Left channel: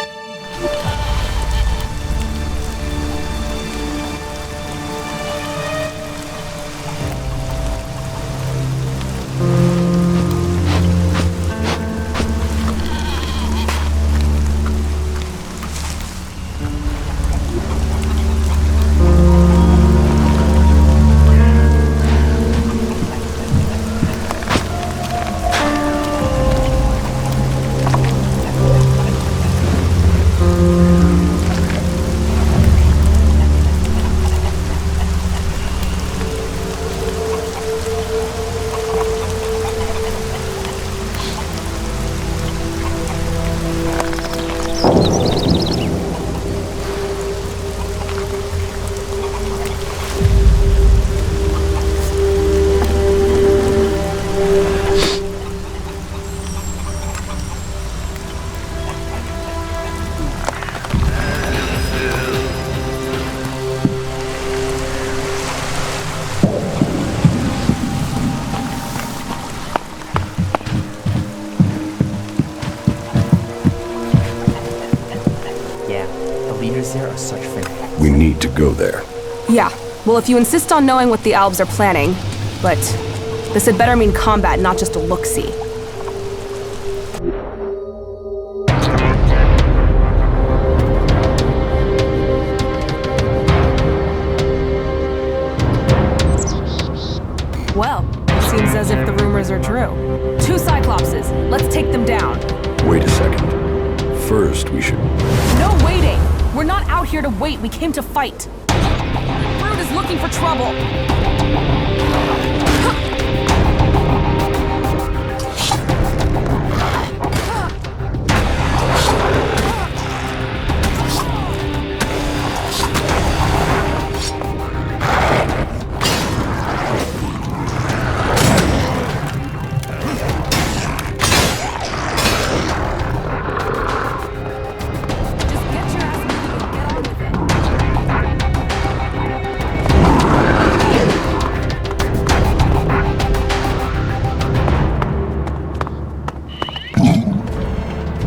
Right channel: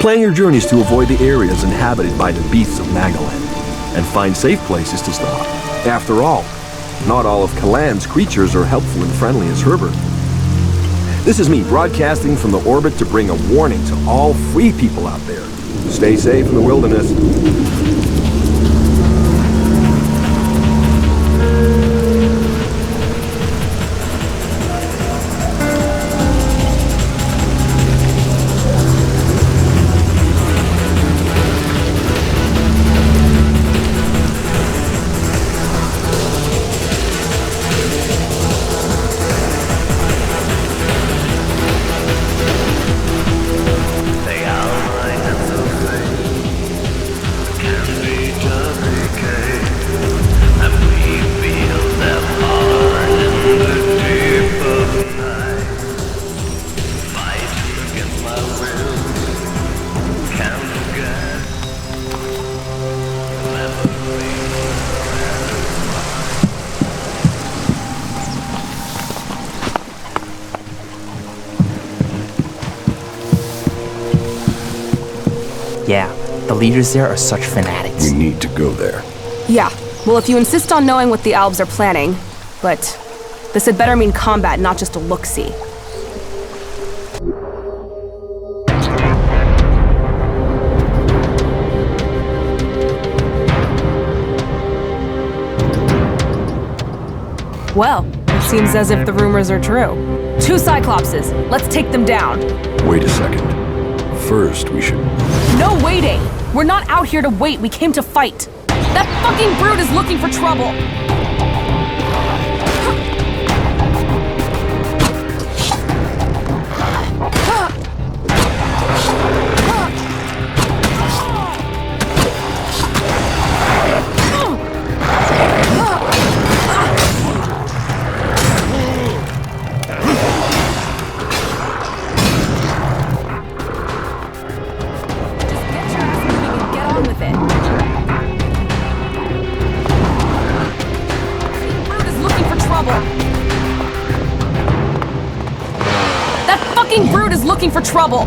Plan your journeys to avoid the areas inhabited by the beasts of Nagaland, and find safe places to stop. After all, not all of Kalan's creatures are helpful and friendly as Herbert. This is me broadcasting from the orbit to bring a warning to all free people out there. Stay safe in the wilderness. Yeah, the leaders there are such fanatics. We need to go there. Yeah, well, if you insist on knowing what the Albs are planning, but this had better mean combat, not just a look-see. Well, it seems as if the rumors are true. 2 Cyclopses, let's take them down. Wait a second. First, we should... No waiting! We're not out here to wait, we came to fight. That fucking brute is looking for trouble. Looking for trouble.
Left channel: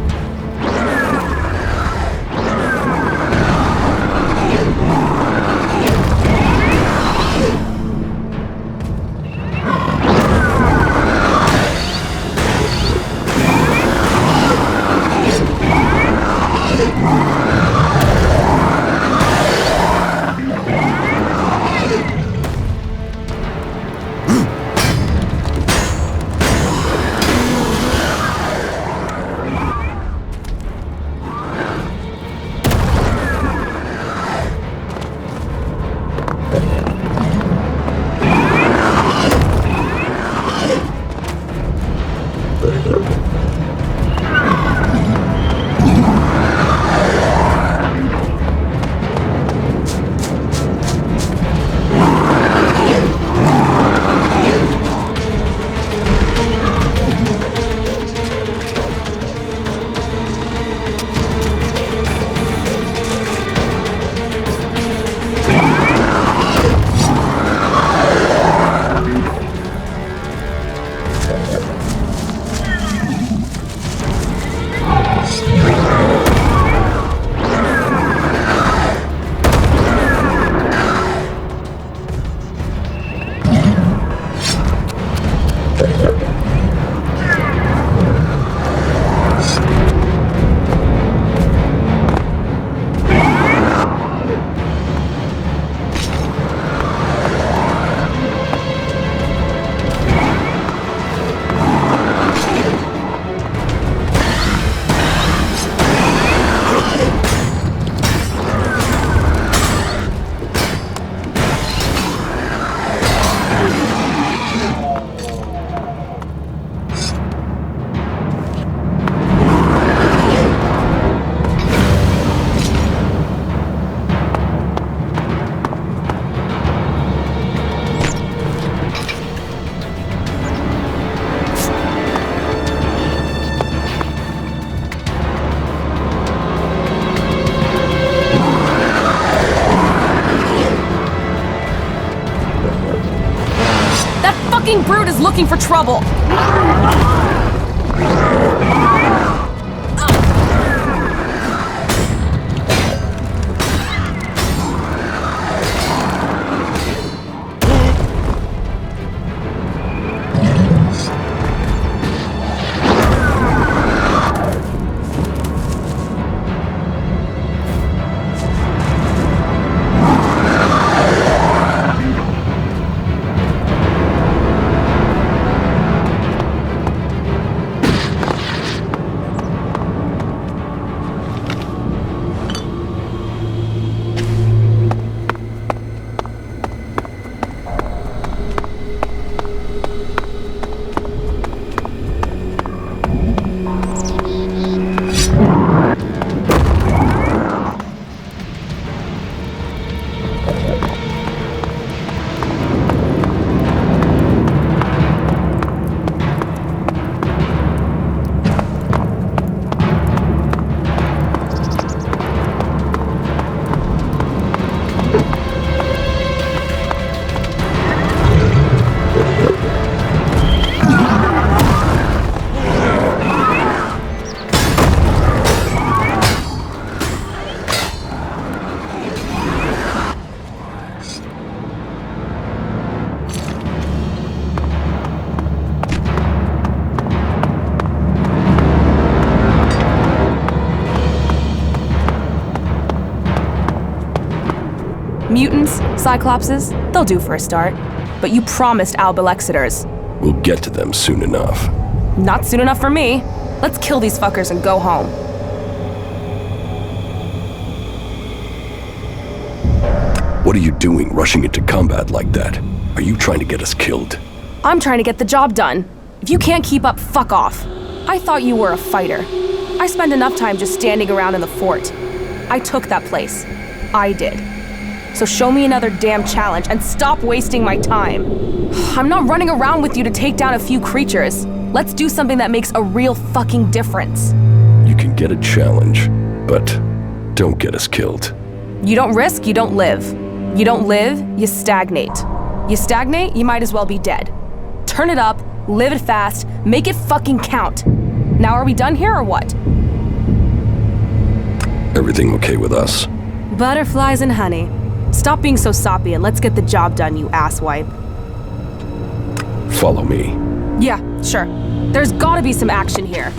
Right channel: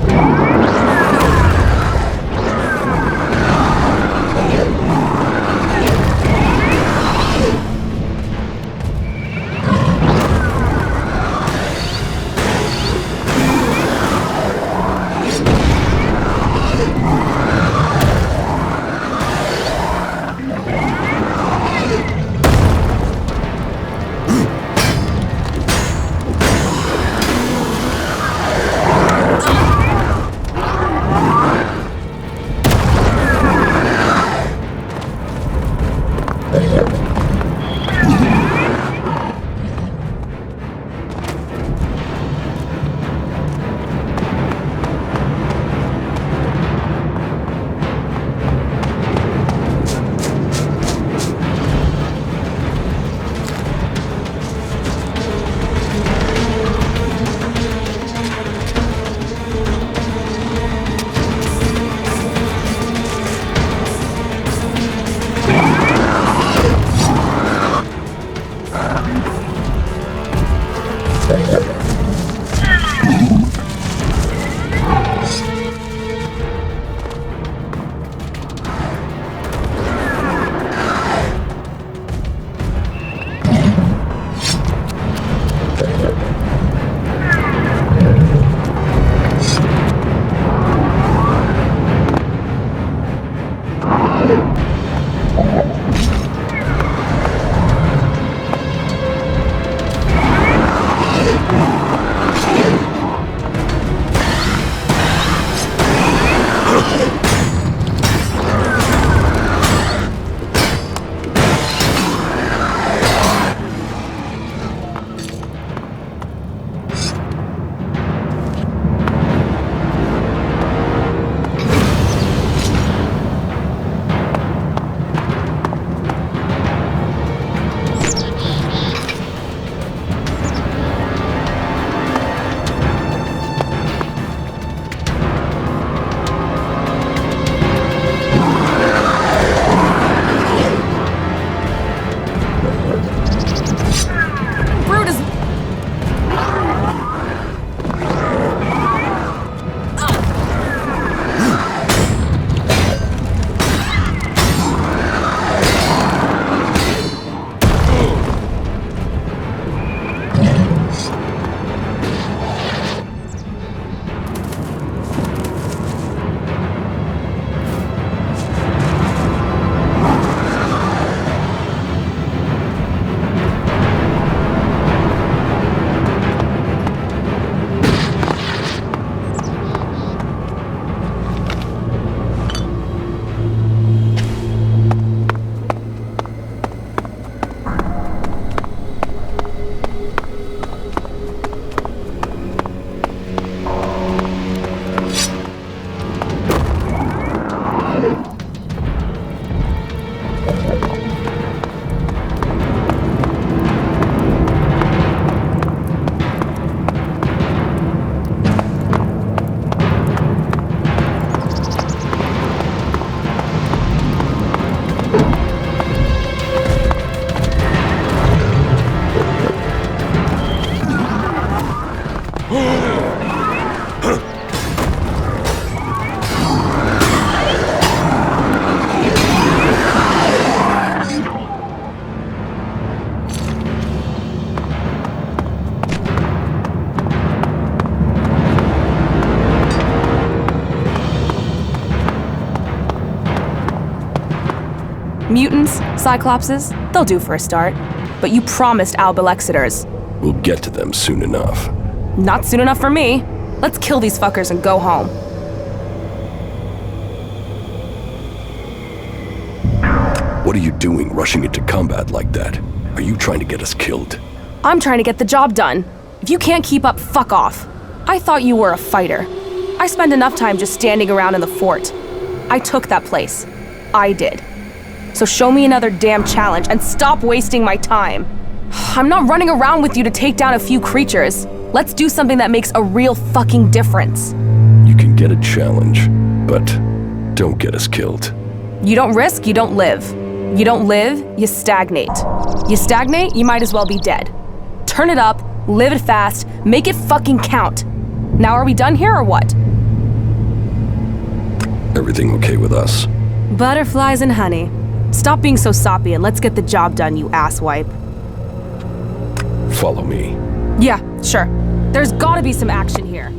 Mutants, Cyclopses, they'll do for a start. But you promised Alb Elexiters. We'll get to them soon enough. Not soon enough for me. Let's kill these fuckers and go home. What are you doing rushing into combat like that? Are you trying to get us killed? I'm trying to get the job done. If you can't keep up, fuck off. I thought you were a fighter. I spent enough time just standing around in the fort. I took that place. I did. So show me another damn challenge and stop wasting my time. I'm not running around with you to take down a few creatures. Let's do something that makes a real fucking difference. You can get a challenge, but don't get us killed. You don't risk, you don't live. You don't live, you stagnate. You stagnate, you might as well be dead. Turn it up, live it fast, make it fucking count. Now are we done here or what? Everything okay with us? Butterflies and honey. Stop being so soppy and let's get the job done, you asswipe. Follow me. Yeah, sure. There's gotta be some action here.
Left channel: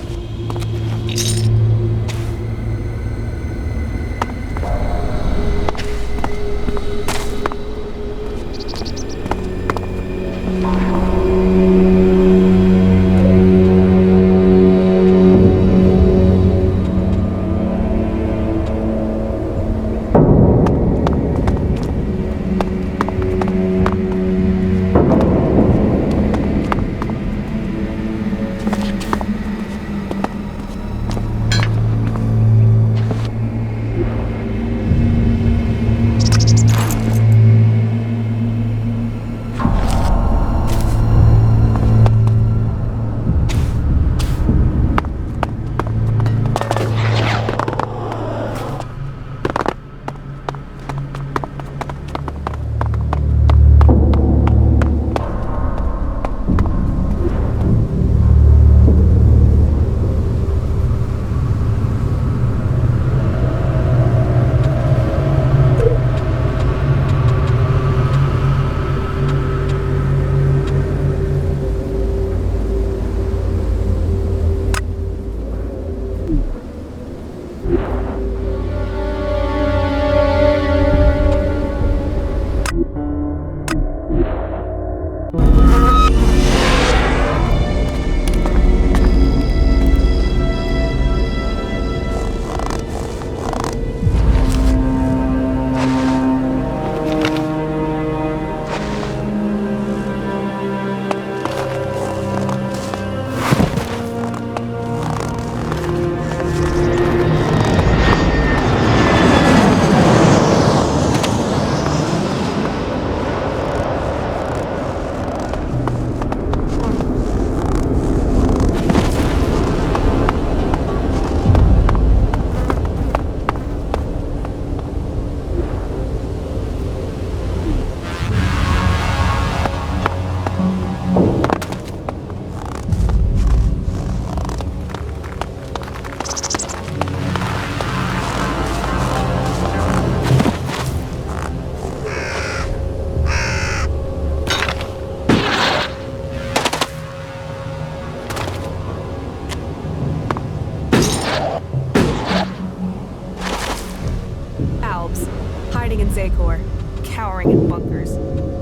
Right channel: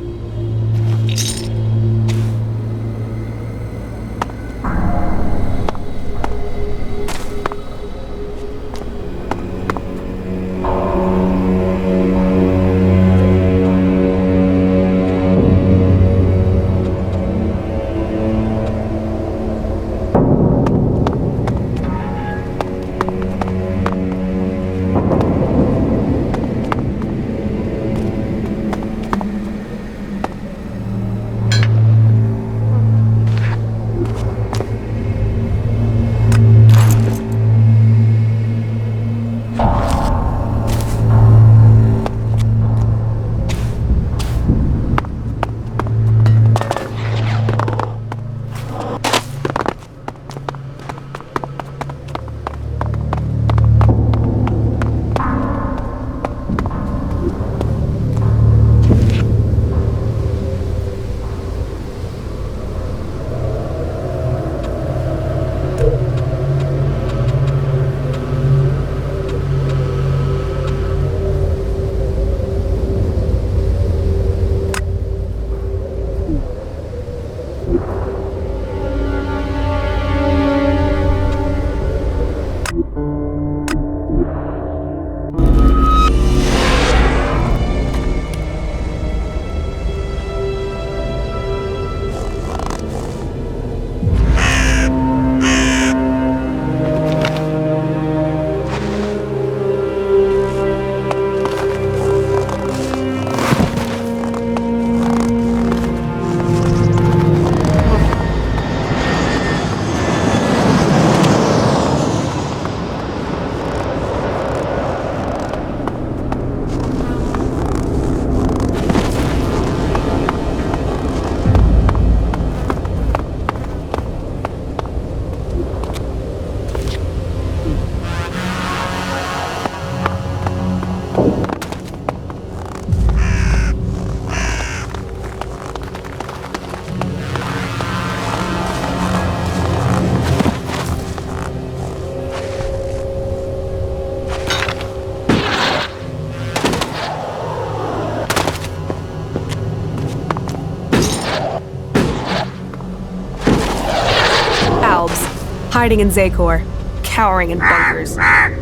Hiding in Zakor, cowering in bunkers,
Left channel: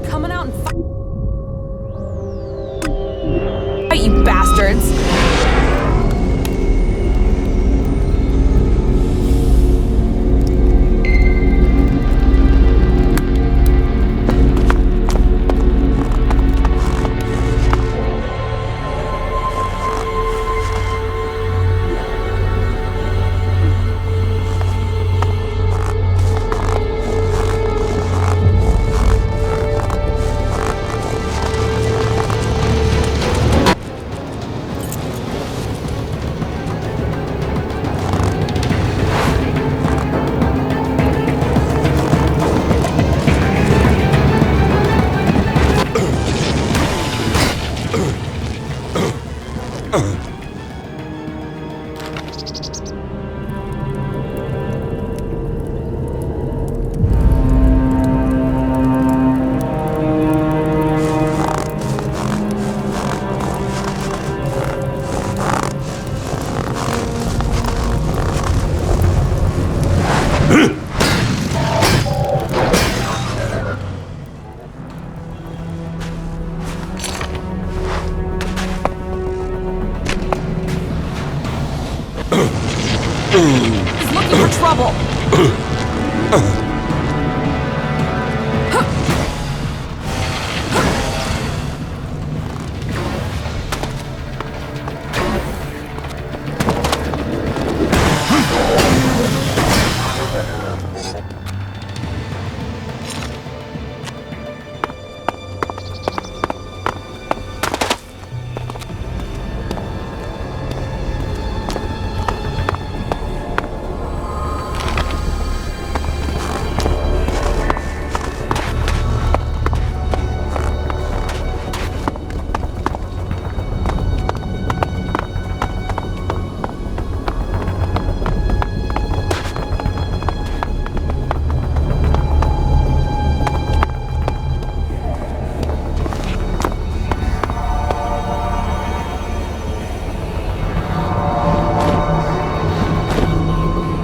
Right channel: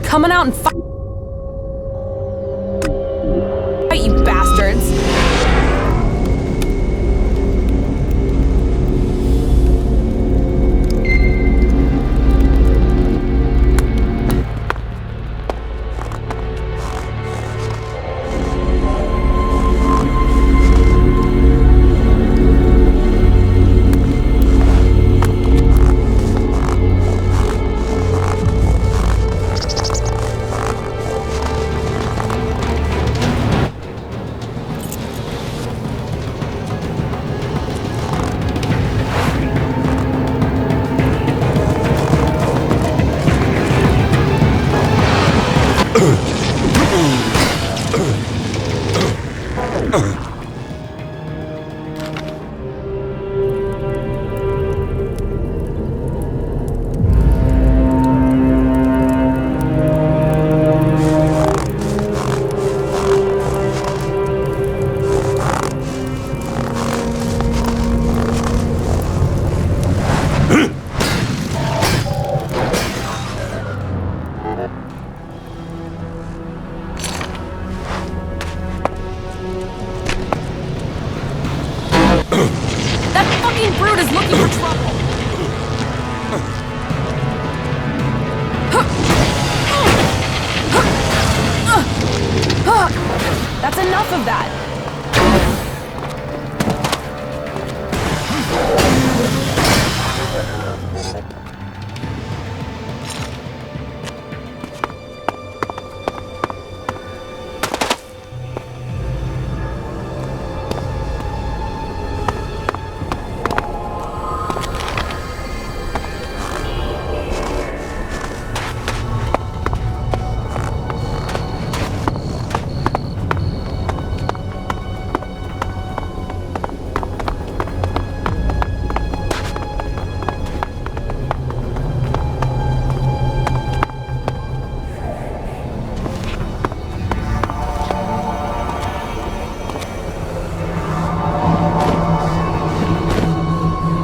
coming out and fight, you bastards! looking for trouble! That's enough of that!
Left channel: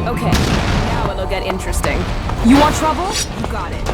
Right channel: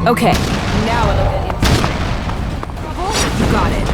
Okay, now it'll get interesting. You want trouble? You got it.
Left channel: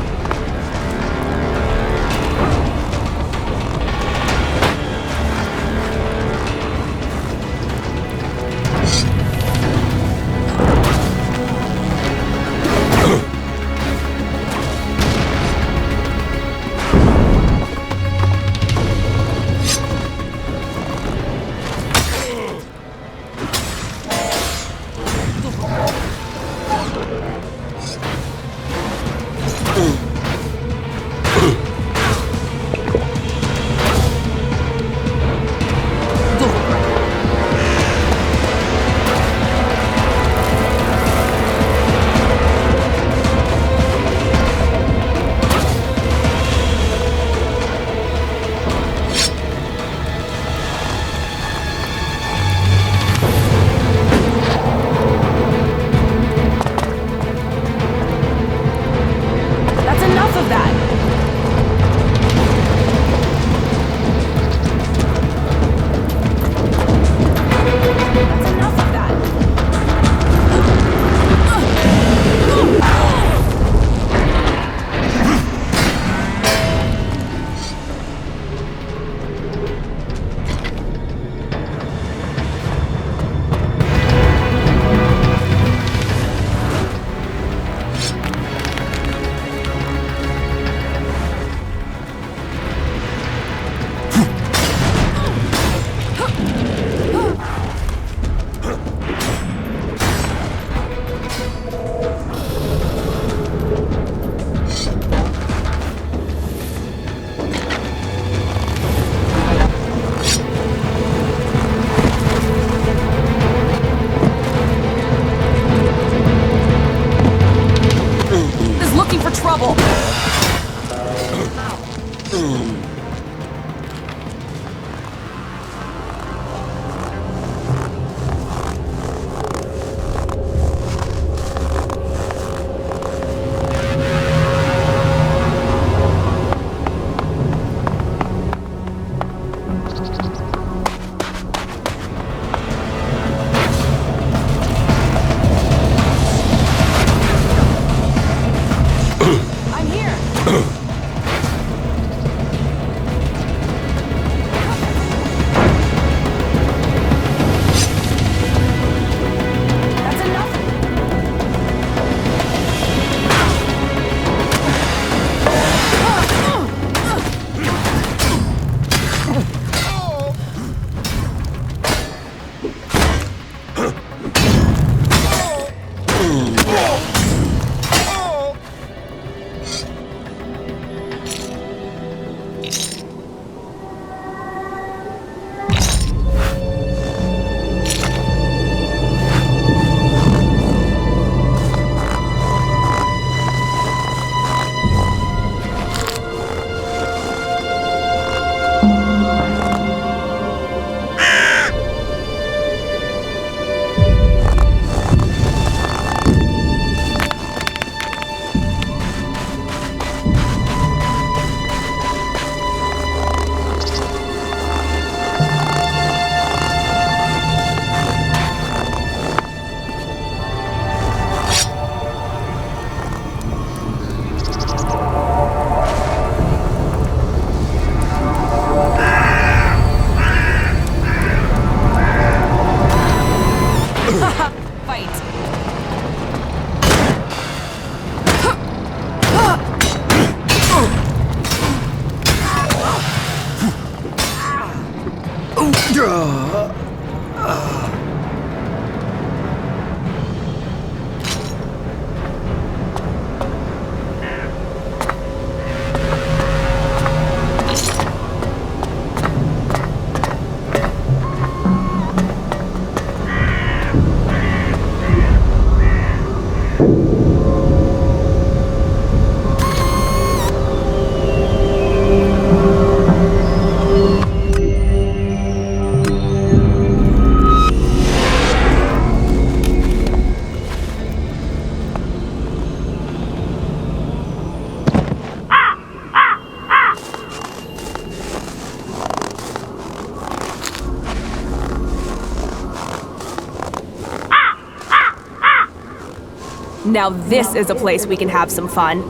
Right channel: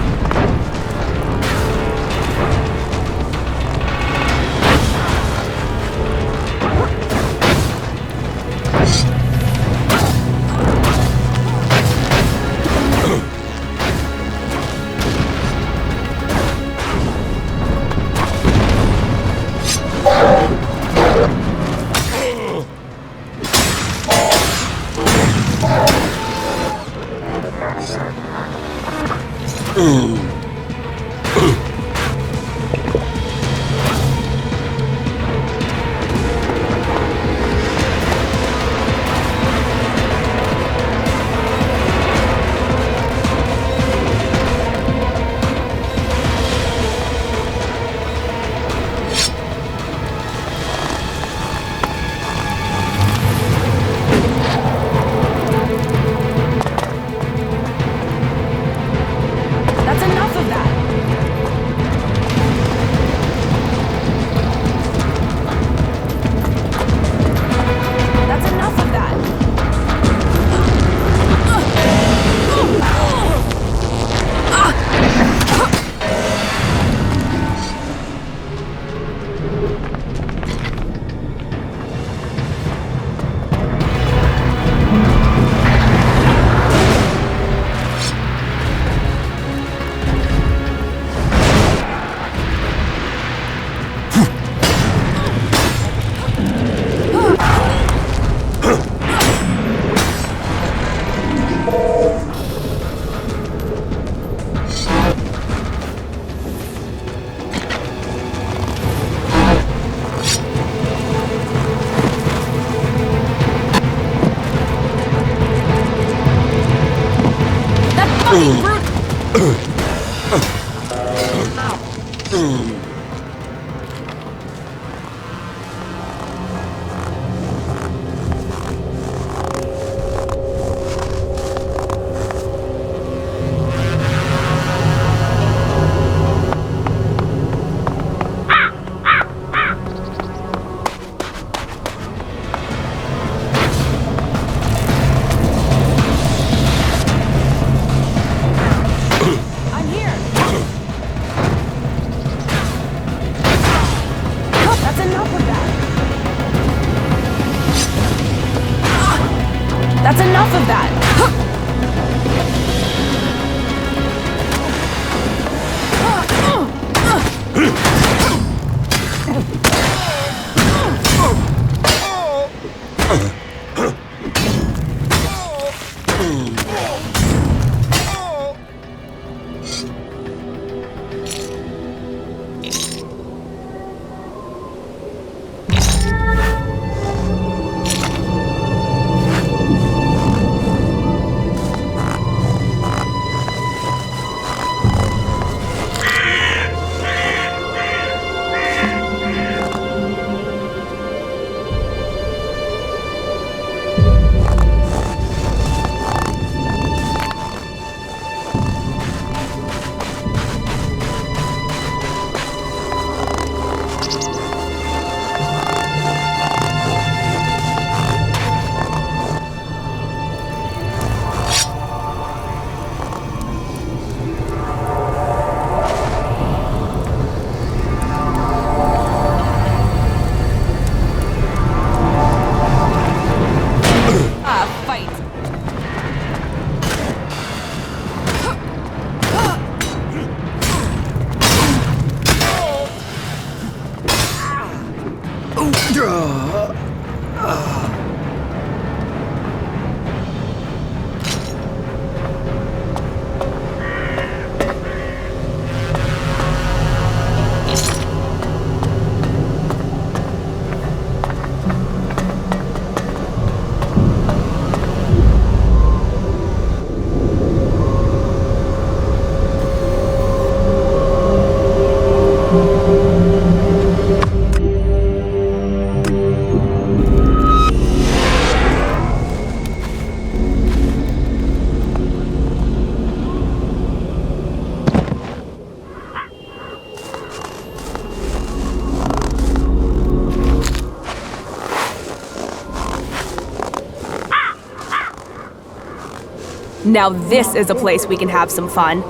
That's enough of that! That's enough of that! Brute is looking for trouble! I'm here! That's enough of that! That's enough of that! Fight! Now this is a place we can have some fun.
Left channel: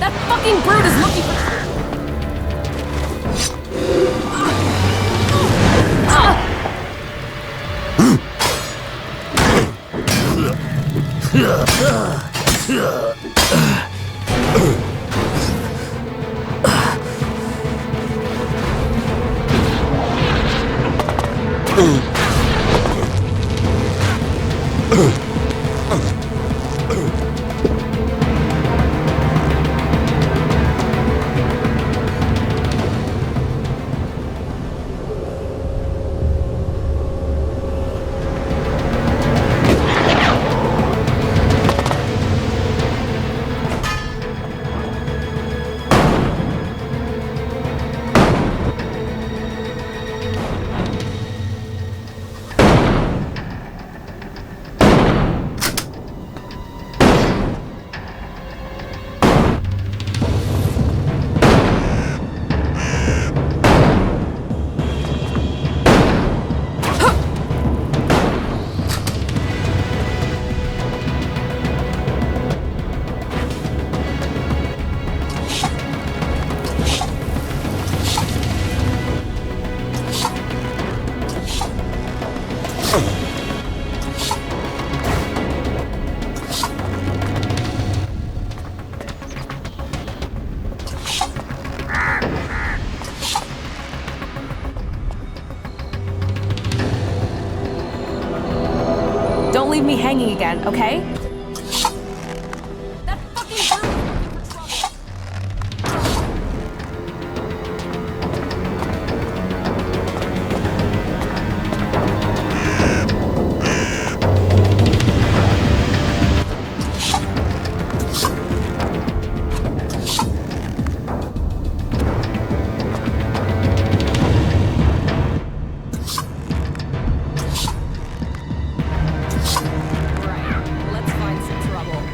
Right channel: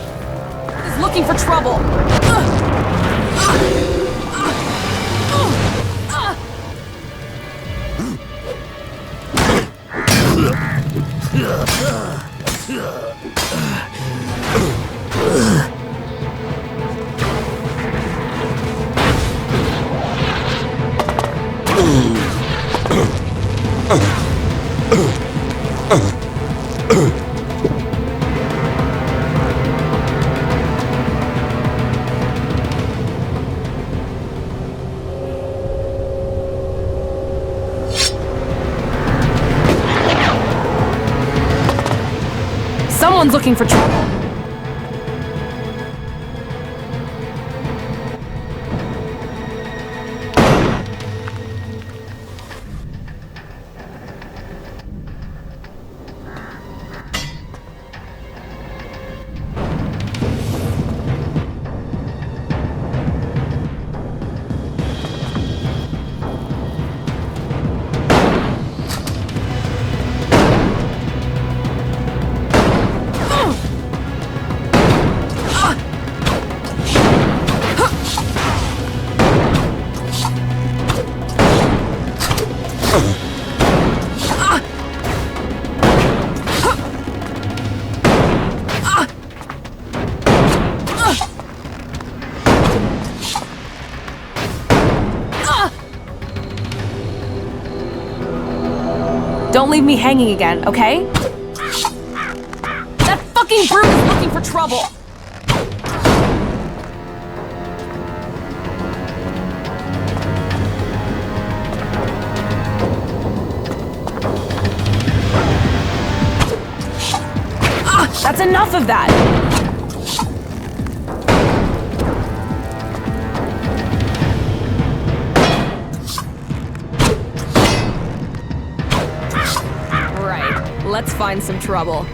That fucking brute is looking for trouble! Someone's looking for trouble. Don't leave me hanging again, okay? That fucking brute is looking for trouble! That's enough of that! find some trouble.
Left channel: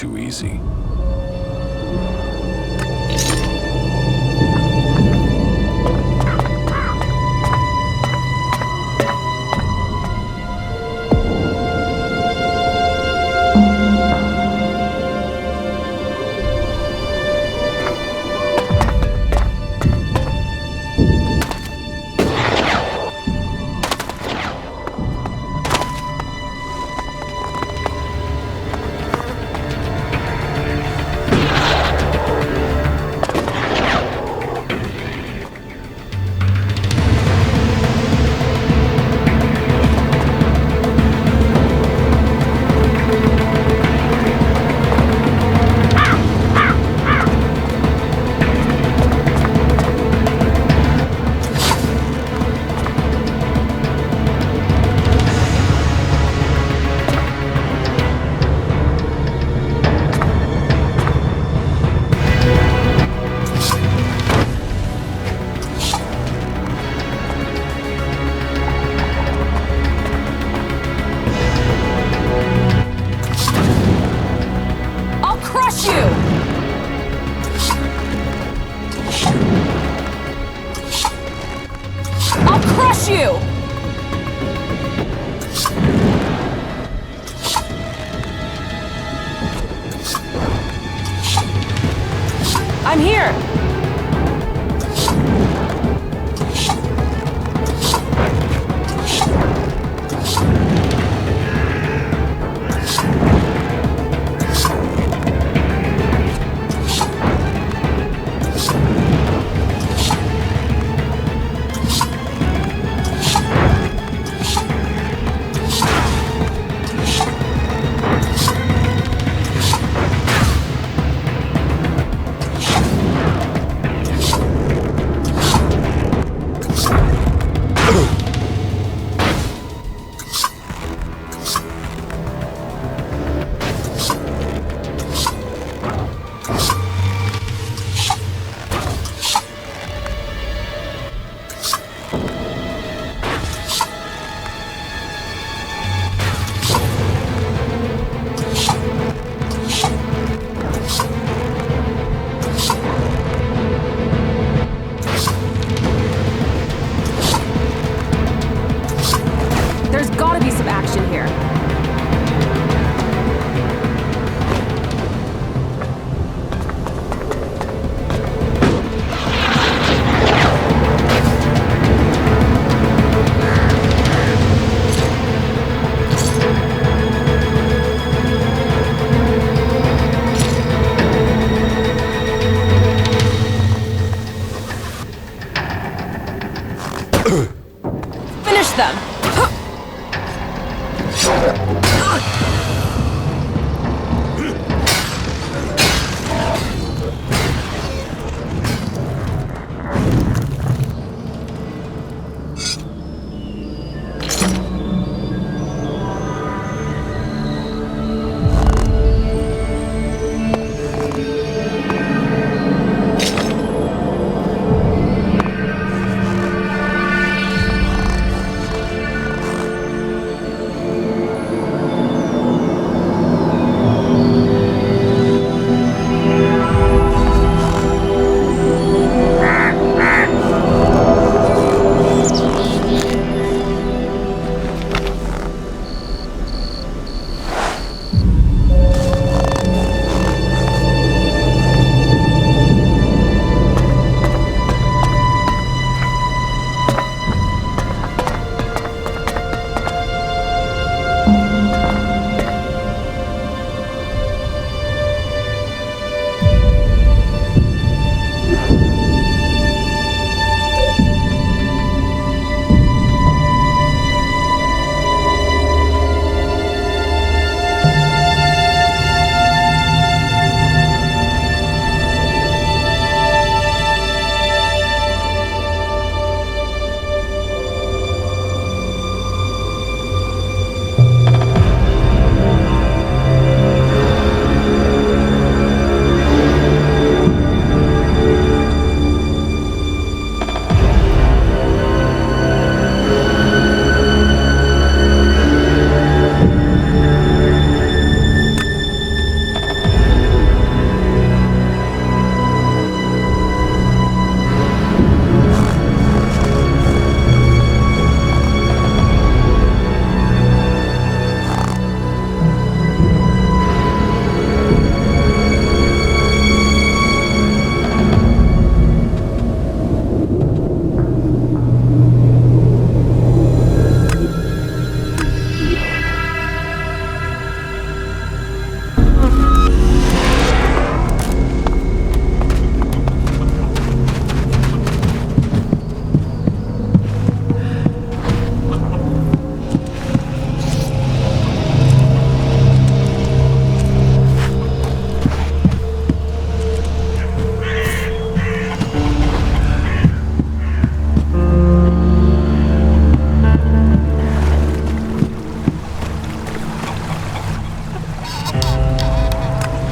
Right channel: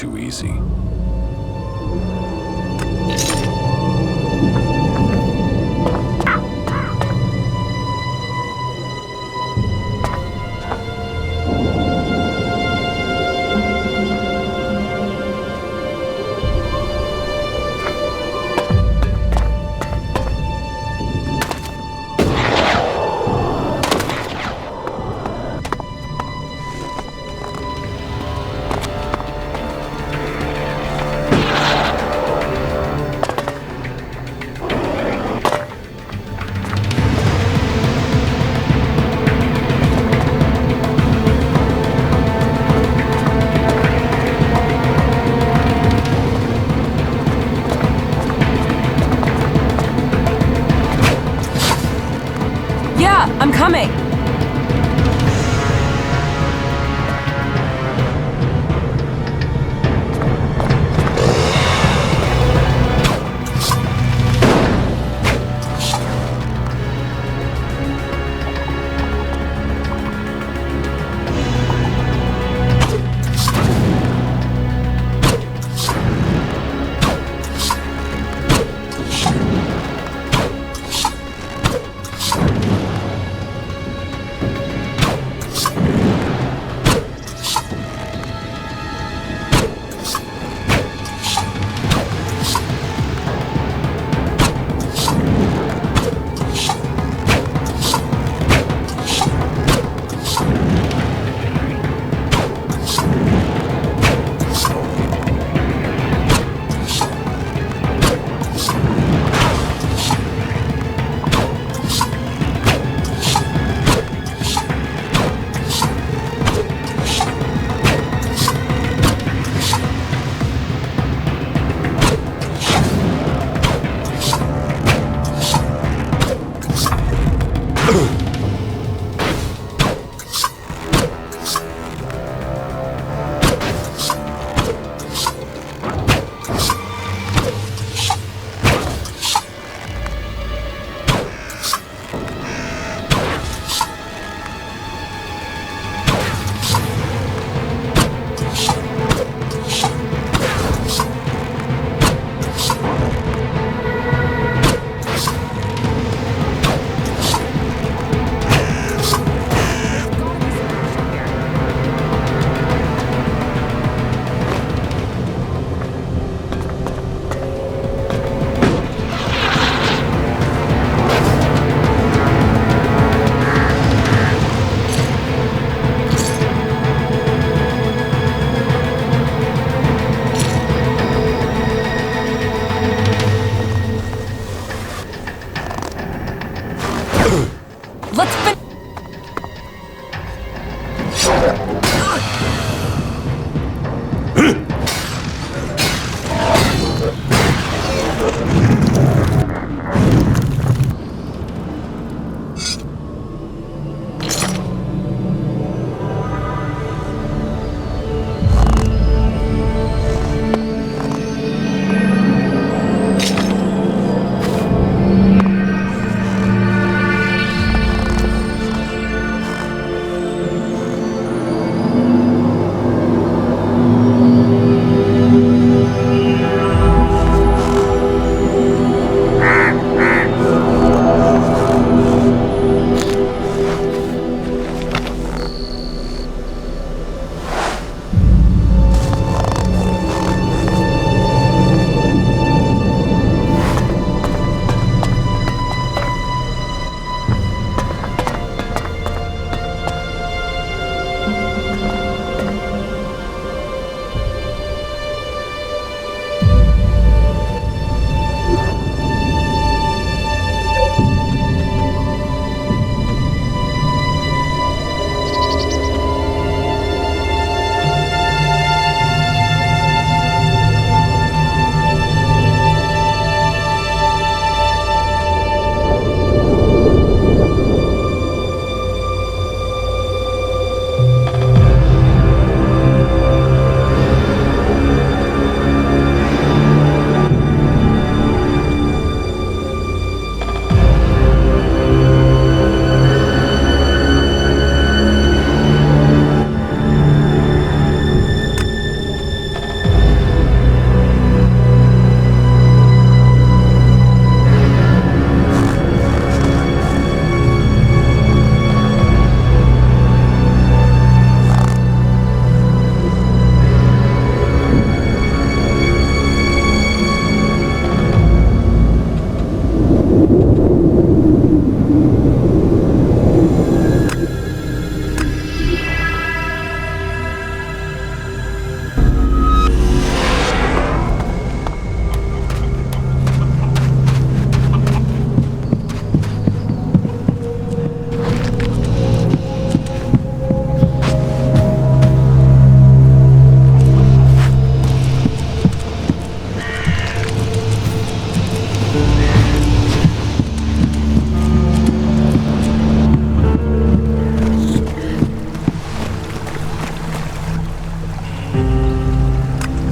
Too easy.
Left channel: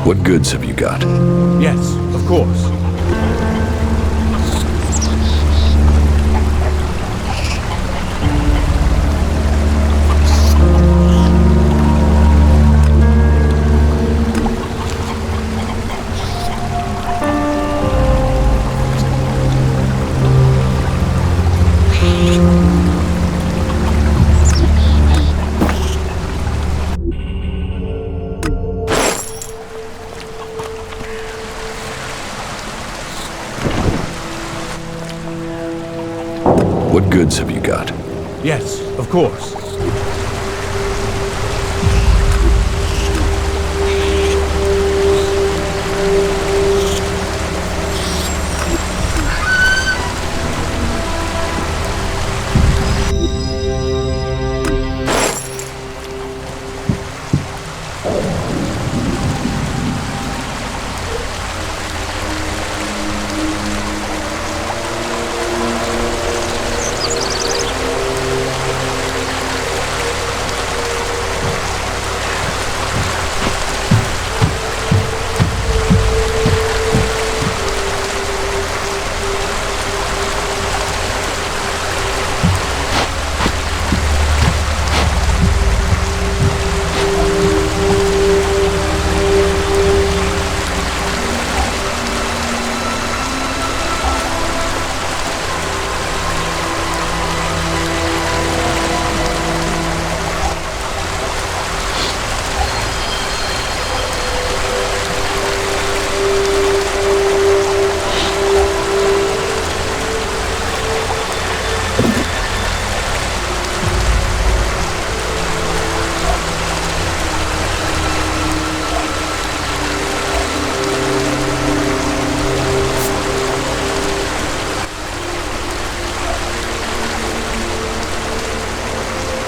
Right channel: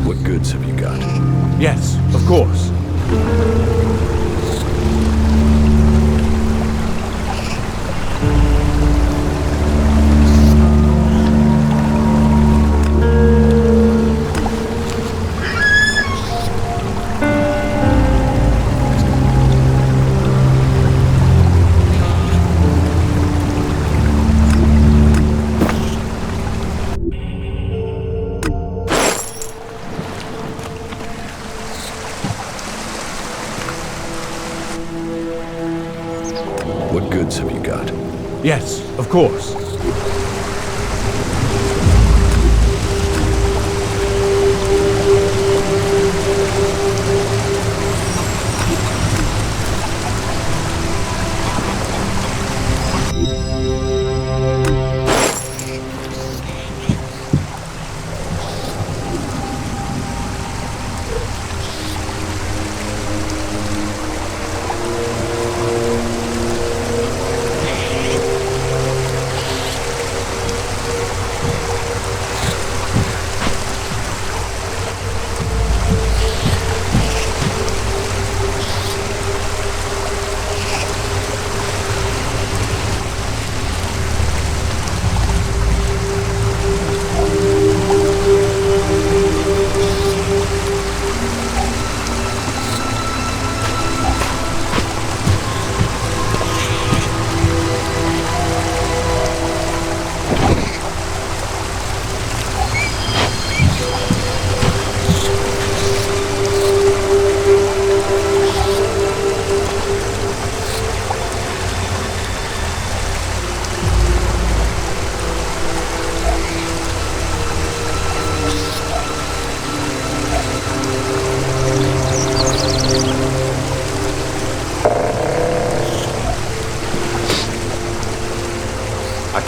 What goods have you got? Yes, of course. What goods have you got? Yes, of course.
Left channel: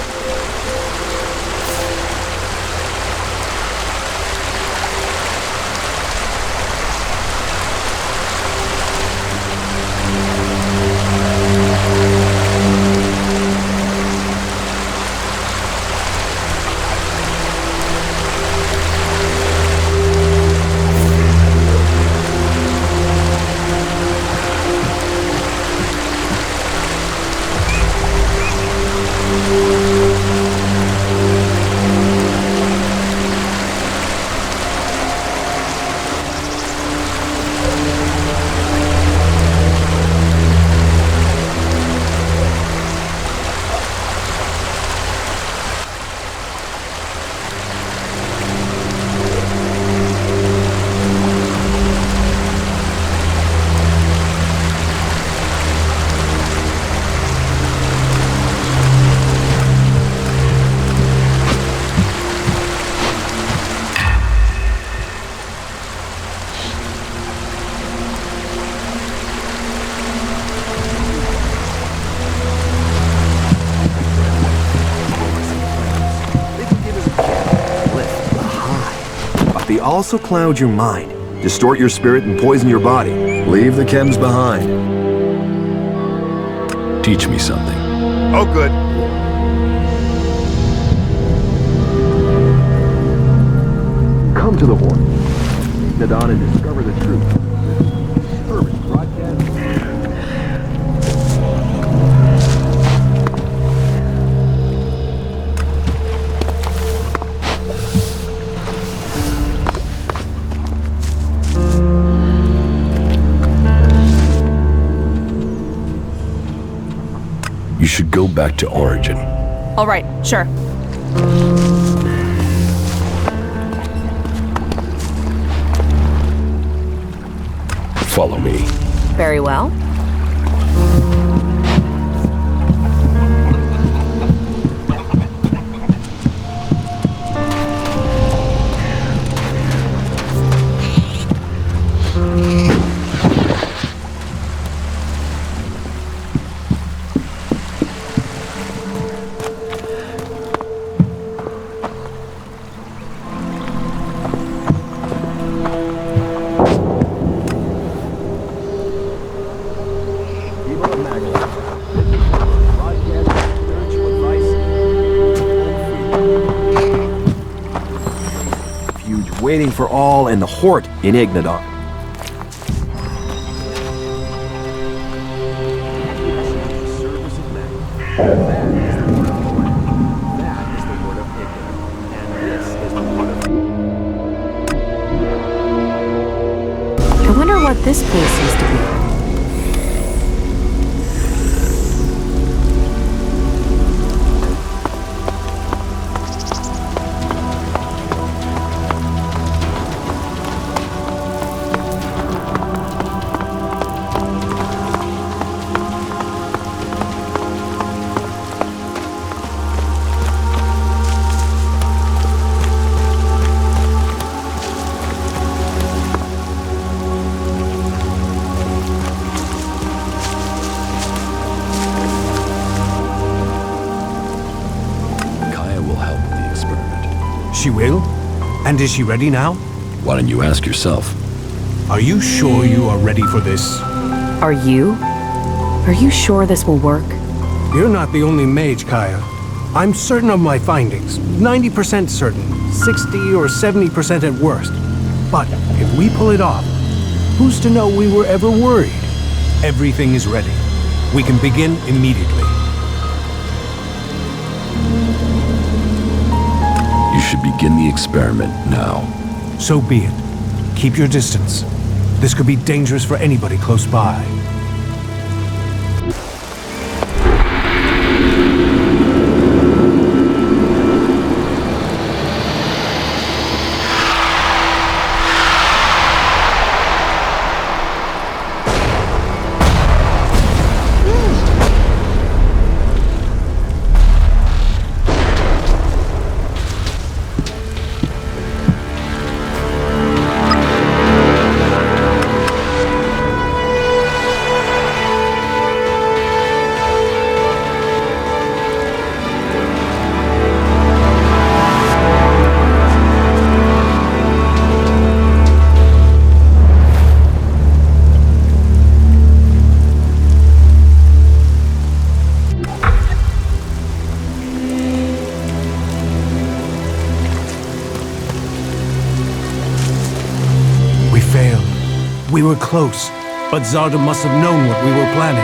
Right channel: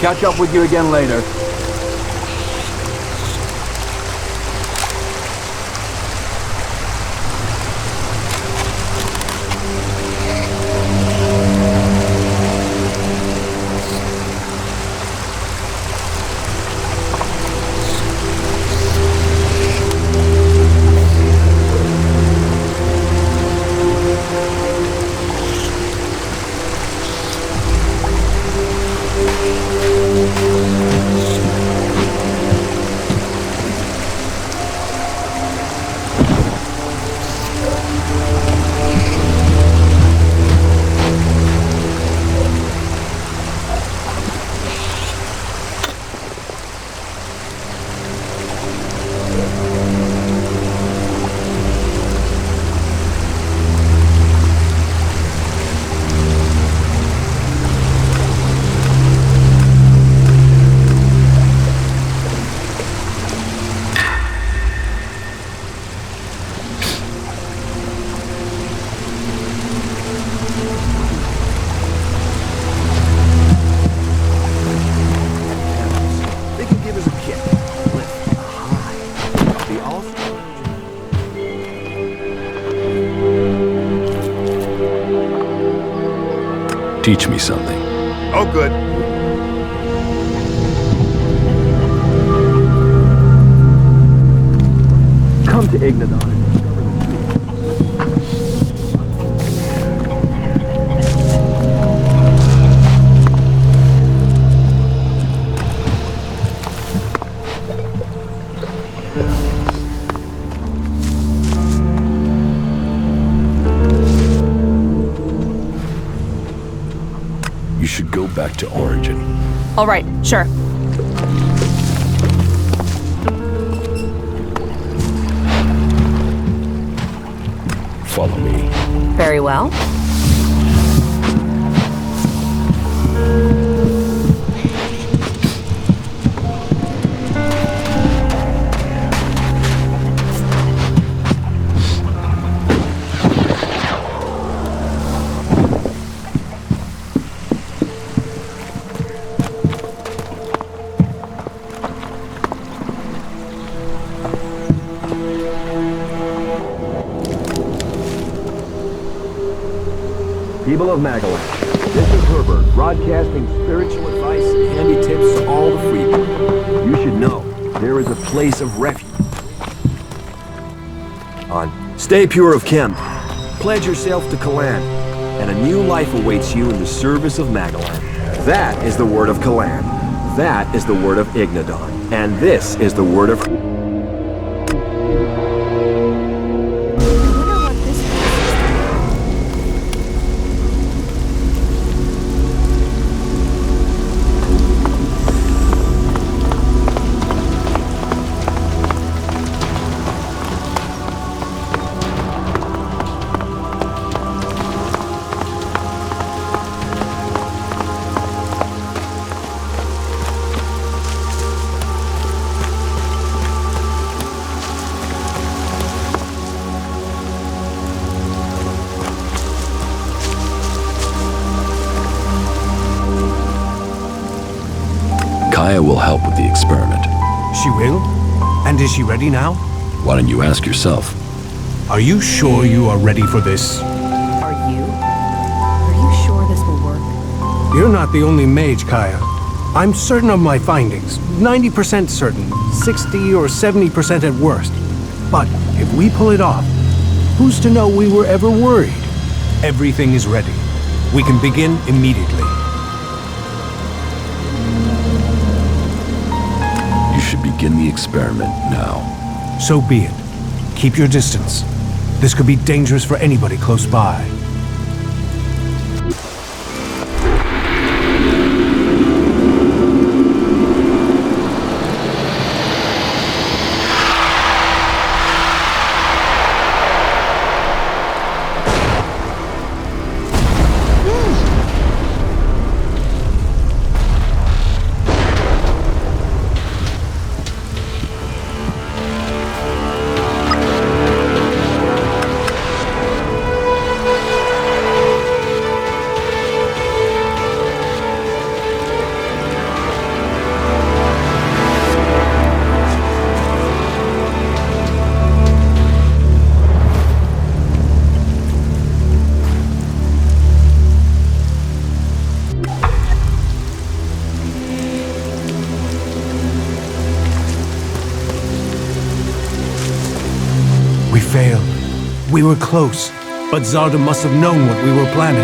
Catch up with you again later. also cloud your mind, distort your spirit, and poison your body. Leave the chems behind. Teach me something. Oh, good. Come to the Horde. Come to Ignadon and discover the truth. You should go back to Origin. All right, sure. Follow me. Very well. People of Magallash, this is Herbert, broadcasting spiritual advice and handy tips to all the freaks. You should know, there is a place of refuge waiting for all in the Horde in Ignadon. Stay pure of Chem, pledge yourself to Kalan, and a new life awaits you in the service of Magallash. That is the word of Kalan. That is the word of Ignadon. And this is the word of... I wonder what this place is to be. Kaya will help with the experiment. She will? And is she ready now? Why don't you ask yourself? Are you sure you are ready for this? Are you? Are you sure this will work? You're not the only mage, Kaya. I'm certain of my findings. 90% certain. 60 or 70% at worst. But if we pull it off, who's to know we were ever worried? Everything is ready. We can begin immediately. You should begin the experiment now. So be it. Keep your distance. This could be dangerous for anybody close by. We failed. We were close, but Zarda must have known what we were planning.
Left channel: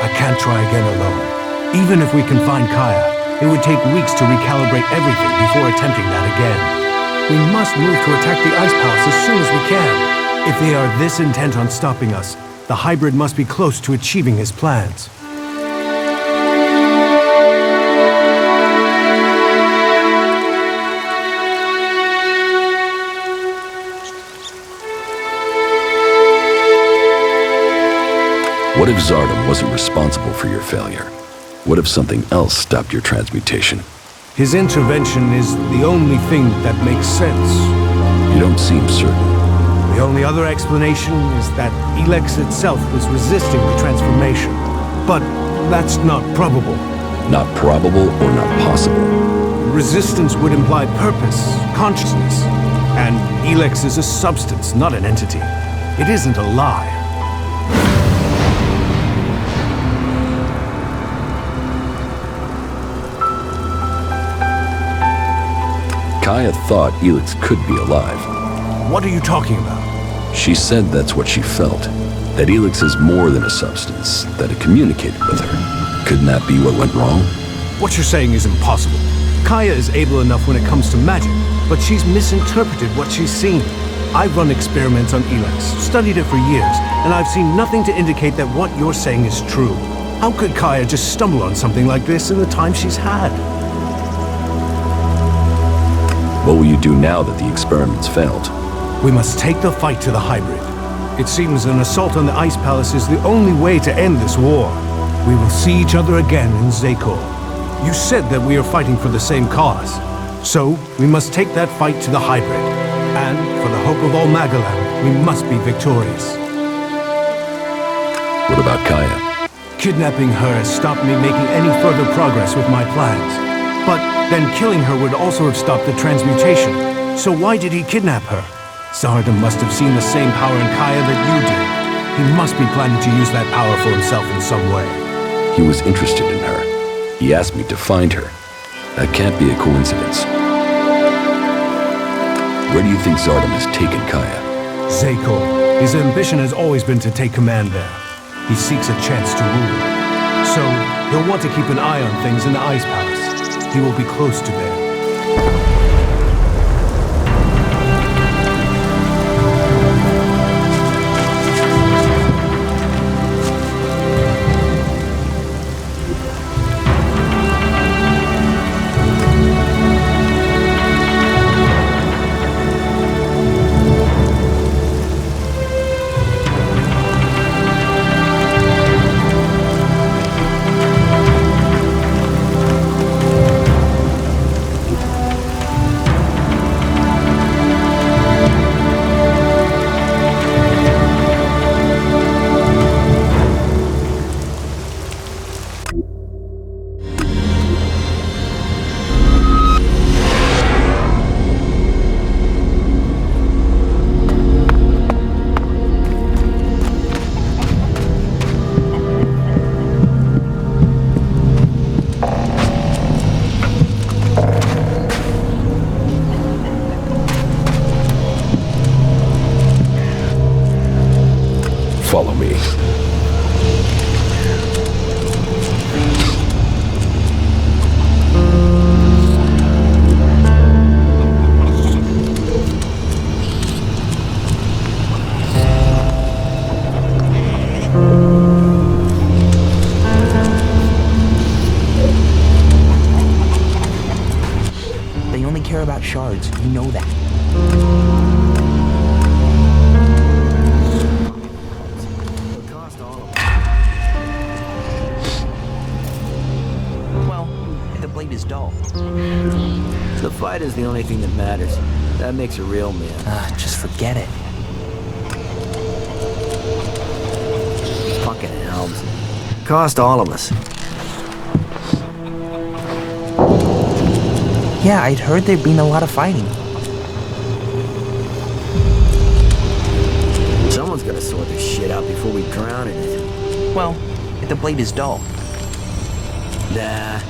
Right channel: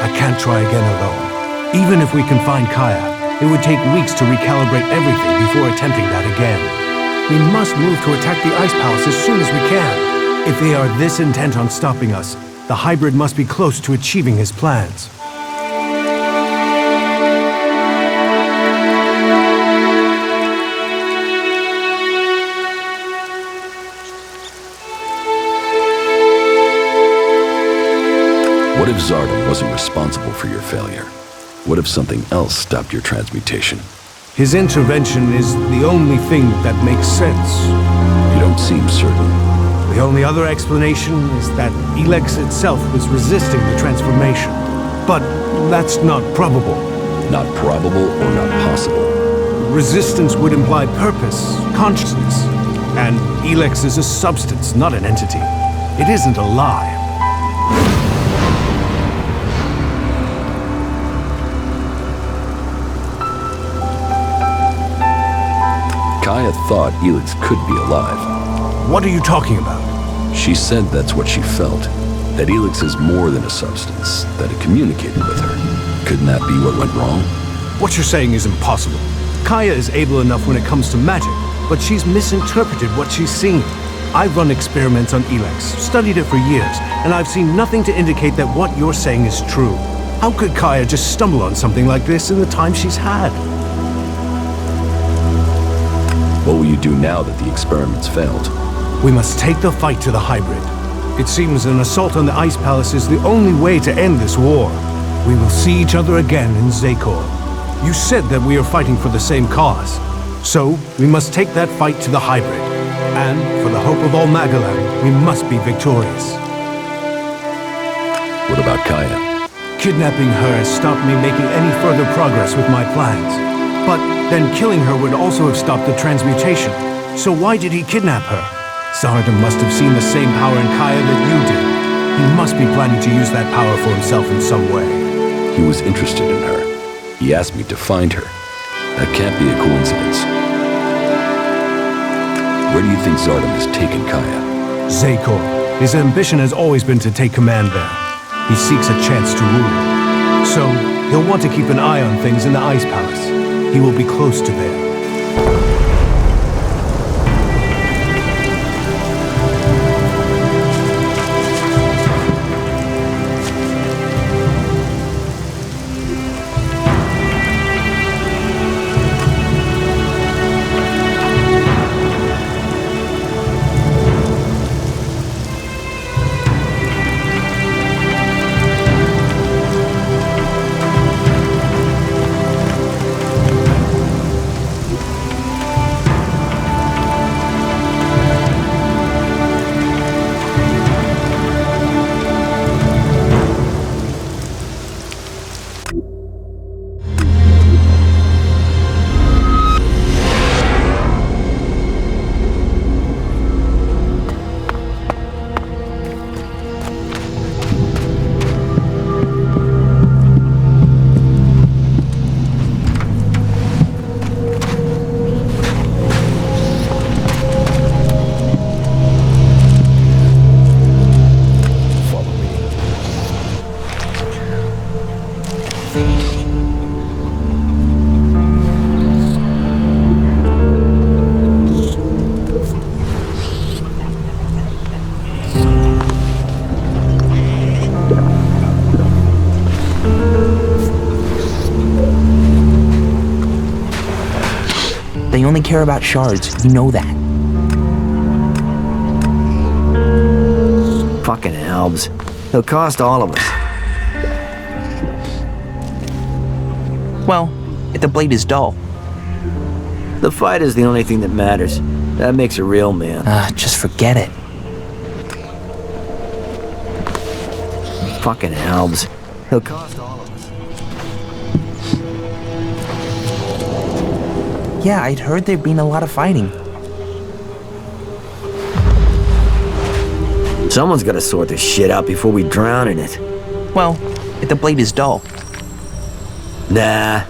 I can't try again alone. Even if we can find Kaya, it would take weeks to recalibrate everything before attempting that again. We must move to attack the Ice Palace as soon as we can. If they are this intent on stopping us, the hybrid must be close to achieving his plans. What if Zarda wasn't responsible for your failure? What if something else stopped your transmutation? His intervention is the only thing that makes sense. You don't seem certain. The only other explanation is that Elex itself was resisting the transformation. But that's not probable. Not probable or not possible. Resistance would imply purpose, consciousness. And Elex is a substance, not an entity. It isn't a lie. Kaya thought Elex could be alive. What are you talking about? She said that's what she felt. That Elex is more than a substance, that it communicated with her. Couldn't that be what went wrong? What you're saying is impossible. Kaya is able enough when it comes to magic, but she's misinterpreted what she's seen. I've run experiments on Elex, studied it for years, and I've seen nothing to indicate that what you're saying is true. How could Kaya just stumble on something like this in the time she's had? What will you do now that the experiments failed? We must take the fight to the hybrid. It seems an assault on the Ice Palace is the only way to end this war. We will see each other again in Zakor. You said that we are fighting for the same cause. So, we must take that fight to the hybrid. And, for the hope of all Magalan, we must be victorious. What about Kaya? Kidnapping her has stopped me making any further progress with my plans. But then killing her would also have stopped the transmutation. So why did he kidnap her? Zardom must have seen the same power in Kaya that you did. He must be planning to use that power for himself in some way. He was interested in her. He asked me to find her. That can't be a coincidence. Where do you think Zardom has taken Kaya? Zakor. His ambition has always been to take command there. He seeks a chance to rule. So, he'll want to keep an eye on things in the Ice Palace. He will be close to there. Follow me. They only care about shards, you know that. Fucking Albs. They'll cost all of us. Well, if the blade is dull. The fight is the only thing that matters. That makes a real man. Just forget it. Fucking Albs. He'll cost all of us. Yeah, I'd heard there'd been a lot of fighting. Someone's gotta sort this shit out before we drown in it. Well, if the blade is dull. Nah.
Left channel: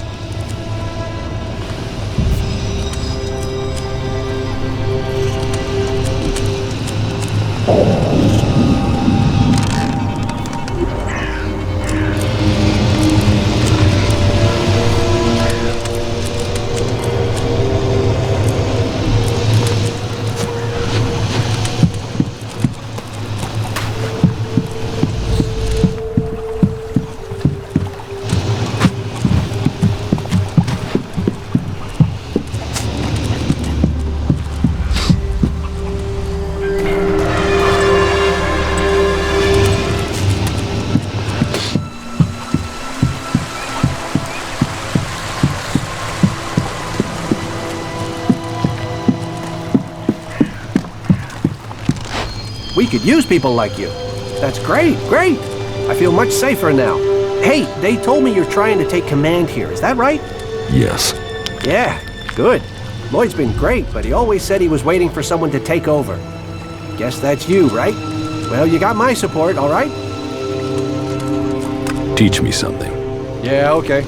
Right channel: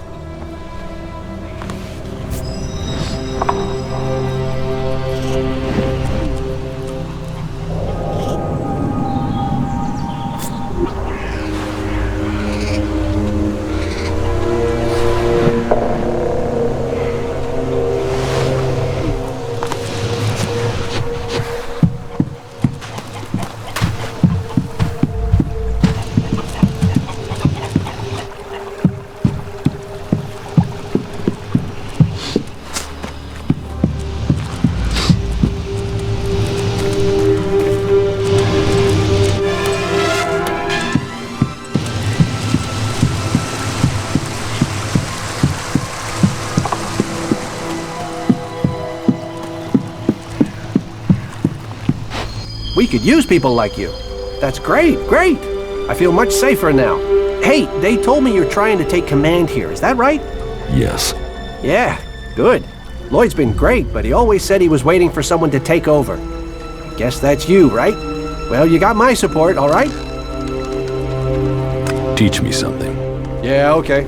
We could use people like you. That's great, great. I feel much safer now. Hey, they told me you're trying to take command here, is that right? Yes. Yeah, good. Lloyd's been great, but he always said he was waiting for someone to take over. Guess that's you, right? Well, you got my support, all right? Teach me something. Yeah, okay.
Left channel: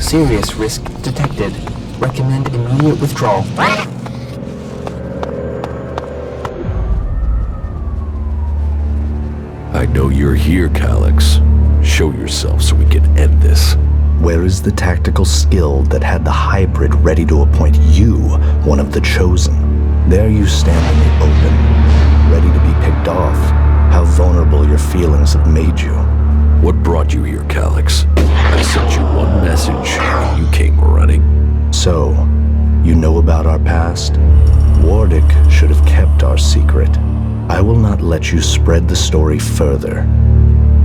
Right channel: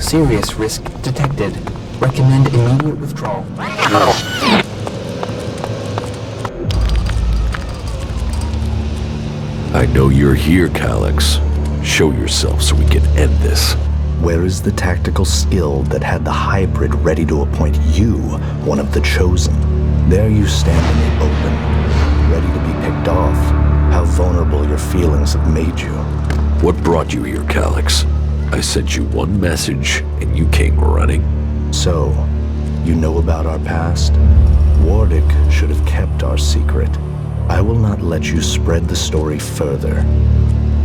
Serious risk detected. Recommend immediate withdrawal. I know you're here, Calyx. Show yourself so we can end this. Where is the tactical skill that had the hybrid ready to appoint you one of the chosen? There you stand in the open, ready to be picked off. How vulnerable your feelings have made you. What brought you here, Calyx? I sent you one message, and you came running. So, you know about our past? Wardick should have kept our secret. I will not let you spread the story further.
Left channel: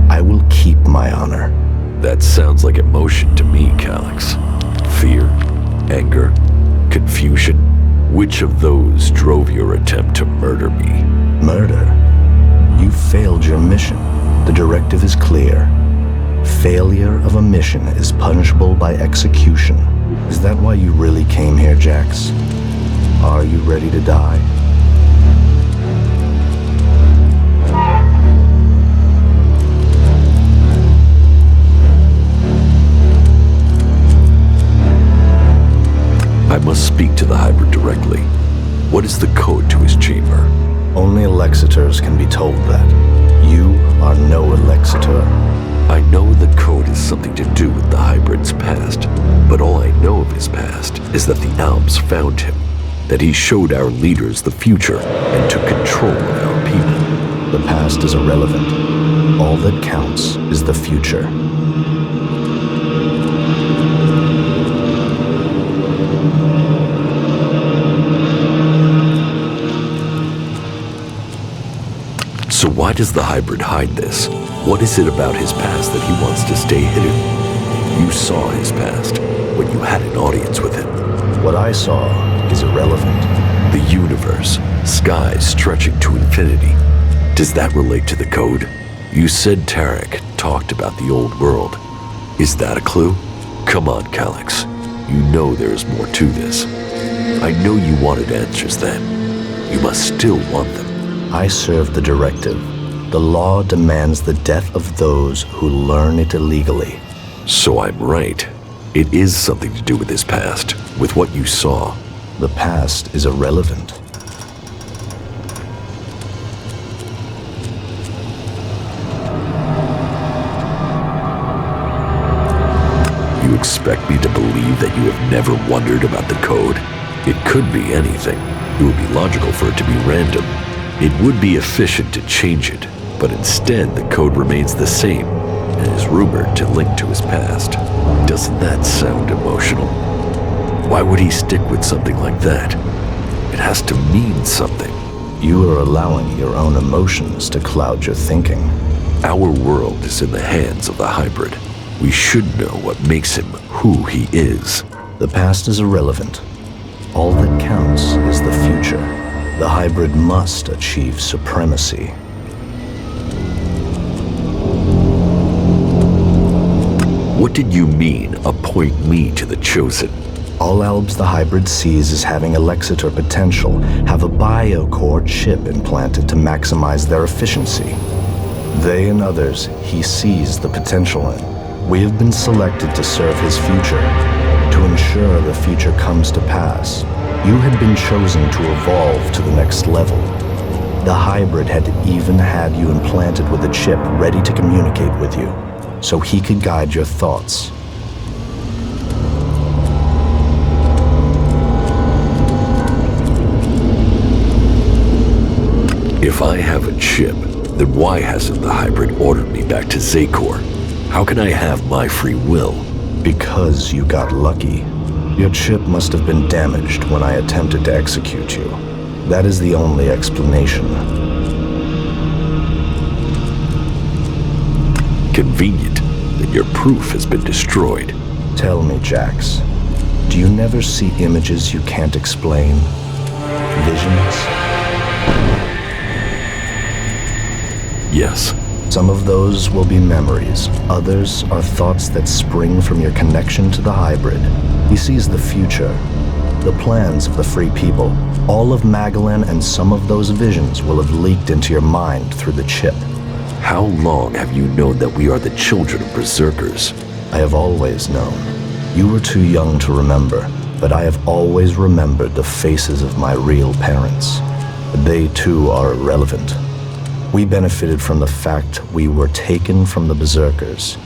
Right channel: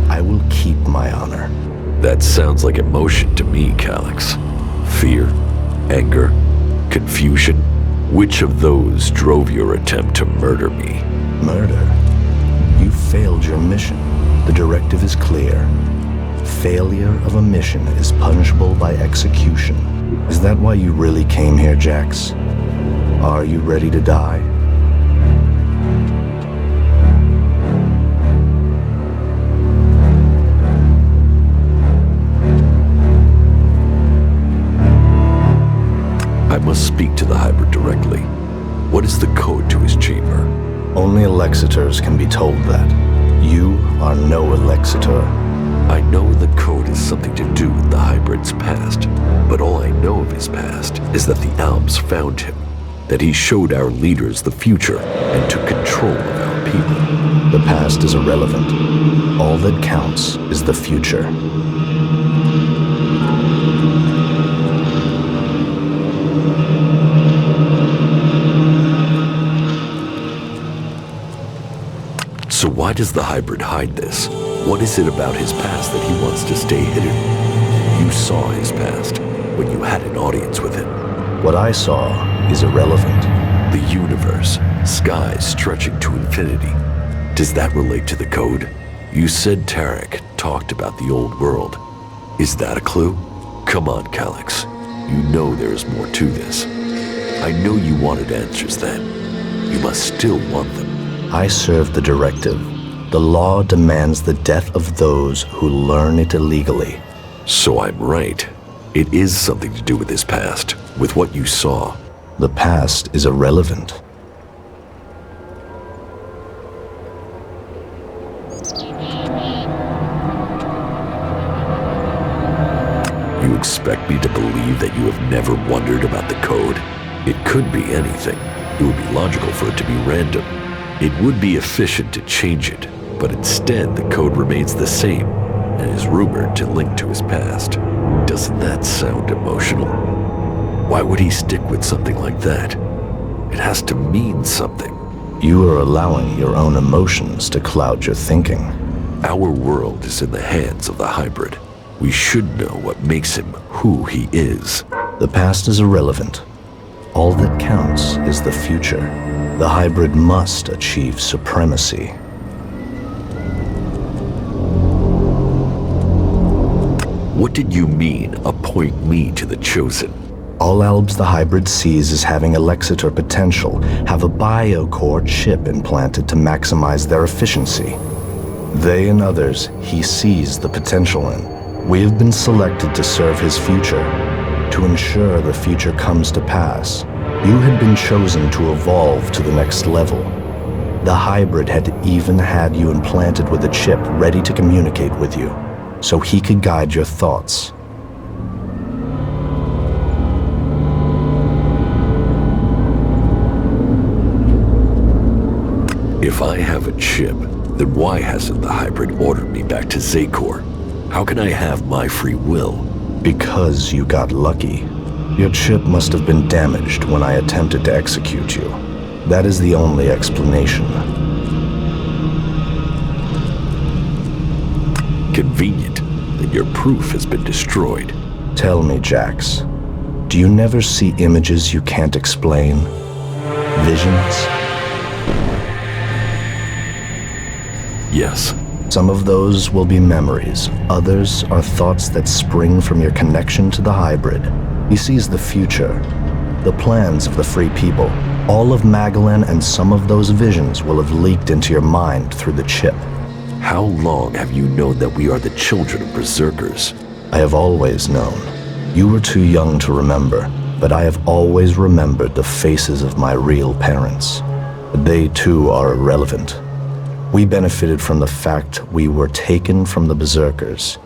I will keep my honor. That sounds like emotion to me, Calyx. Fear, anger, confusion. Which of those drove your attempt to murder me? Murder? You failed your mission. The directive is clear. Failure of a mission is punishable by execution. Is that why you really came here, Jax? Are you ready to die? I must speak to the hybrid directly. What is the code to his chamber? Only Alexitors can be told that. You are no Alexitor. I know the code has something to do with the hybrid's past, but all I know of his past is that the Alps found him, that he showed our leaders the future and took control of our people. The past is irrelevant. All that counts is the future. So why does the hybrid hide this? What is it about his past that he wants to stay hidden? You saw his past when you had an audience with him. What I saw is irrelevant. The universe, skies stretching to infinity. Does that relate to the code? You said Tarek talked about the old world. Is that a clue? Come on, Calyx. You know there is more to this. I know you wanted answers then. You must still want them. I serve the directive. The law demands the death of those who learn it illegally. So I'm right. It is something to do with his past, with what you saw. The past is irrelevant. You expect me to believe that you have never wondered about the code? It could be anything. It would be logical for it to be random. It would be efficient to change it, but instead the code remains the same and is rumored to link to his past. Doesn't that sound emotional? Why would he stick with something like that? It has to mean something. You are allowing your own emotions to cloud your thinking. Our world is in the hands of the hybrid. We should know what makes him who he is. The past is irrelevant. All that counts is the future. The hybrid must achieve supremacy. What did you mean, appoint me to the Chosen? All Albs the hybrid sees as having Elexitor potential have a biocore chip implanted to maximize their efficiency. They and others he sees the potential in. We have been selected to serve his future, to ensure the future comes to pass. You had been chosen to evolve to the next level. The hybrid had even had you implanted with a chip ready to communicate with you, so he could guide your thoughts. If I have a chip, then why hasn't the hybrid ordered me back to Zakor? How can I have my free will? Because you got lucky. Your chip must have been damaged when I attempted to execute you. That is the only explanation. Convenient that your proof has been destroyed. Tell me, Jax, do you never see images you can't explain? Visions? Yes. Some of those will be memories. Others are thoughts that spring from your connection to the hybrid. He sees the future, the plans of the free people. All of Magalan and some of those visions will have leaked into your mind through the chip. How long have you known that we are the children of berserkers? I have always known. You were too young to remember, but I have always remembered the faces of my real parents. They too are irrelevant. We benefited from the fact we were taken from the berserkers.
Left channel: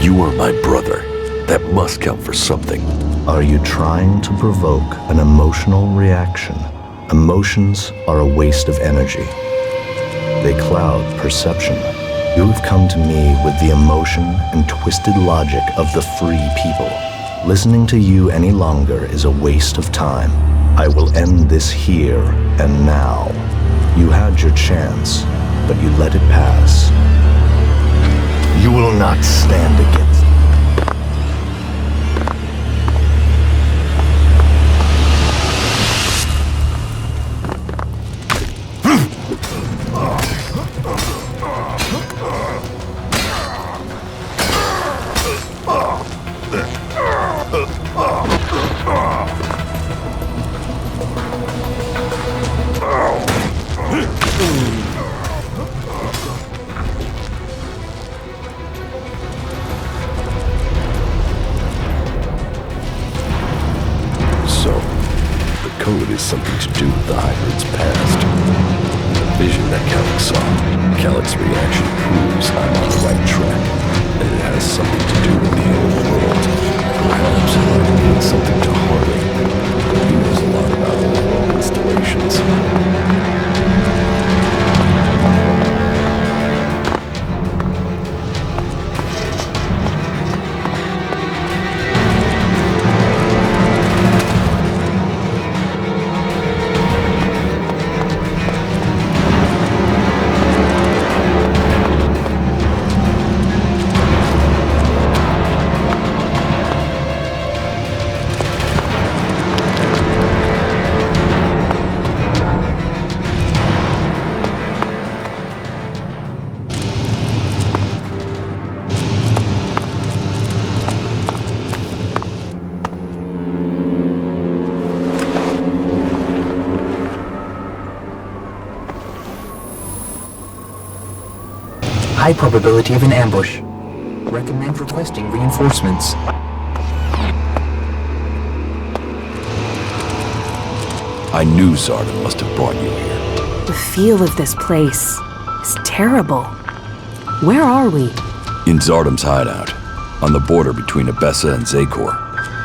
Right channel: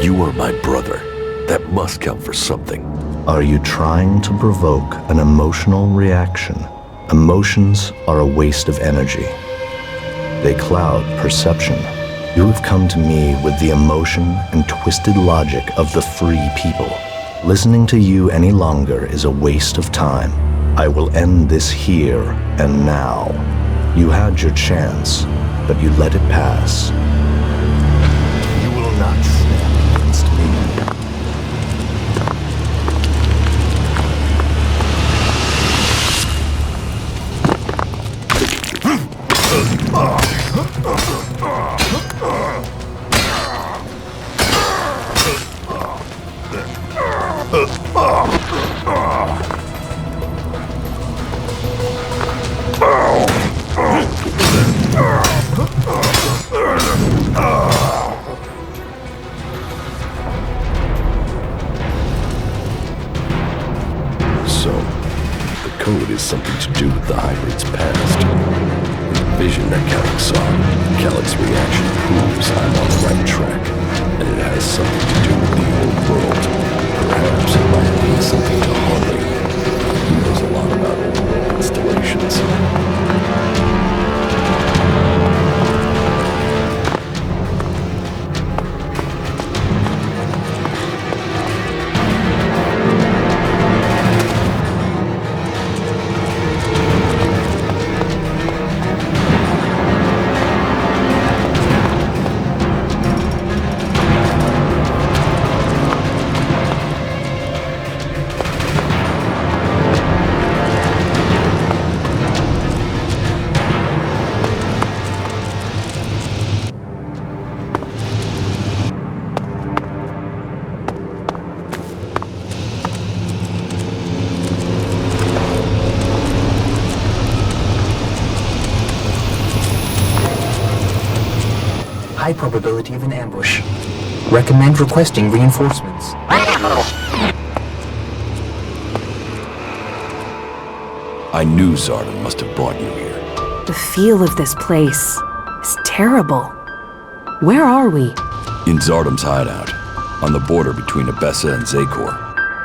You are my brother. That must count for something. Are you trying to provoke an emotional reaction? Emotions are a waste of energy. They cloud perception. You have come to me with the emotion and twisted logic of the free people. Listening to you any longer is a waste of time. I will end this here and now. You had your chance, but you let it pass. You will not stand against me. So, the code is something to do with the hybrid's past. In the vision that Kalex saw, Kalex's reaction proves I'm on the right track, and it has something to do with the old world. Perhaps it might mean something to Harley. He knows a lot about old world installations. High probability of an ambush. Recommend requesting reinforcements. I knew Zarda must have brought you here. The feel of this place is terrible. Where are we? In Zardam's hideout, on the border between Abessa and Zakor.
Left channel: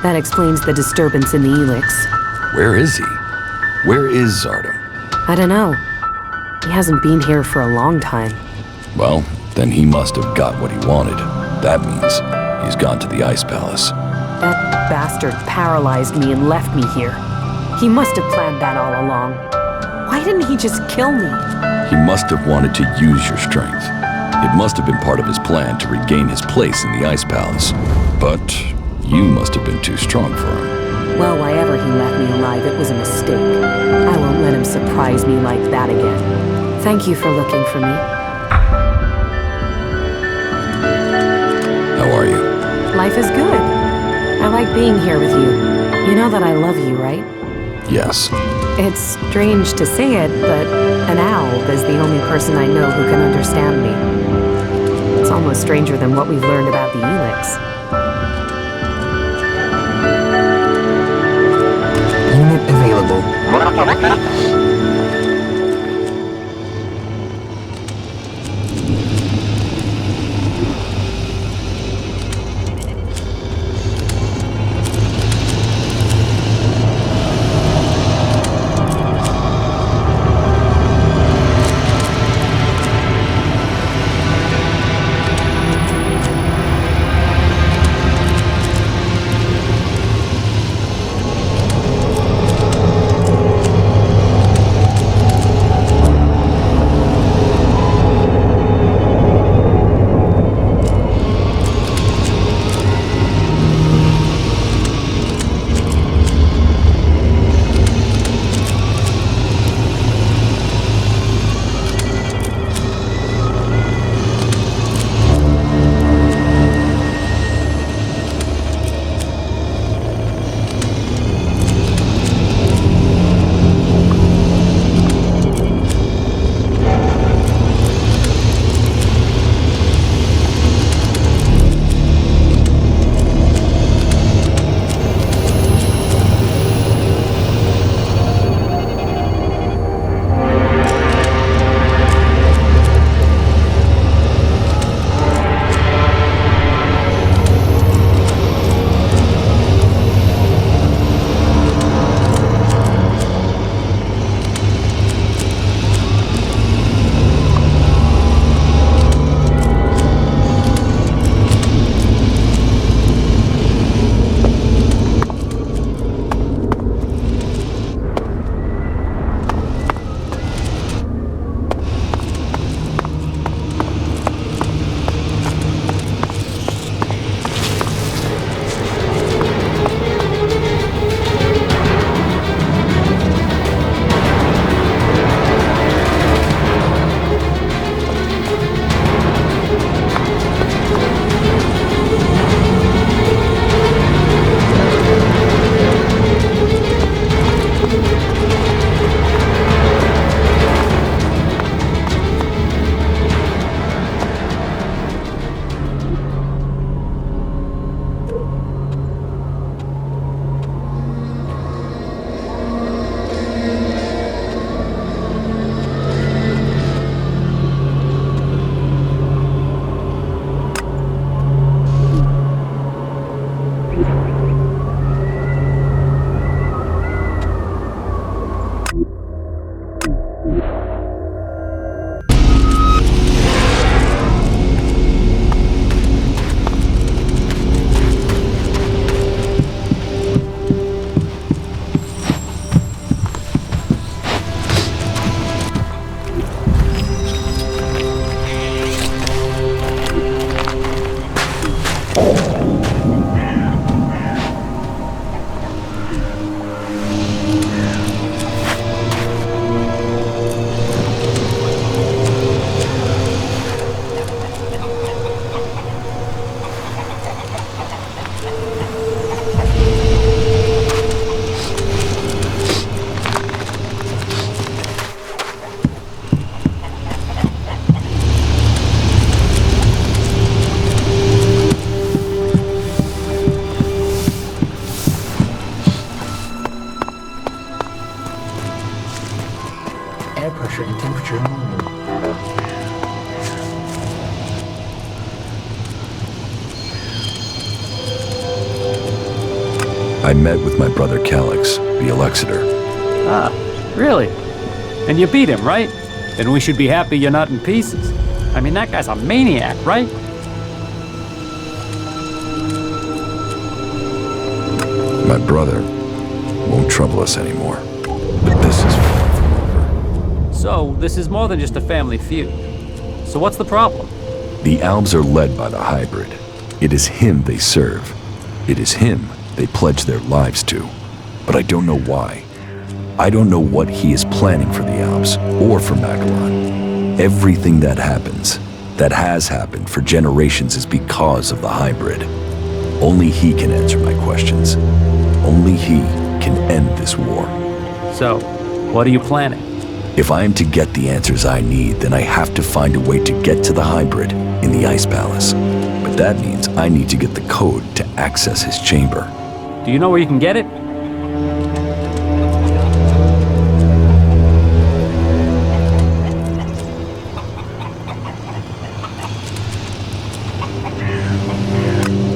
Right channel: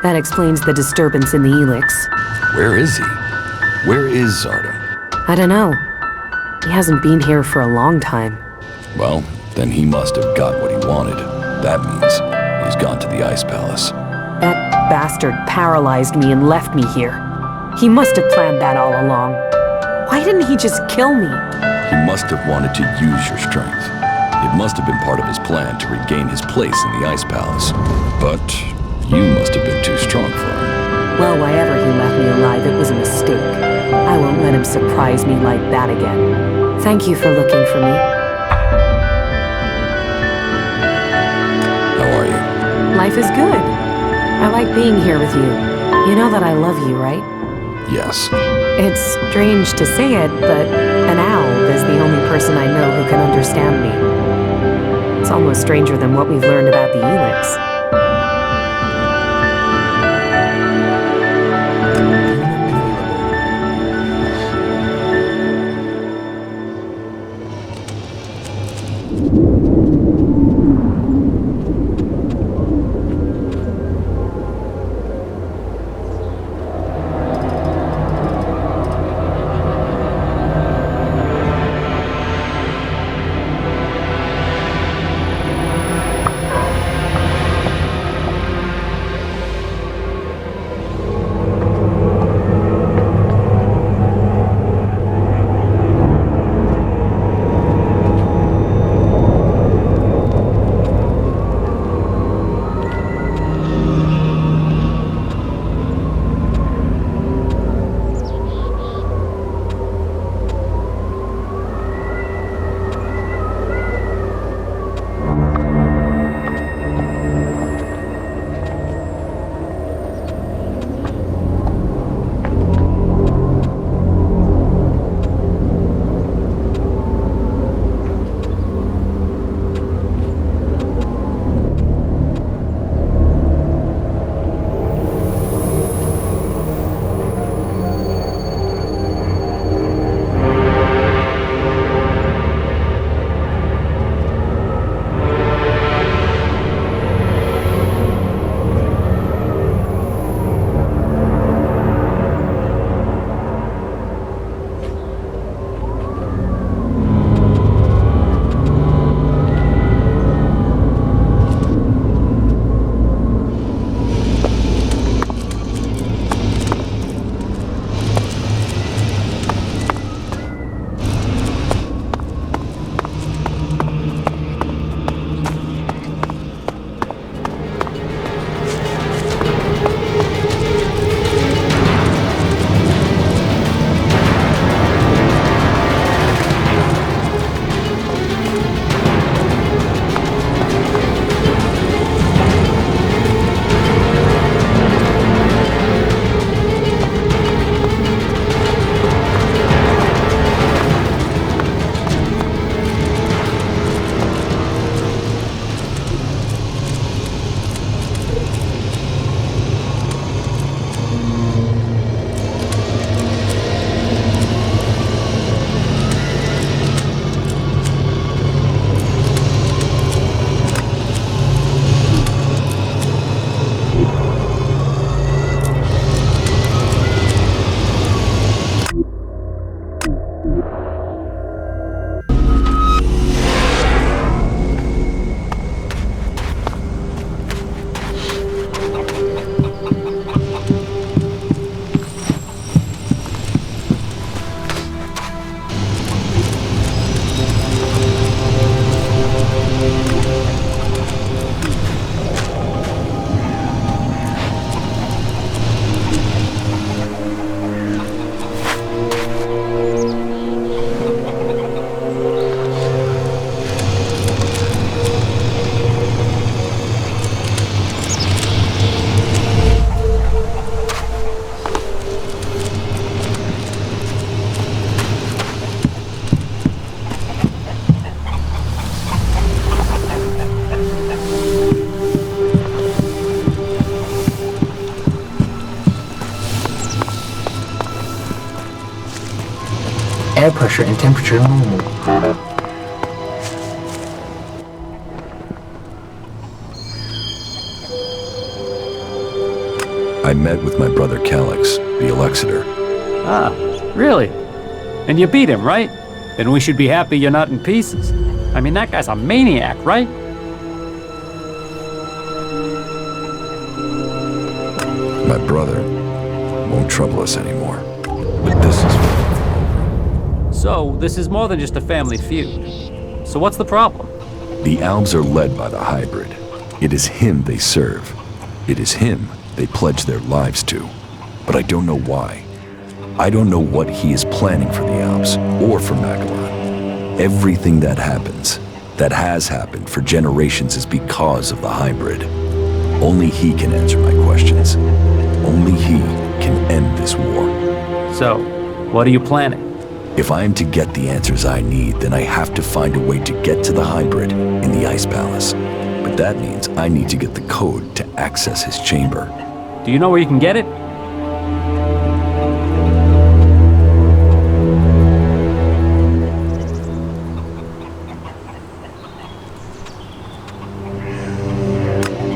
That explains the disturbance in the Elex. Where is he? Where is Zardam? I don't know. He hasn't been here for a long time. Well, then he must have got what he wanted. That means he's gone to the Ice Palace. That bastard paralyzed me and left me here. He must have planned that all along. Why didn't he just kill me? He must have wanted to use your strength. It must have been part of his plan to regain his place in the Ice Palace. But you must have been too strong for him. Well, why ever he left me alive, it was a mistake. I won't let him surprise me like that again. Thank you for looking for me. How are you? Life is good. I like being here with you. You know that I love you, right? Yes. It's strange to say it, but an owl is the only person I know who can understand me. It's almost stranger than what we've learned about the Elex. Unit available. Air pressure and temperature normal. I met with my brother Elex, the Elexitor. Ah, really? And you beat him, right? Then we should be happy you're not in pieces. I mean, that guy's a maniac, right? My brother won't trouble us anymore. But this is far from over. So, this is more than just a family feud. So what's the problem? The Albs are led by the hybrid. It is him they serve. It is him they pledge their lives to. But I don't know why. I don't know what he is planning for the Albs or for Magellan. Everything that happens, that has happened for generations, is because of the hybrid. Only he can answer my questions. Only he can end this war. So, what are you planning? If I am to get the answers I need, then I have to find a way to get to the hybrid in the Ice Palace. But that means I need to get the code to access his chamber. Do you know where you can get it?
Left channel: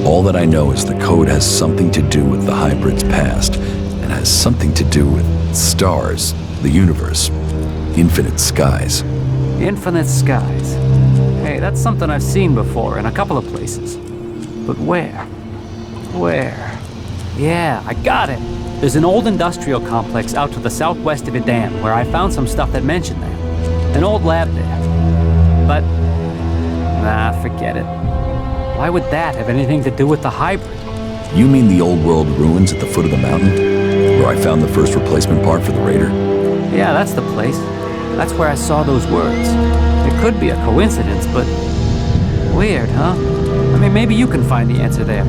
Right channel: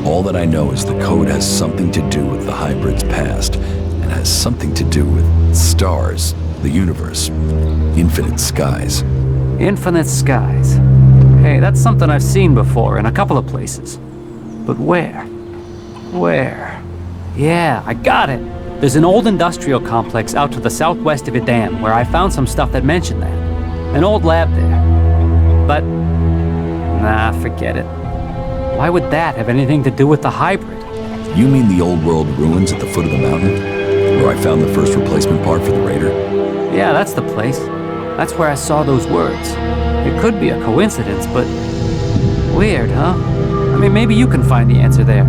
All that I know is the code has something to do with the hybrid's past, and has something to do with stars, the universe, infinite skies. Infinite skies. Hey, that's something I've seen before in a couple of places. But where? Where? Yeah, I got it. There's an old industrial complex out to the southwest of Idan where I found some stuff that mentioned that. An old lab there. But, nah, forget it. Why would that have anything to do with the hybrid? You mean the old world ruins at the foot of the mountain? Where I found the first replacement part for the Raider? Yeah, that's the place. That's where I saw those words. It could be a coincidence, but weird, huh? I mean, maybe you can find the answer there.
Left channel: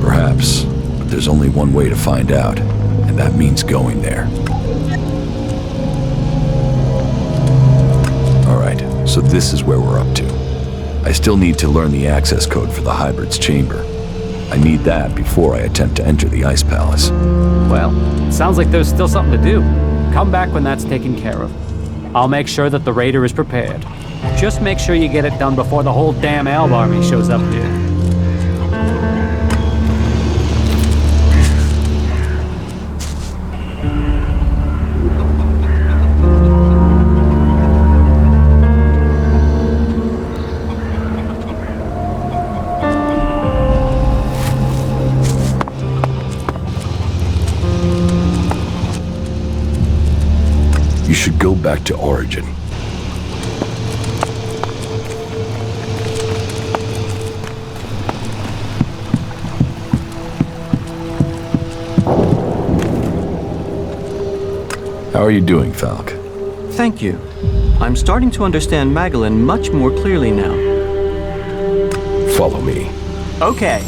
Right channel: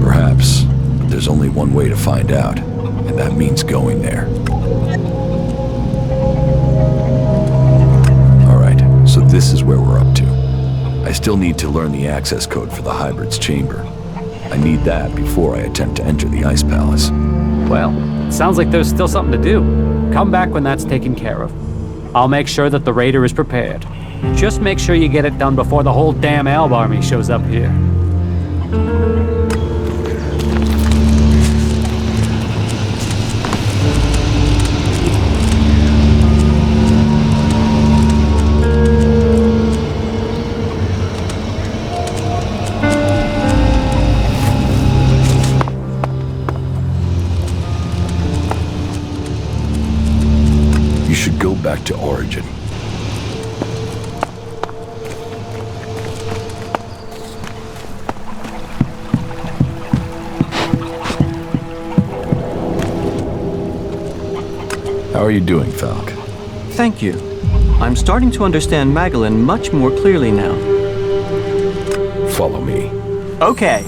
Perhaps, but there's only one way to find out, and that means going there. All right, so this is where we're up to. I still need to learn the access code for the hybrid's chamber. I need that before I attempt to enter the Ice Palace. Well, it sounds like there's still something to do. Come back when that's taken care of. I'll make sure that the Raider is prepared. Just make sure you get it done before the whole damn Alb army shows up here. You should go back to Origin. How are you doing, Falk? Thank you. I'm starting to understand Magellan much more clearly now. Follow me. Okay.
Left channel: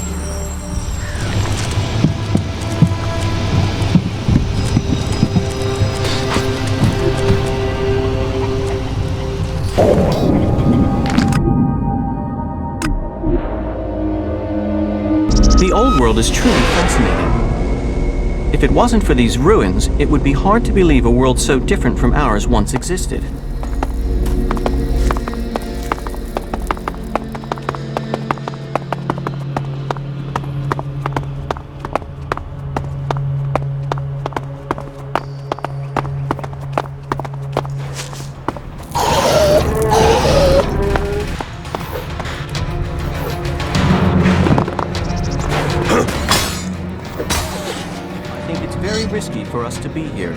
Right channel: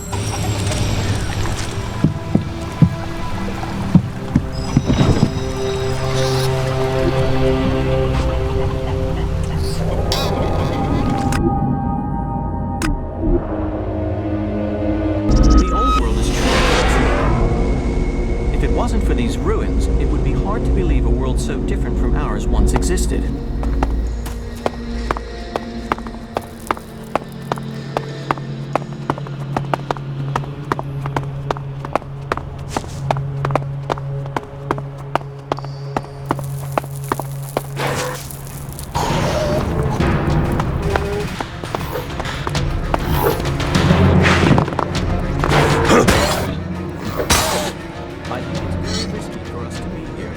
The old world is truly fascinating. If it wasn't for these ruins, it would be hard to believe a world so different from ours once existed. I think it's very risky for us to be here.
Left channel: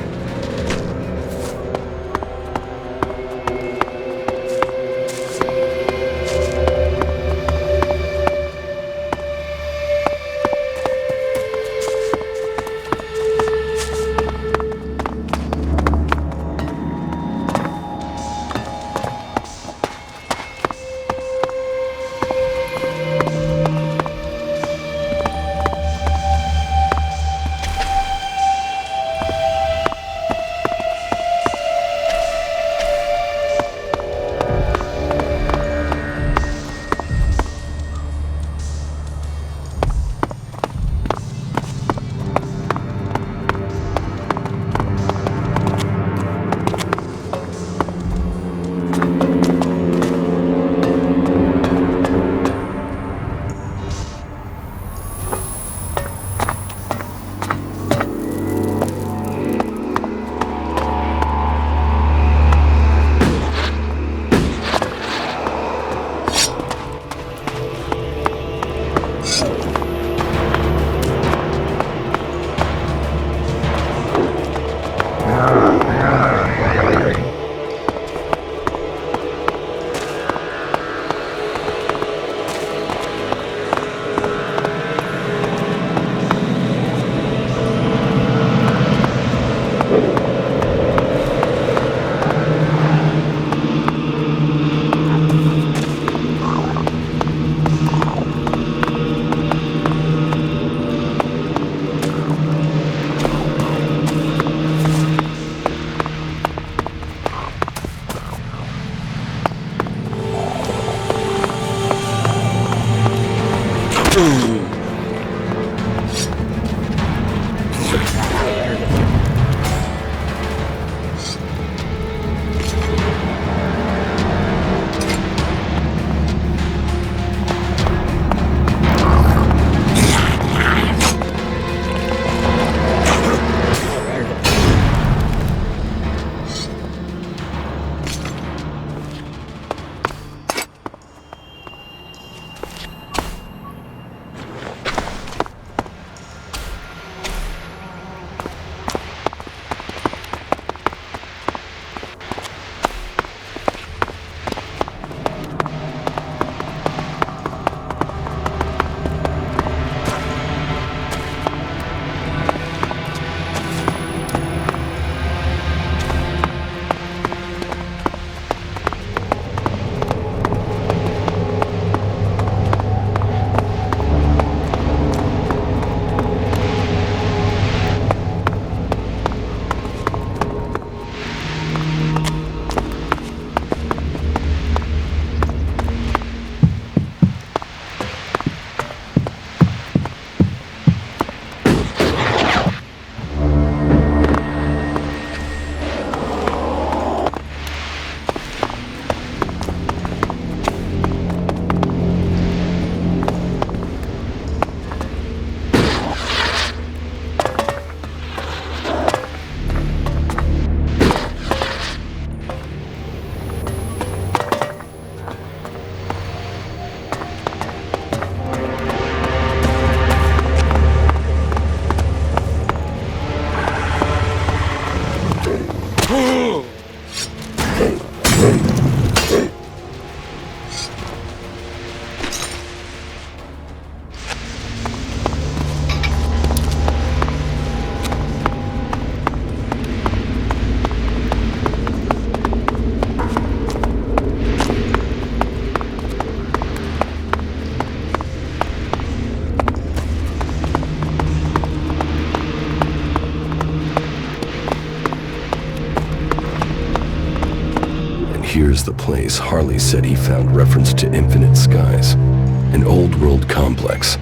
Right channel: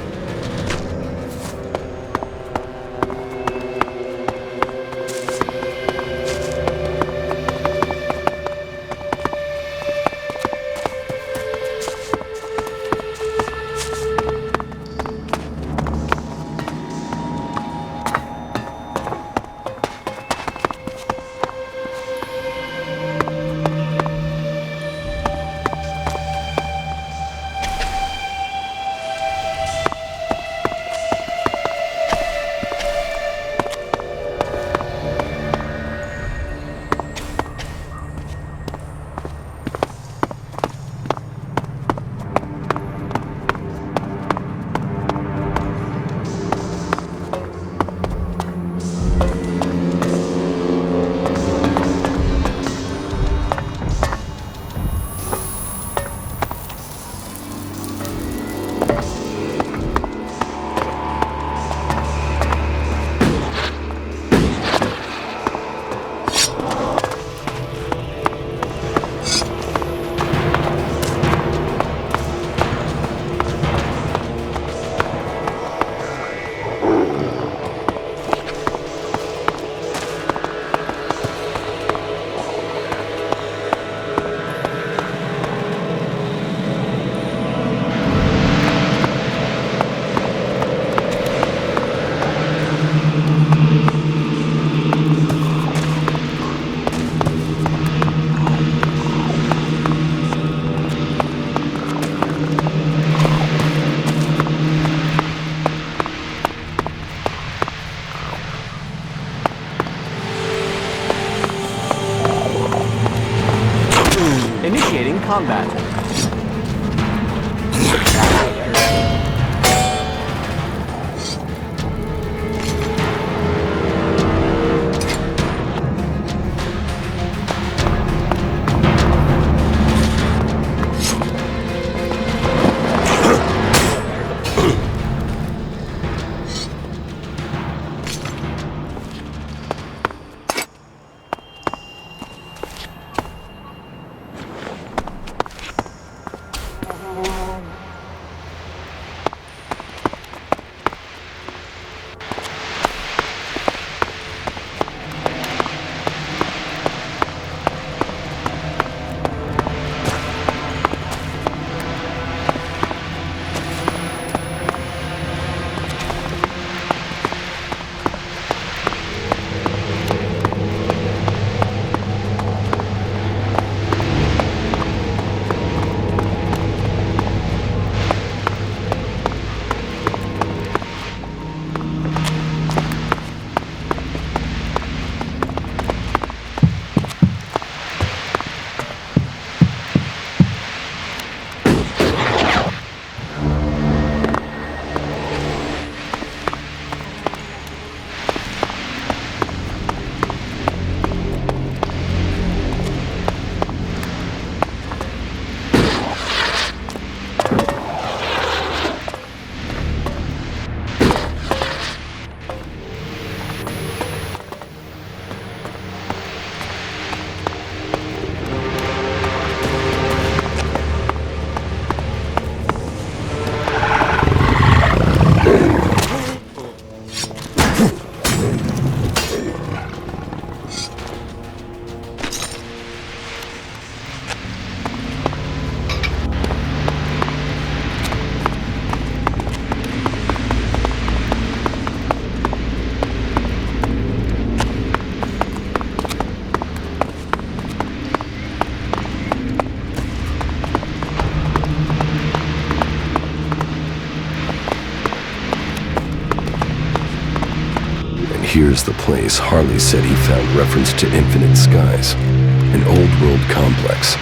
here's the place Harley said he found reference to Infinite Skies, an old-world complex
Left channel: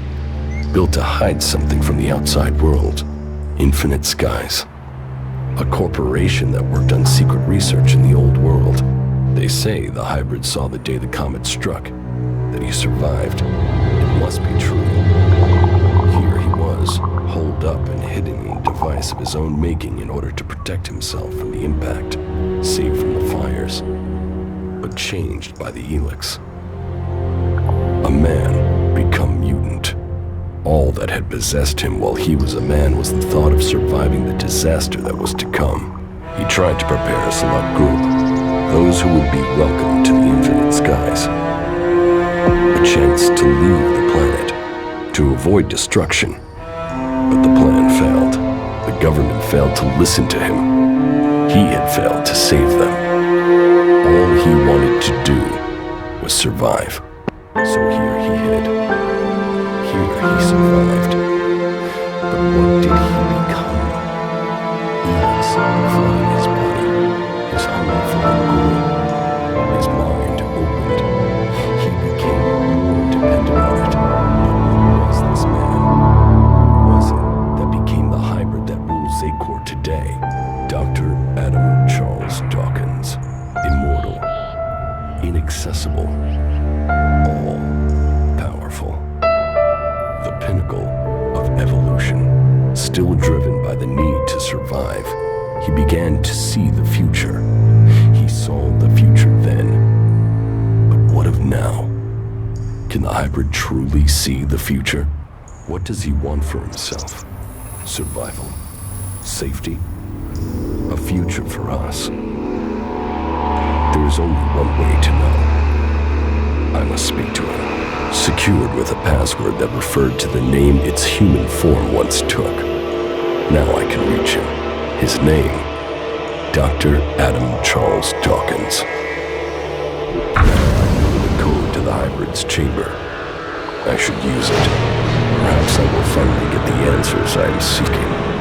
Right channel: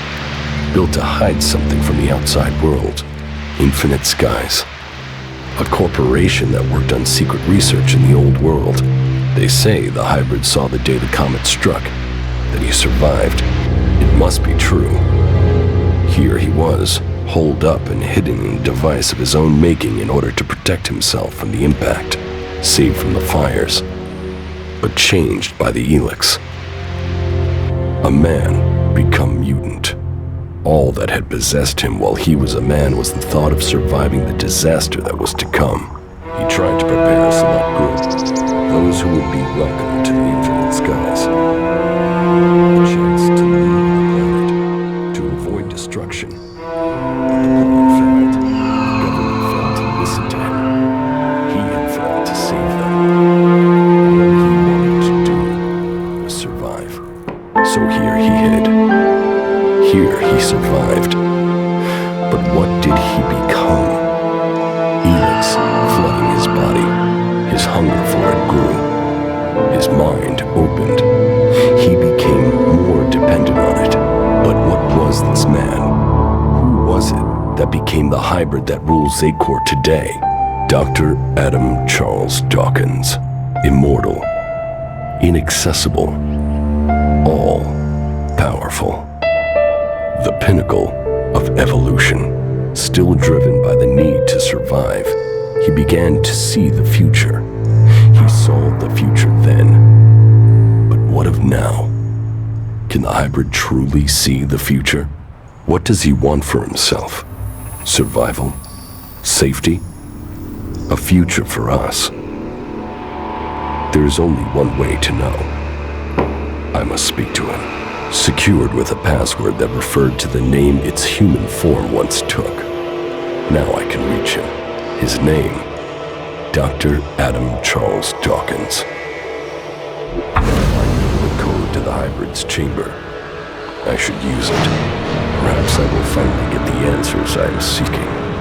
built to hide something from the outside world. Infinite Skies, a corporation that worked on secret research in the old world. They say the hybrid saw the day the comet struck, that he survived. It must be true. Here he was, holed up and hidden in a device of his own making in order to protect himself from the impact, saved from the fires, but changed by the Elex. A man become mutant. All that had possessed him while he was a man was the thought of surviving the disaster that was to come. He tried to prepare a select group, those who would be welcome to the Infinite Skies. A chance to leave the planet, to avoid destruction. But the plan failed. The government failed to listen to him. He had failed to save them. All he wanted to do was survive. So here he hid. Here he survived. But what did he become? Elex flooding his body. His hunger for it grew. His mind opened. He became more dependent on it. But what was this man? Who was it that became the hybrid that rules Zacor today? Dr. Adam Charles Dawkins. Immortal. Inaccessible. All-powerful. The pinnacle of evolution. Still driven by the need to survive, he began to see the future. He saw the future then. But what of now? Can the hybrid truly see the future? What does he want for himself? Survival? Safety? A future for us? There is only one way to know. I must speak to him, secured with a password that referred to the name its human form once took. Now I can reach him. His name, Dr. Adam Charles Dawkins. Now I know the code to the hybrid's chamber. I should use it. Perhaps I will finally get the answers I am seeking.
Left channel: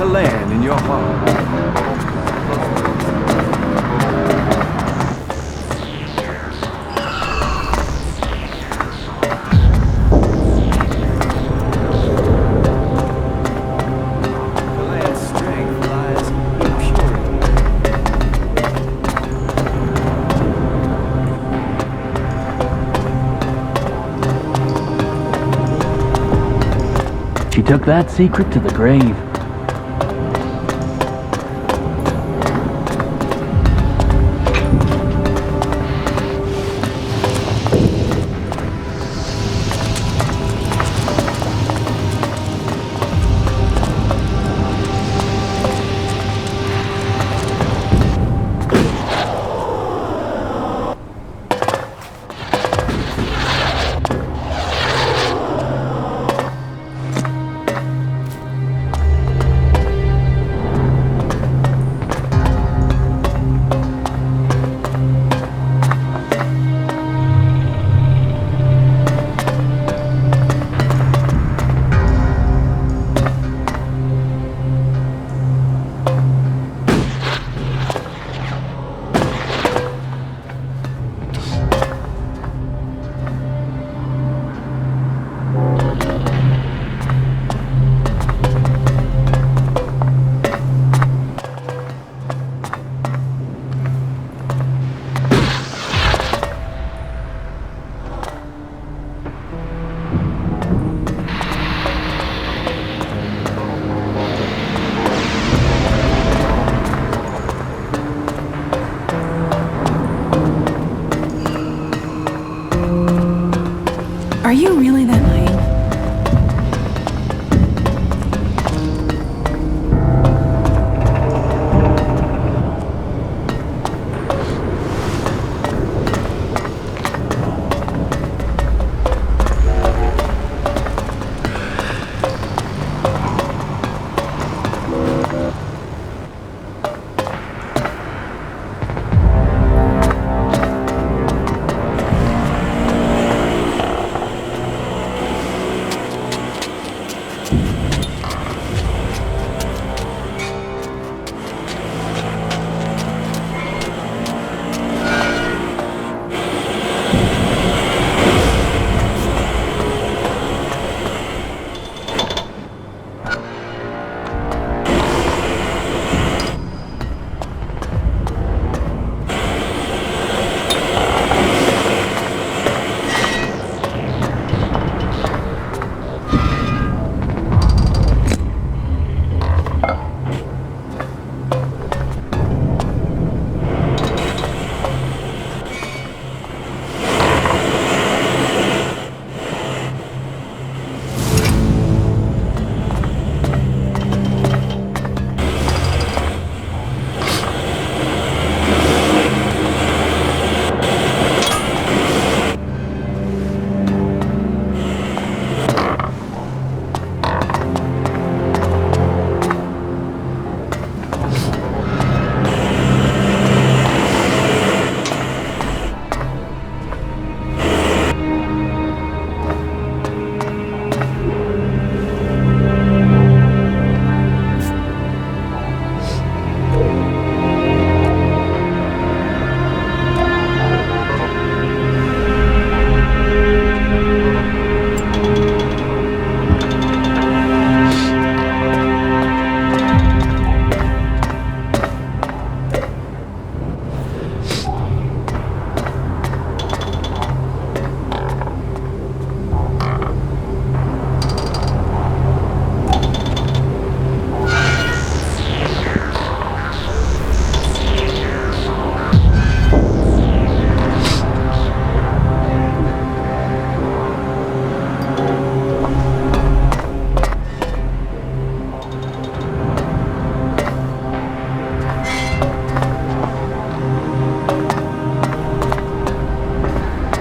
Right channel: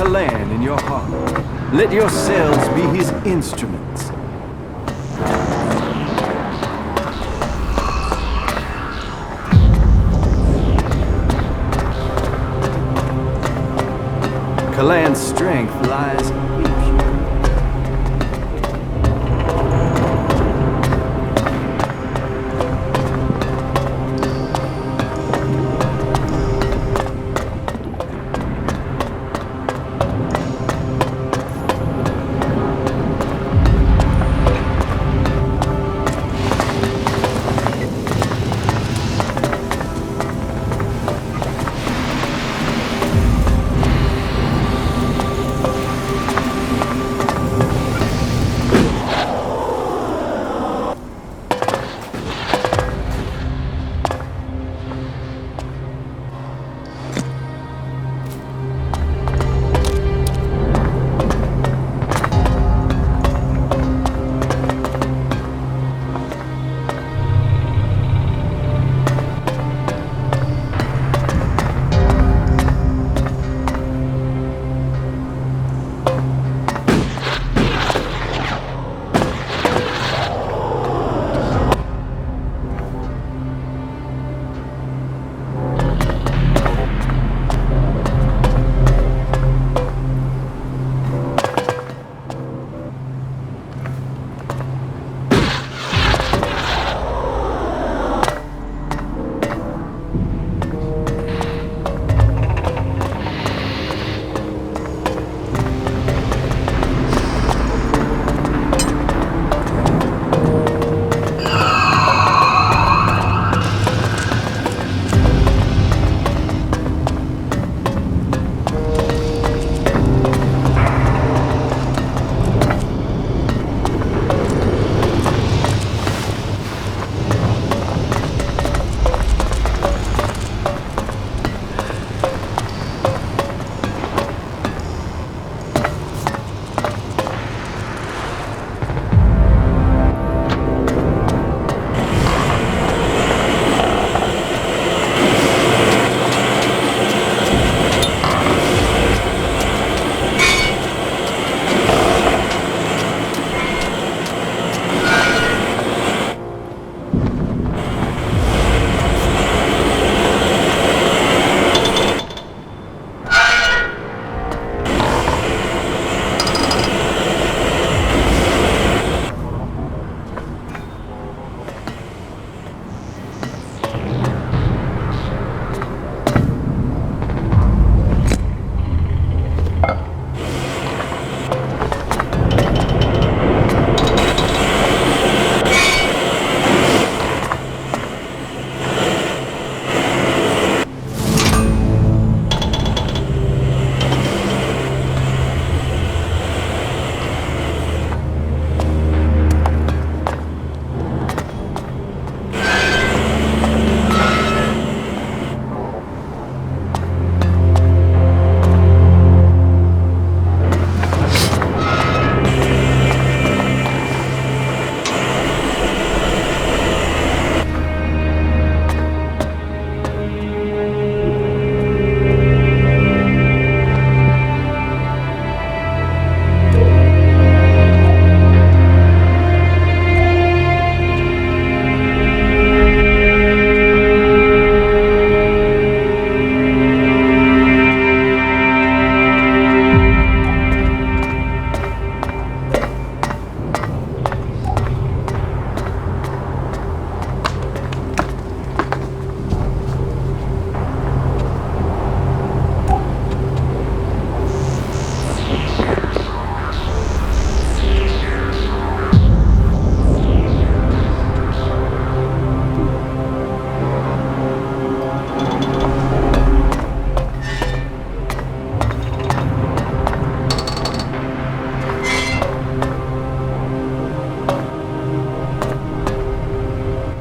Kalan in your heart. Let your cells be his instruments. Kalan's strength lies in purity. She took that secret to the grave.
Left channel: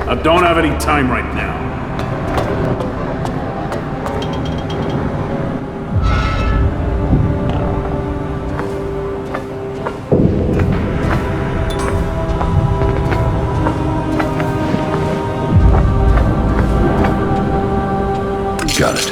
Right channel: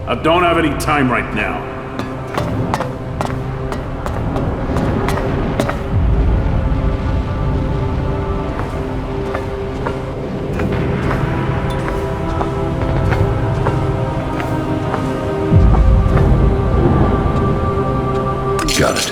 I don't have any time right now. Got it.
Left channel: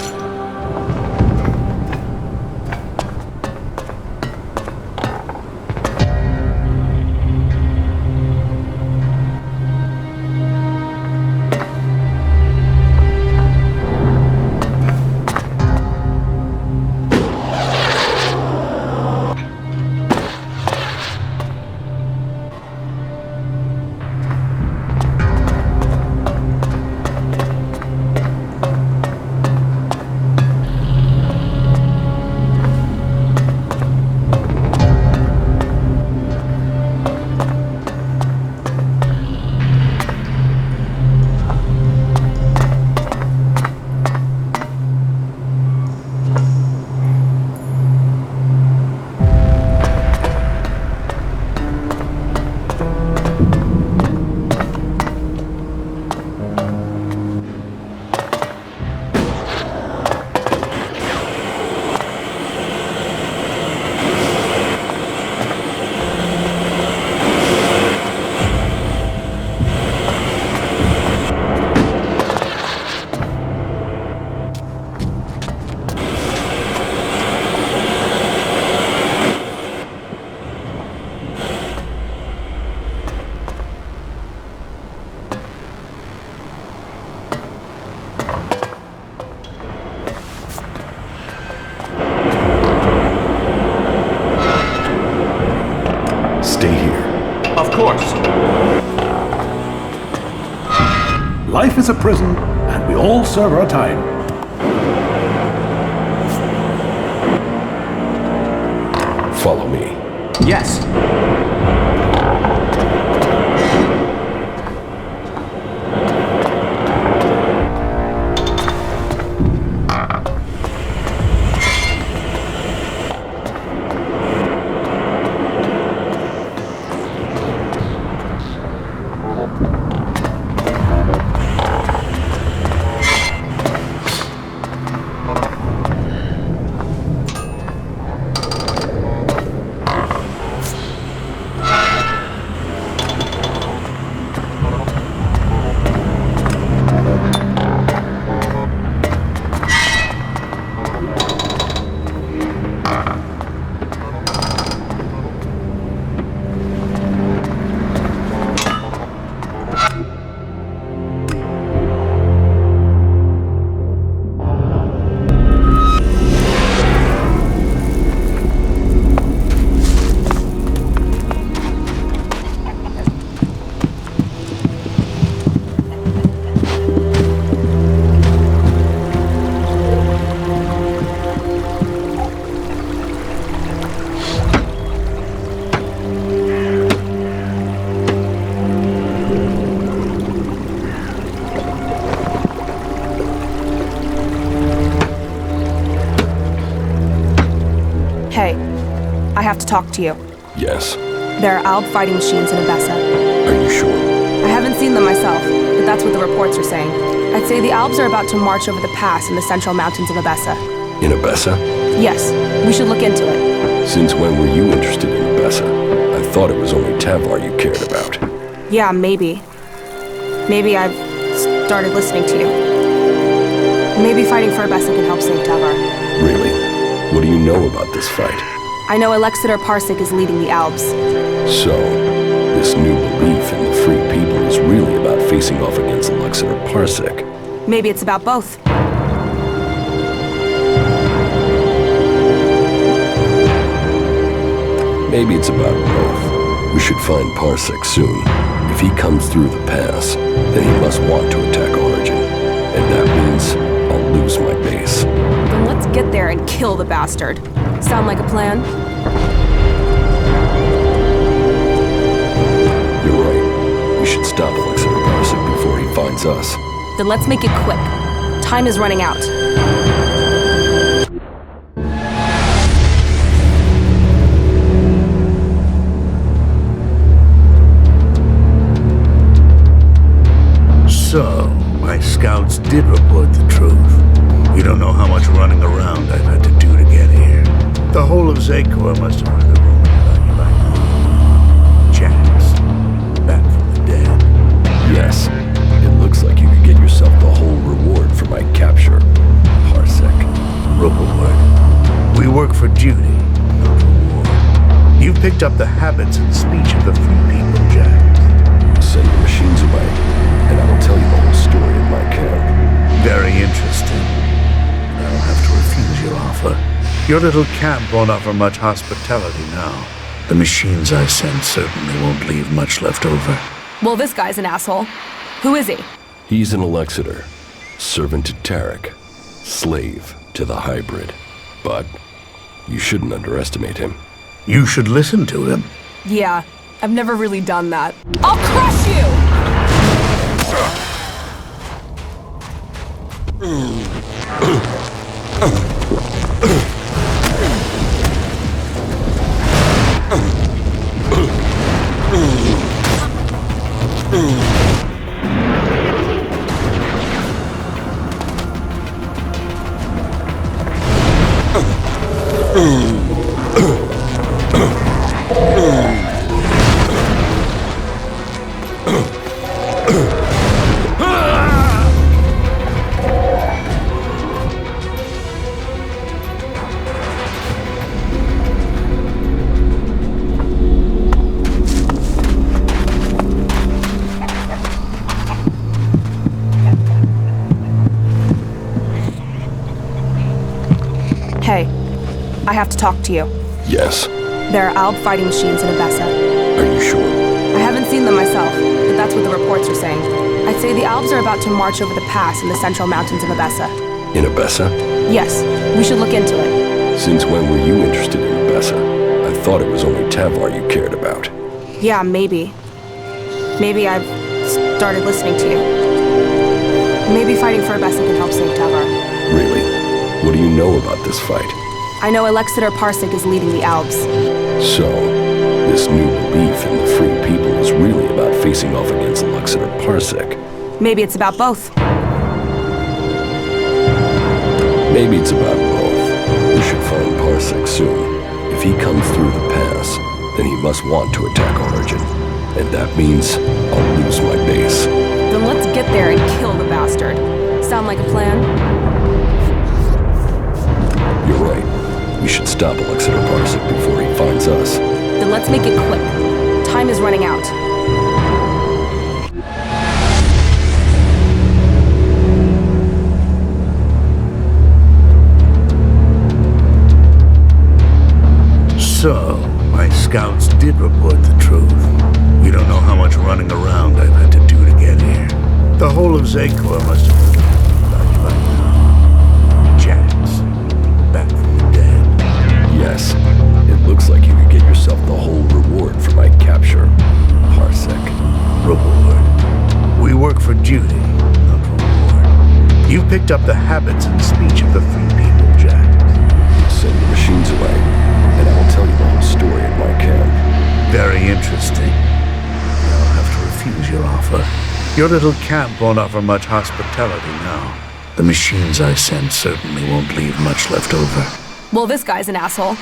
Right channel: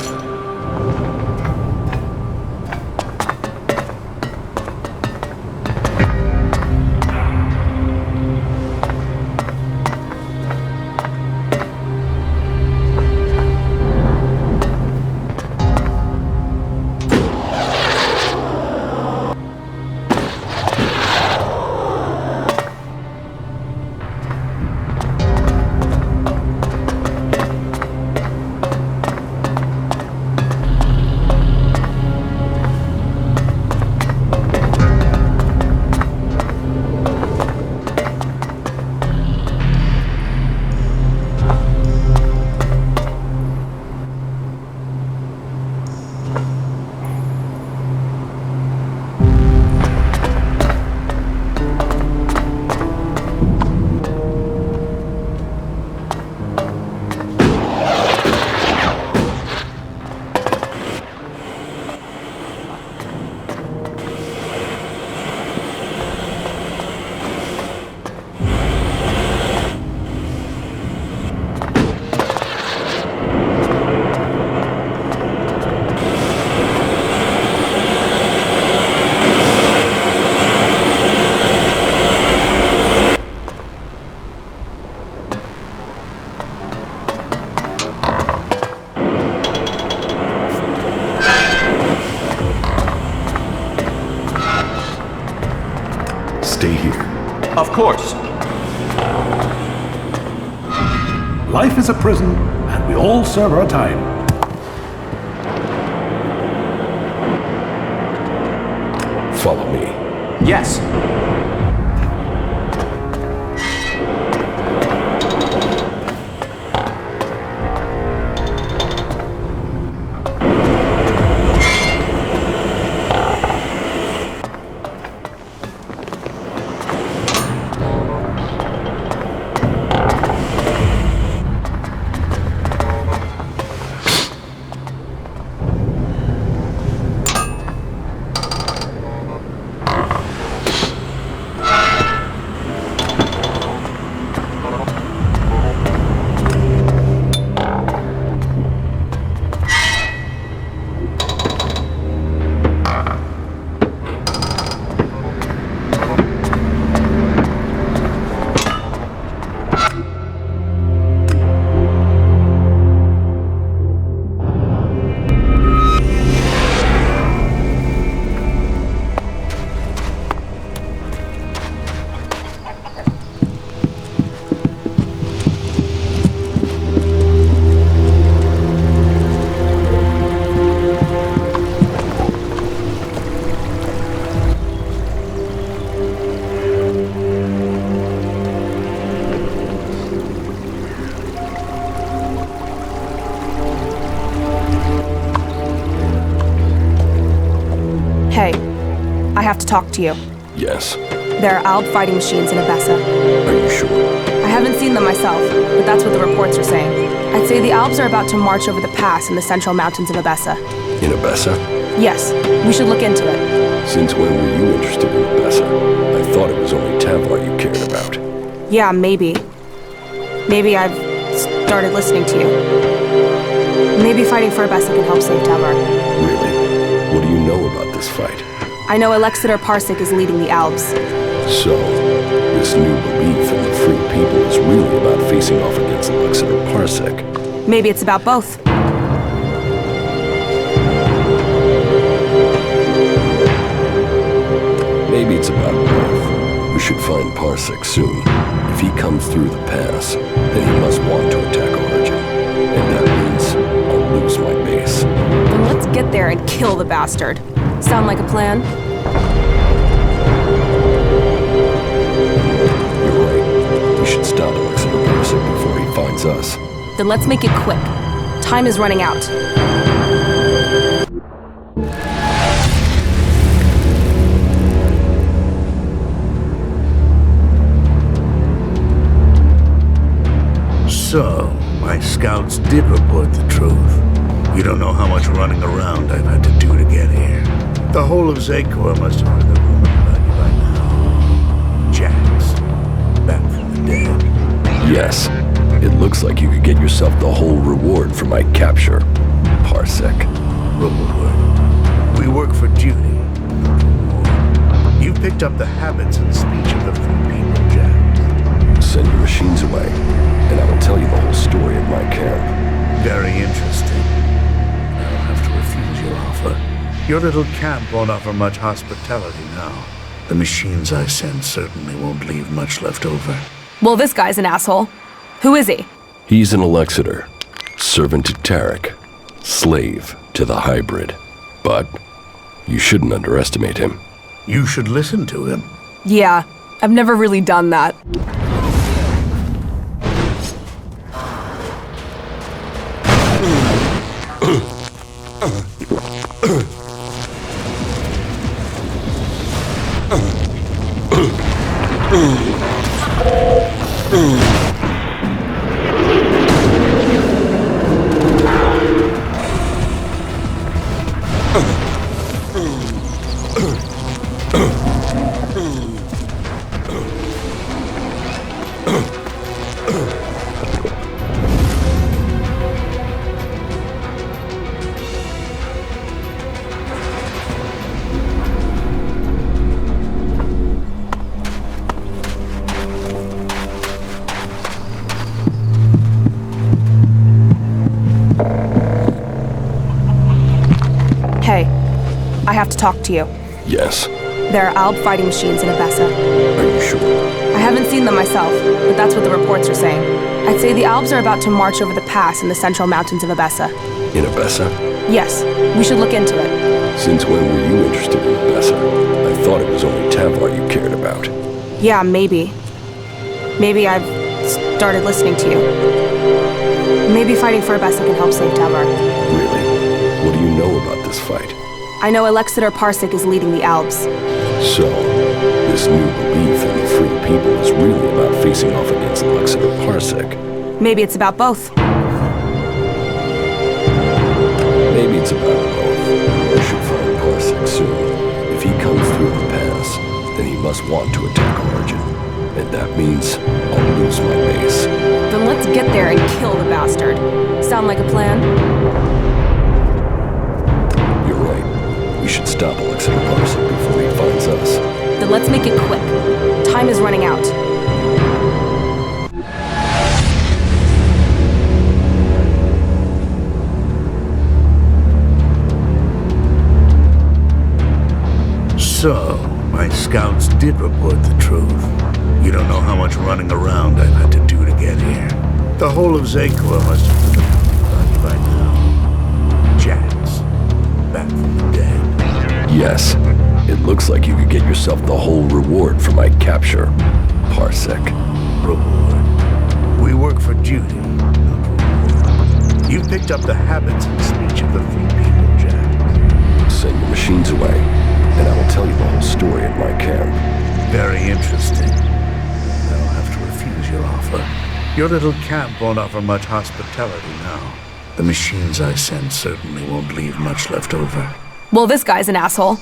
Of course. Life is a prison, and we all serve our time. Follow me. Yes. Hey, I have to talk to you. Yes. There are Alb fighting machines in Abessa. Are you sure? I haven't seen them myself, but that's what the reports are saying. I'd say the Albs are about to march over the pass in the central mountains of Abessa. In Abessa? Yes, we should look into it. Since when were you interested in Abessa? I thought it was only Tavar you cared about. Yeah, maybe. Maybe I've started listening to you. Maybe fighting for Abessa can help save Tavar. Really? What do you know about this fight? I know Alexander Parsec is leading the Albs. So, this new belief in the free people is really about facing off against Alexander Parsec. Maybe it's about both. Maybe it's about both. We should find Parsec soon. If he comes through the pass, then he must want to attack Origin. And that means I'll lose my base. Then let's get there and kill the bastard. Sound like a plan? You're right. We should stop Alexander Parsec before he finds us. Then let's make it quick. Time is running out. So, my scouts did report the truth. You don't know how much running around I've had to do to get here. The whole of Zakor must have heard the rumors about you by now. Jax, back from the dead. Yes. It looks like you could get yourself the whole reward for my capture. Parsec. Reward. We work for duty, not reward. You've picked up the habits and speech of the free people, Jax. Send your machines away, and I will tell you the whole story at my camp. Very interesting. I'll have to refuse your offer. Your little camp won't offer much hospitality now. The machines I send certainly won't leave much left over. Well, this guy's an asshole. Who is he? He's an Alexander, servant to Tarek, slave to the hybrid. But you shouldn't underestimate him. You should listen to him. Yeah, I've never really done that. I'll crush you! Hey, I have to talk to you. Yes. There are Alb fighting machines in Abessa. Are you sure? I I haven't seen them myself, but that's what the reports are saying. I'd say the Albs are about to march over the pass in the central mountains of Abessa. In Abessa? Yes, we should look into it. Since when were you interested in Abessa? I thought it was only Tavar you cared about. Yeah, maybe. Maybe I've started listening to you. Maybe fighting for Abessa can help save Tavar. Really? What do you know about this fight? I know Alexander Parsec is leading the Albs. So, this new belief in the free people is really about facing off against Alexander Parsec. Maybe it's about both. Maybe it's about both. We should find Parsec soon. If he comes through the pass, then he must want to attack Origin. And that means I'll lose my base. Then let's get there and kill the bastard. Sound like a plan? You're right. We should stop Alexander Parsec before he finds us. Then let's make it quick. Time is running out. So, my scouts did report the truth. You don't know how much running around I've had to do to get here. The whole of Zakor must have forgotten about you by now. Jax, back from the dead. Yes. It looks like you could get yourself the whole reward for my capture. Parsec. Reward? We work for duty, not reward. You've picked up the habits and speech of the free people, Jax. Send the machines away, and I will tell you the whole story at my camp. Very interesting. I'll have to refuse your offer. Your little camp won't offer much hospitality now. The machines I send certainly won't leave much left over. Well, this guy's an asshole.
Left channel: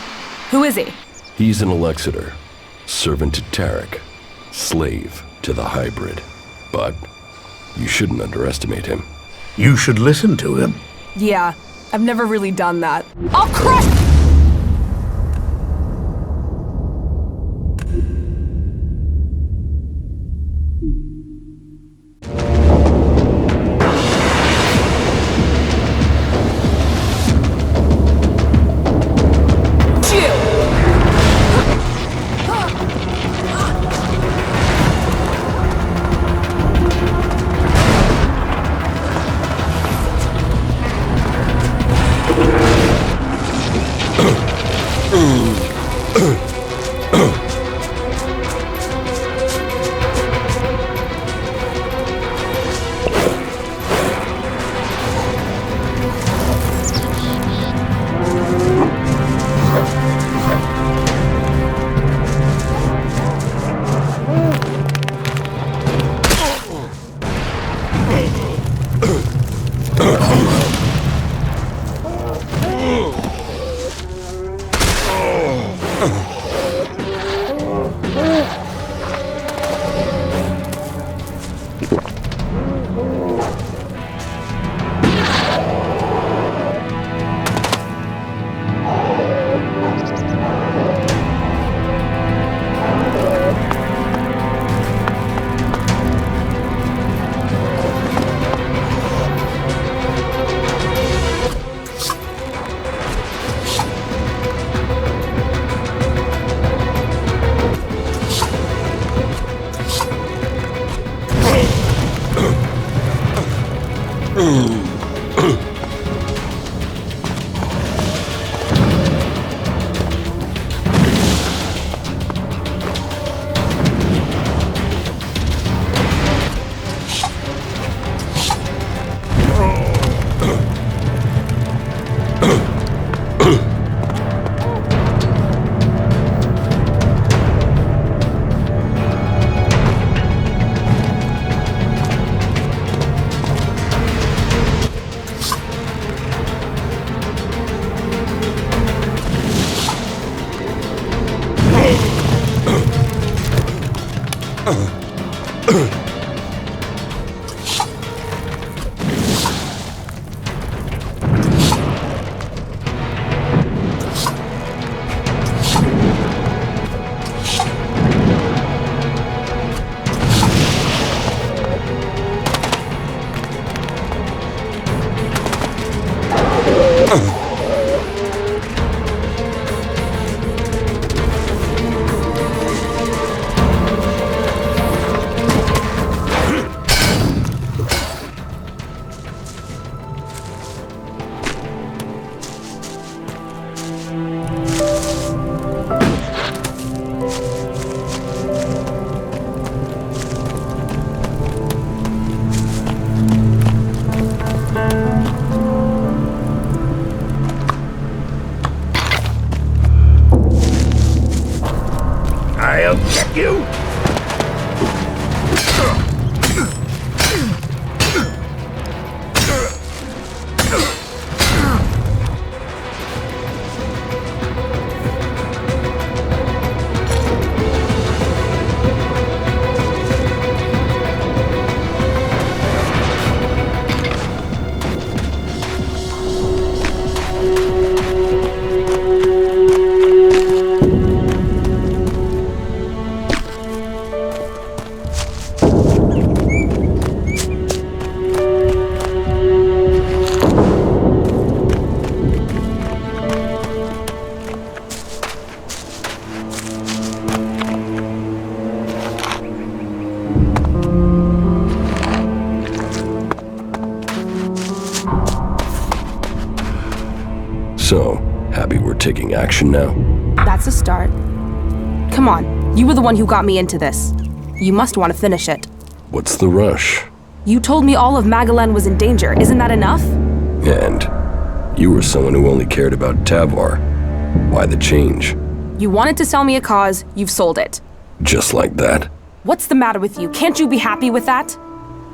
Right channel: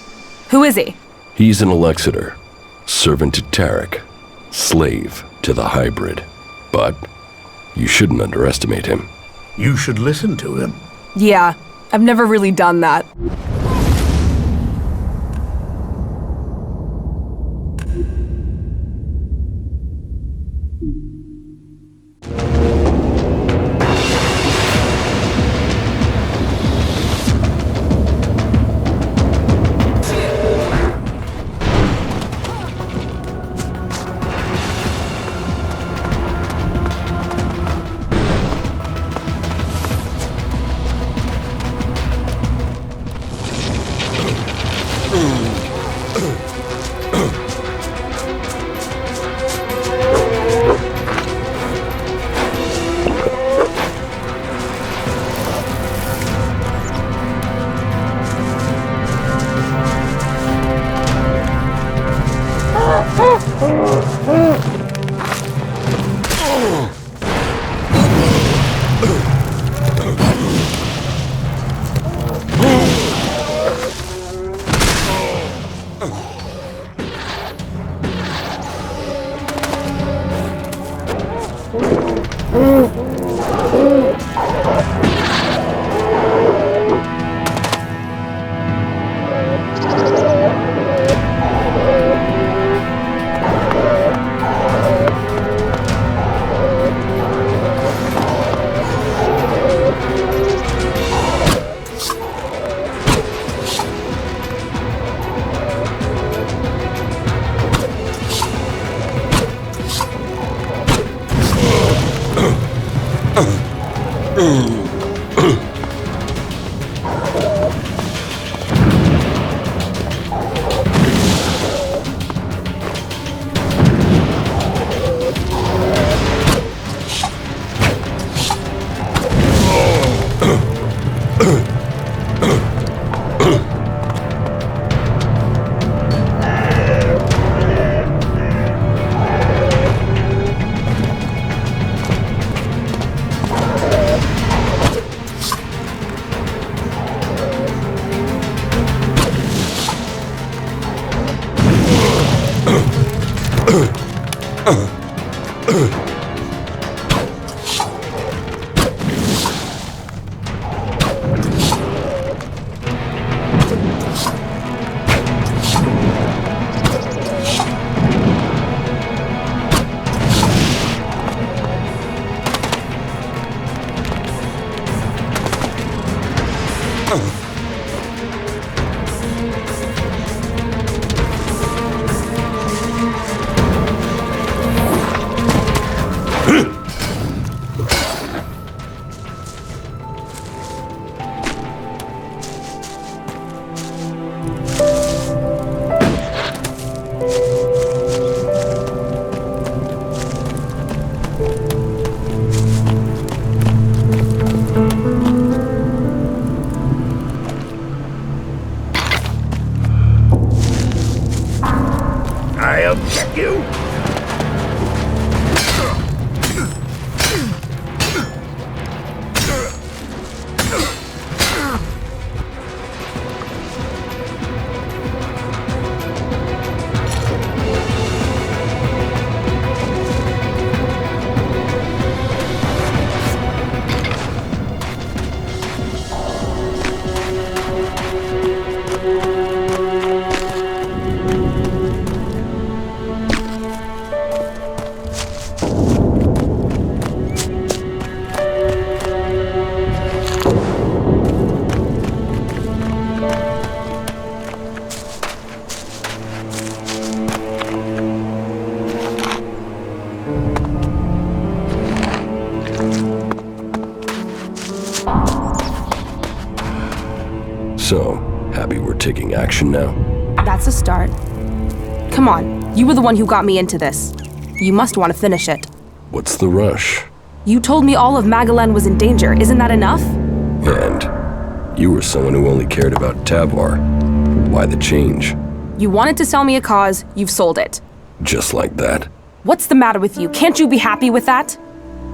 Who is he? He's an Alexander, servant to Tarek, slave to the hybrid. But you shouldn't underestimate him. You should listen to him. Yeah, I've never really done that. I'll crush... So, happy we're taking action now? That's a start. Come on, you were the one who got me into this. You must want to finish it. What's the rush? You told me all of Magalan was in danger. Isn't that enough? And you were someone who only cared about Tavar. Why the change? You wanted to sell me a cause, you've sold it. Just like that? What's the matter with you? Can't you be happy with that?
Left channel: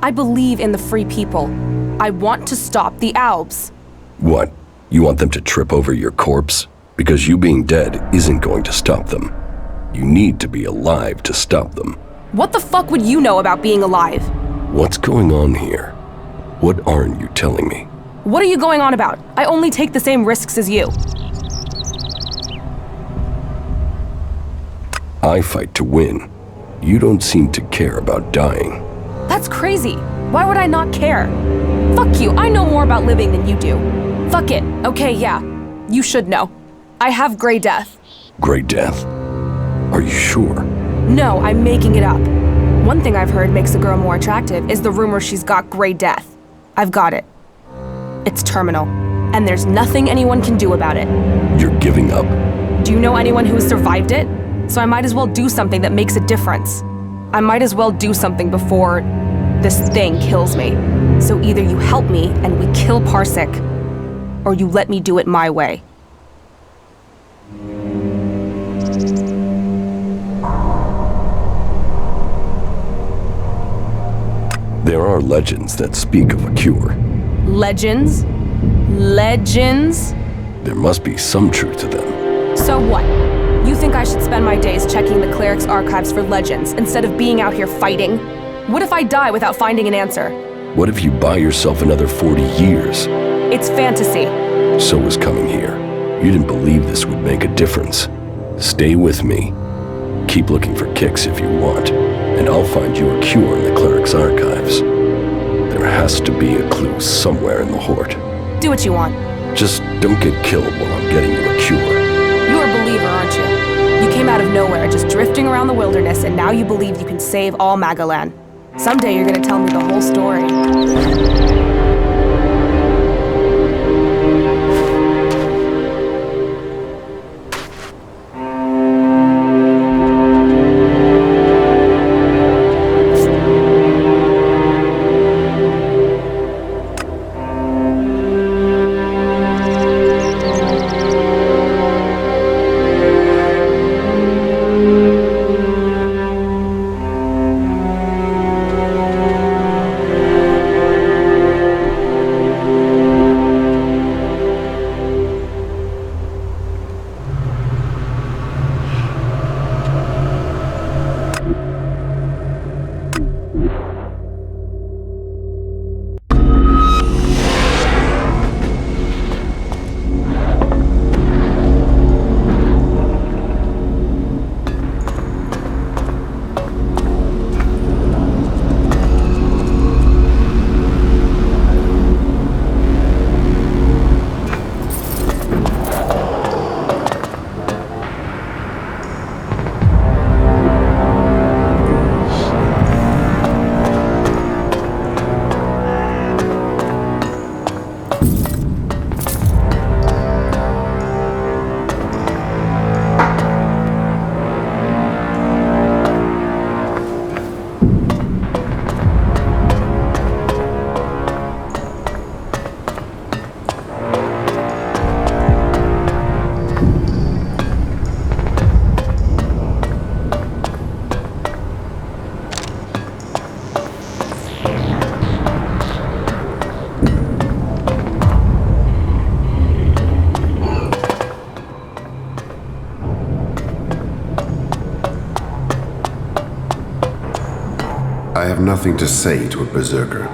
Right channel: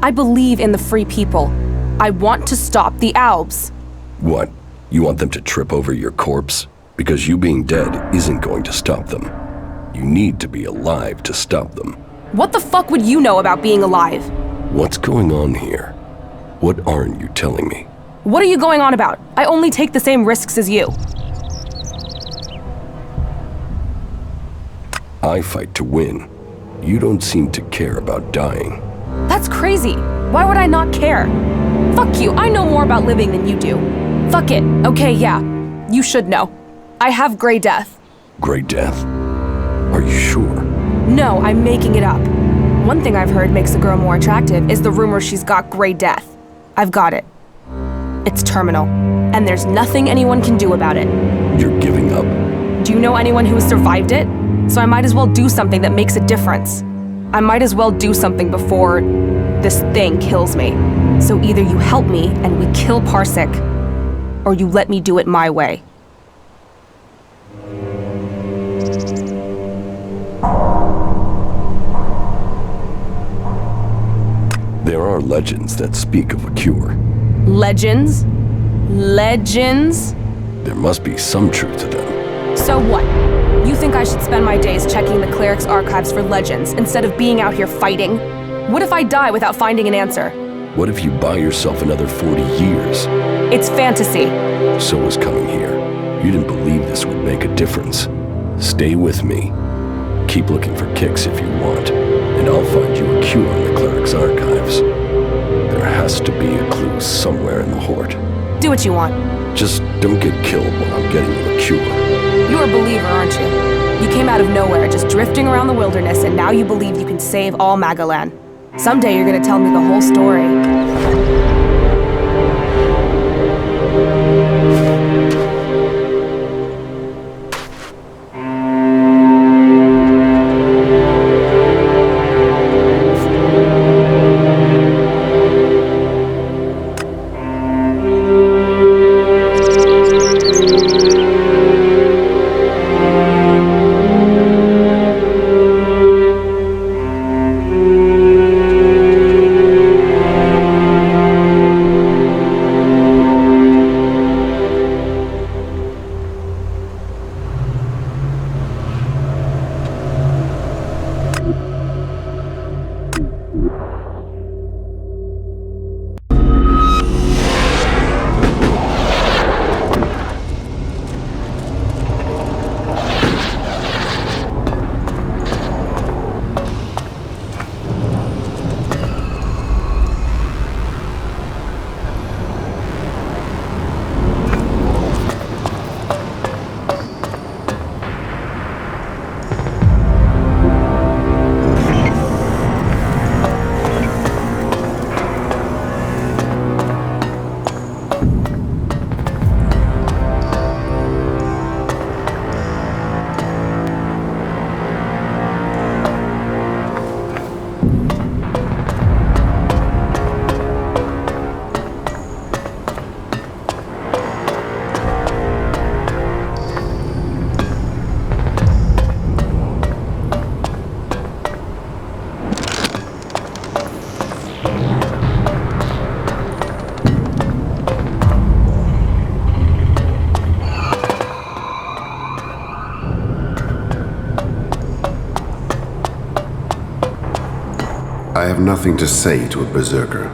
I believe in the free people. I want to stop the Albs. What? You want them to trip over your corpse? Because you being dead isn't going to stop them. You need to be alive to stop them. What the fuck would you know about being alive? What's going on here? What aren't you telling me? What are you going on about? I only take the same risks as you. I fight to win. You don't seem to care about dying. That's crazy. Why would I not care? Fuck you, I know more about living than you do. Fuck it. Okay, yeah. You should know. I have Grey Death. Grey Death? Are you sure? No, I'm making it up. One thing I've heard makes a girl more attractive is the rumor she's got Grey Death. I've got it. It's terminal, and there's nothing anyone can do about it. You're giving up? Do you know anyone who has survived it? So I might as well do something that makes a difference. I might as well do something before this thing kills me. So either you help me and we kill Parsec, or you let me do it my way. There are legends that speak of a cure. Legends? Legends? There must be some truth to them. So what? You think I should spend my days checking the cleric's archives for legends instead of being out here fighting? What if I die without finding an answer? What if you buy yourself another 40 years? It's fantasy. So was coming here. You didn't believe this would make a difference. Stay with me. Keep looking for kicks if you want, and I'll find you a cure in the cleric's archives. There has to be a clue somewhere in the Horde. Do what you want. Just don't get killed while I'm getting you a cure. You're a believer, aren't you? You came out of nowhere, just drifting around the wilderness, and now you believe you can save all Magalan. Someday you're gonna tell me the whole story. I have nothing to say to a berserker.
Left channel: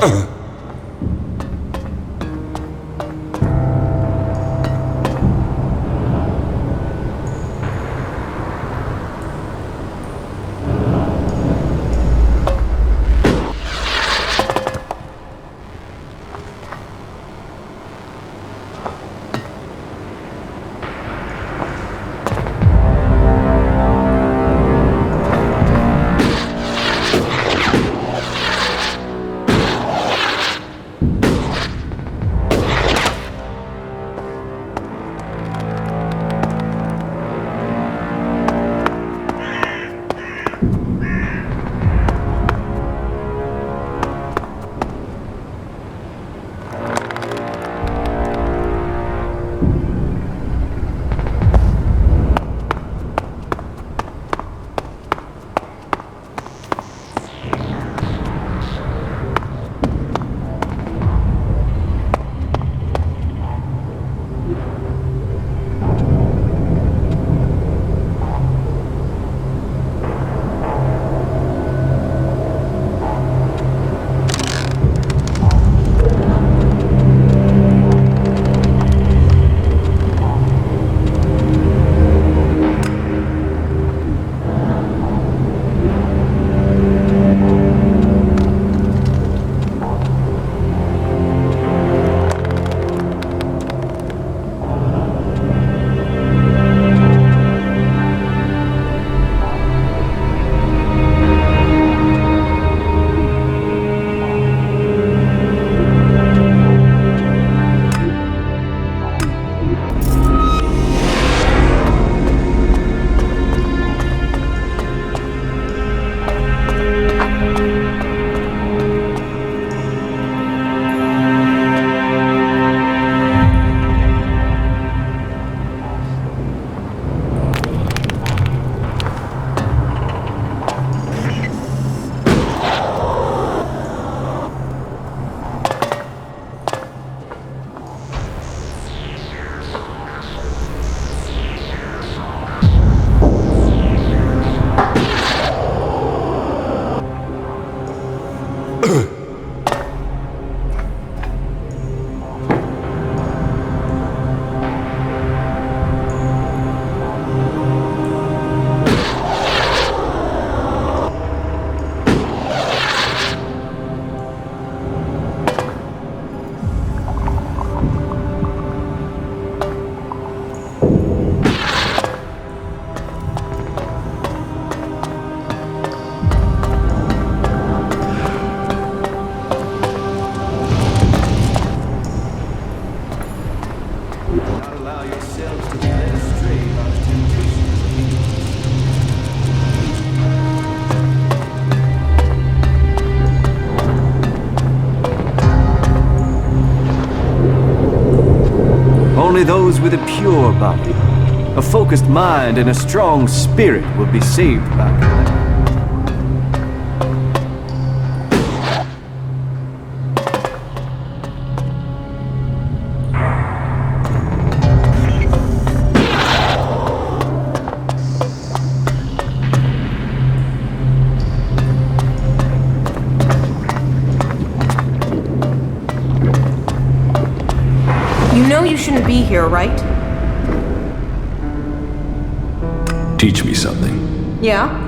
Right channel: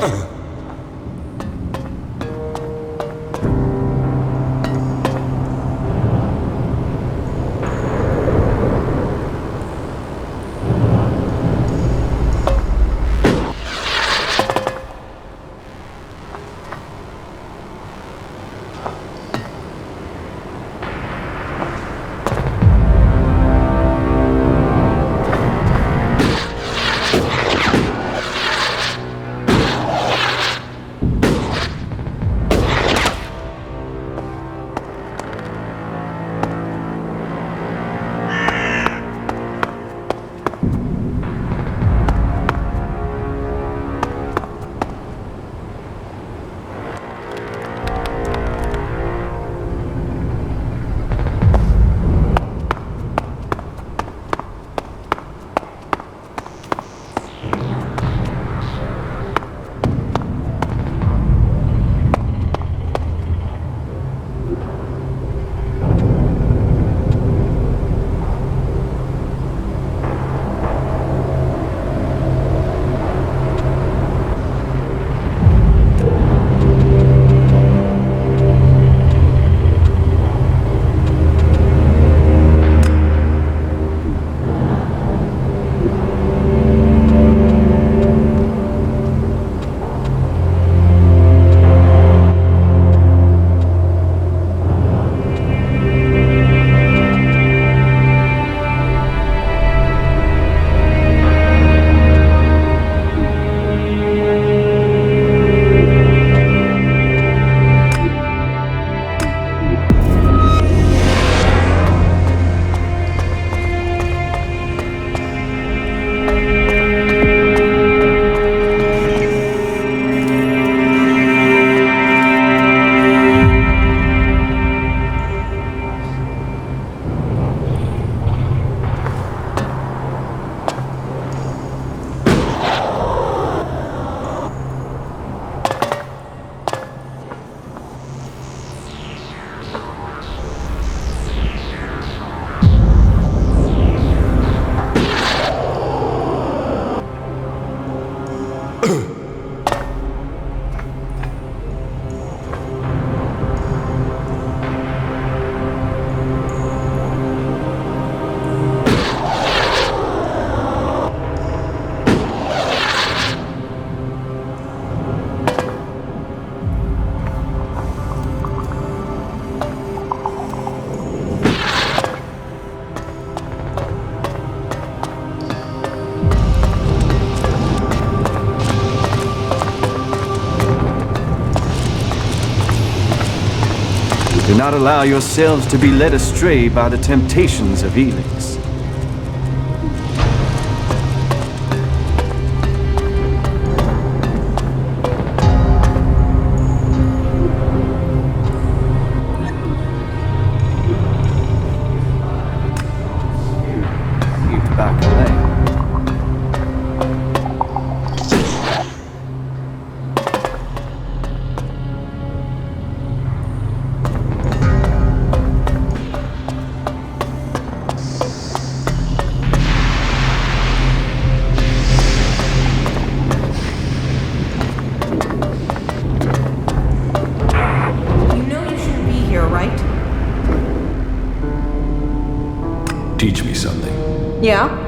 Do not allow yourselves to be led astray by the temptations of Elex. Only those with a pure body, a focused mind, and a strong spirit will be saved by Kalan. Shouldn't be here, right? Teach me something. Yeah?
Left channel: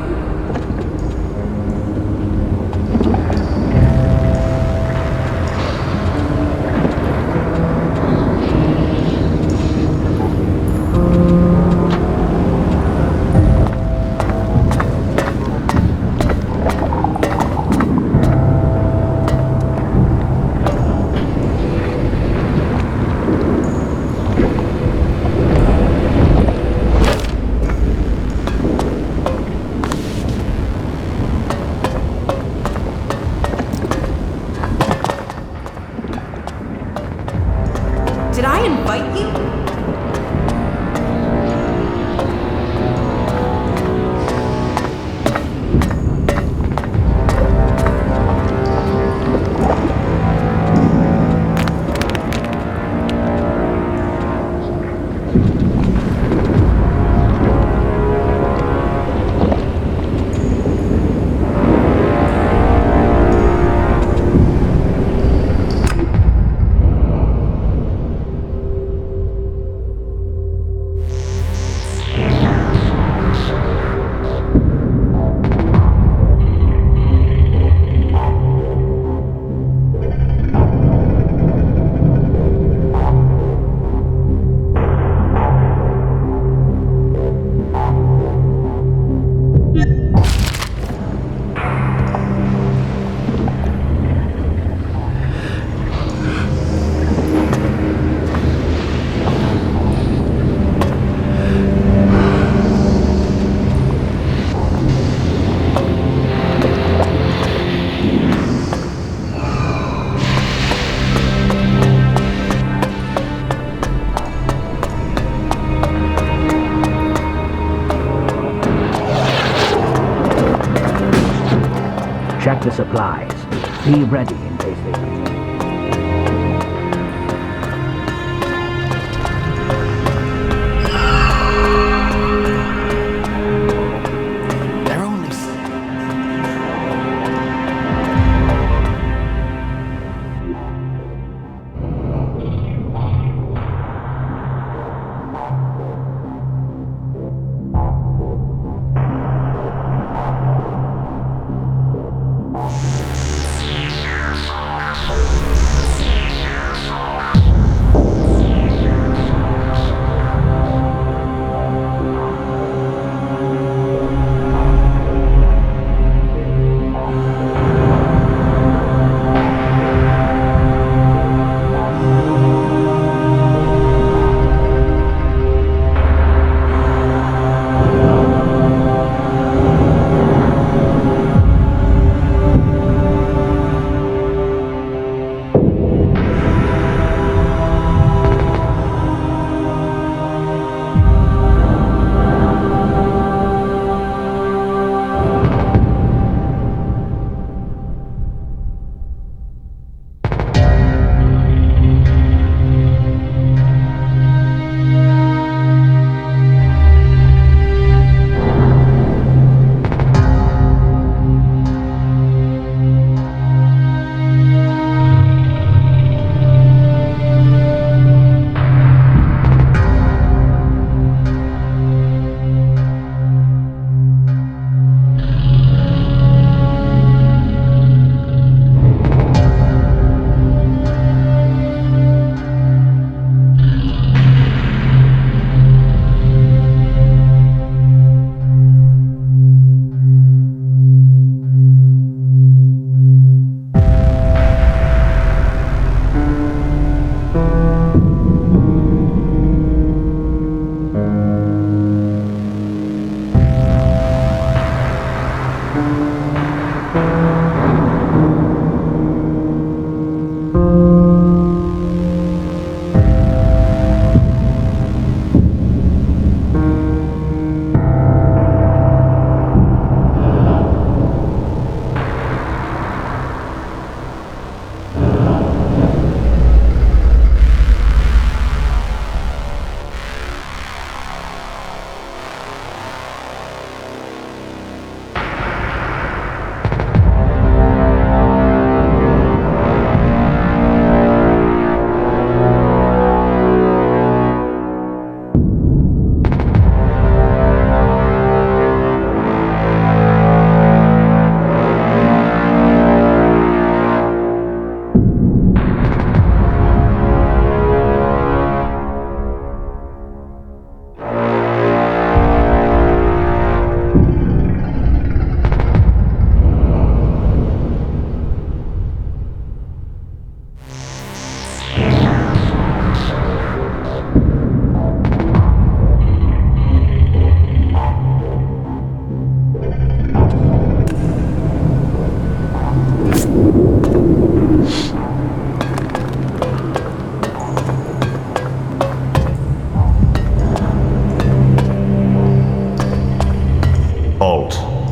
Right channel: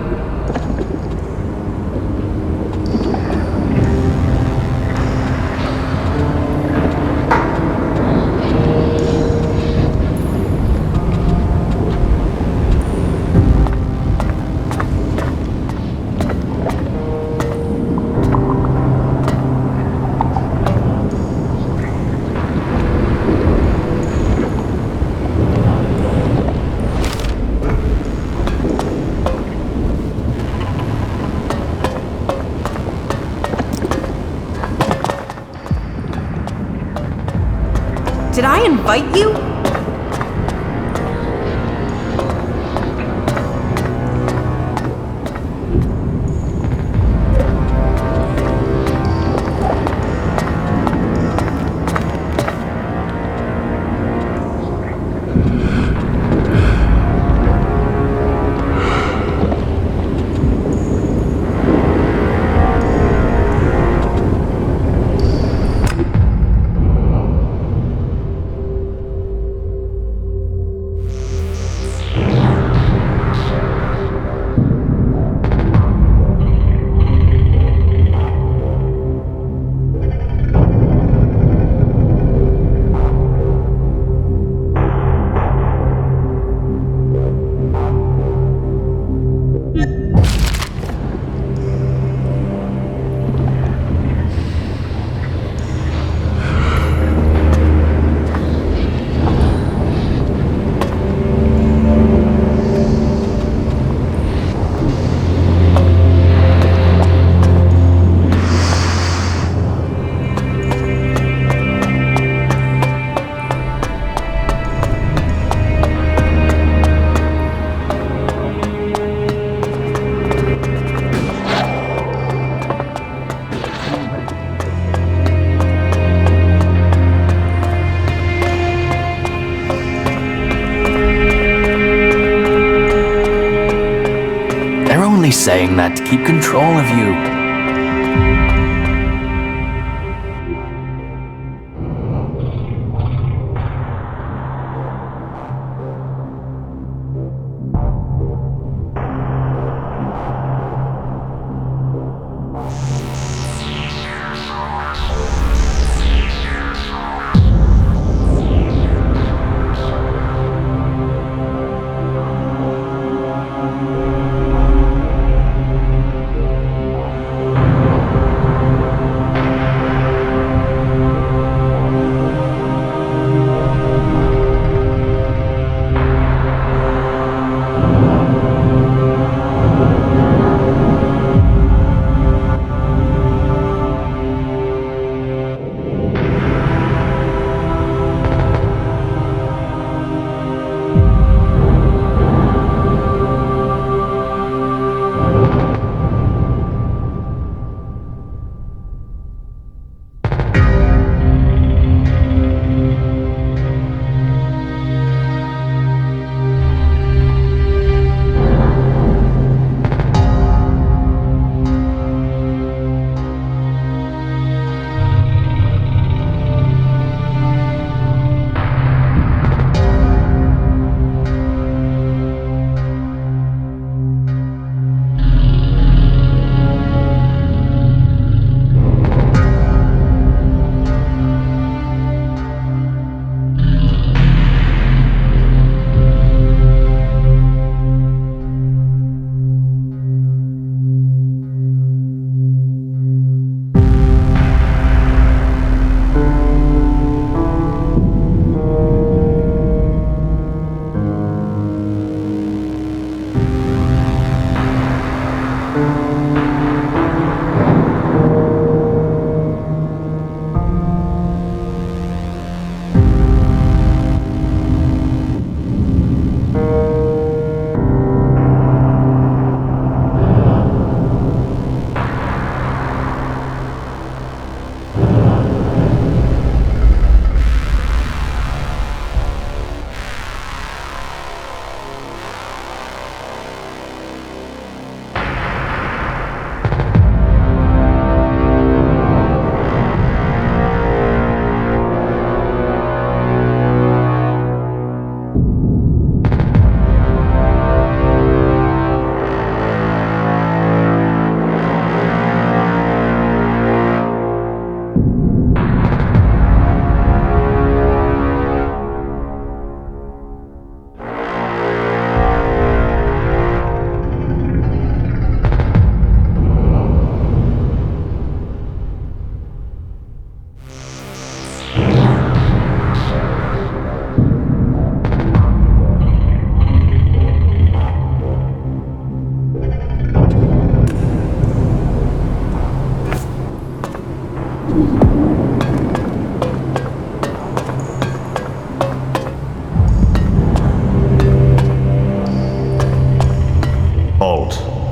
Did I invite you? Be ready in case they need you. They're only saying that to keep control of you.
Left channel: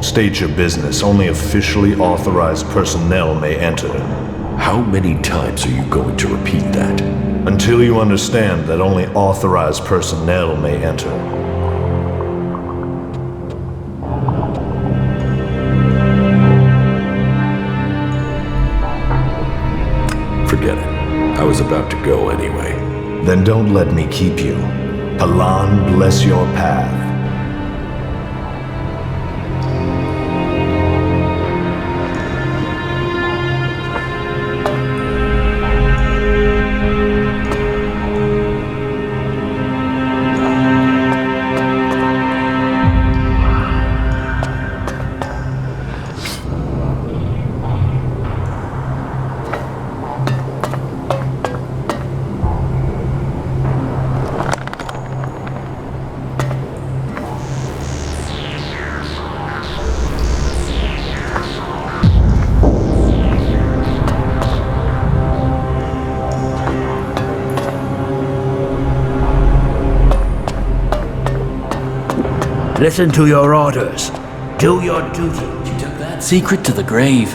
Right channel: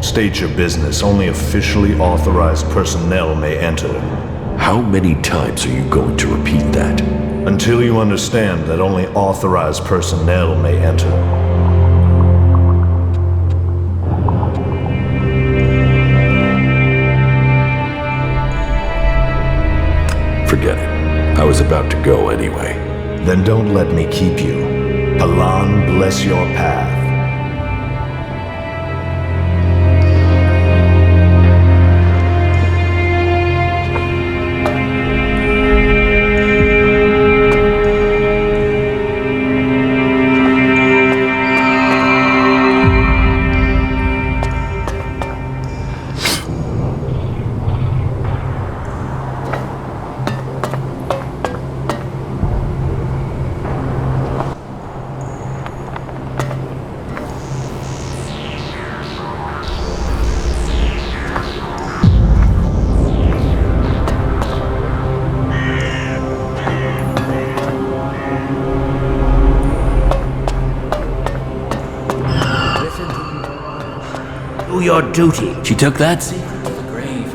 State your business. Only officially authorized personnel may enter. How many times are you going to repeat that? Until you understand that only authorized personnel may enter. Forget it. I was about to go anyway. Then don't let me keep you. Palan, bless your path. Listen to your orders. Do your duty. She took that secret to the grave.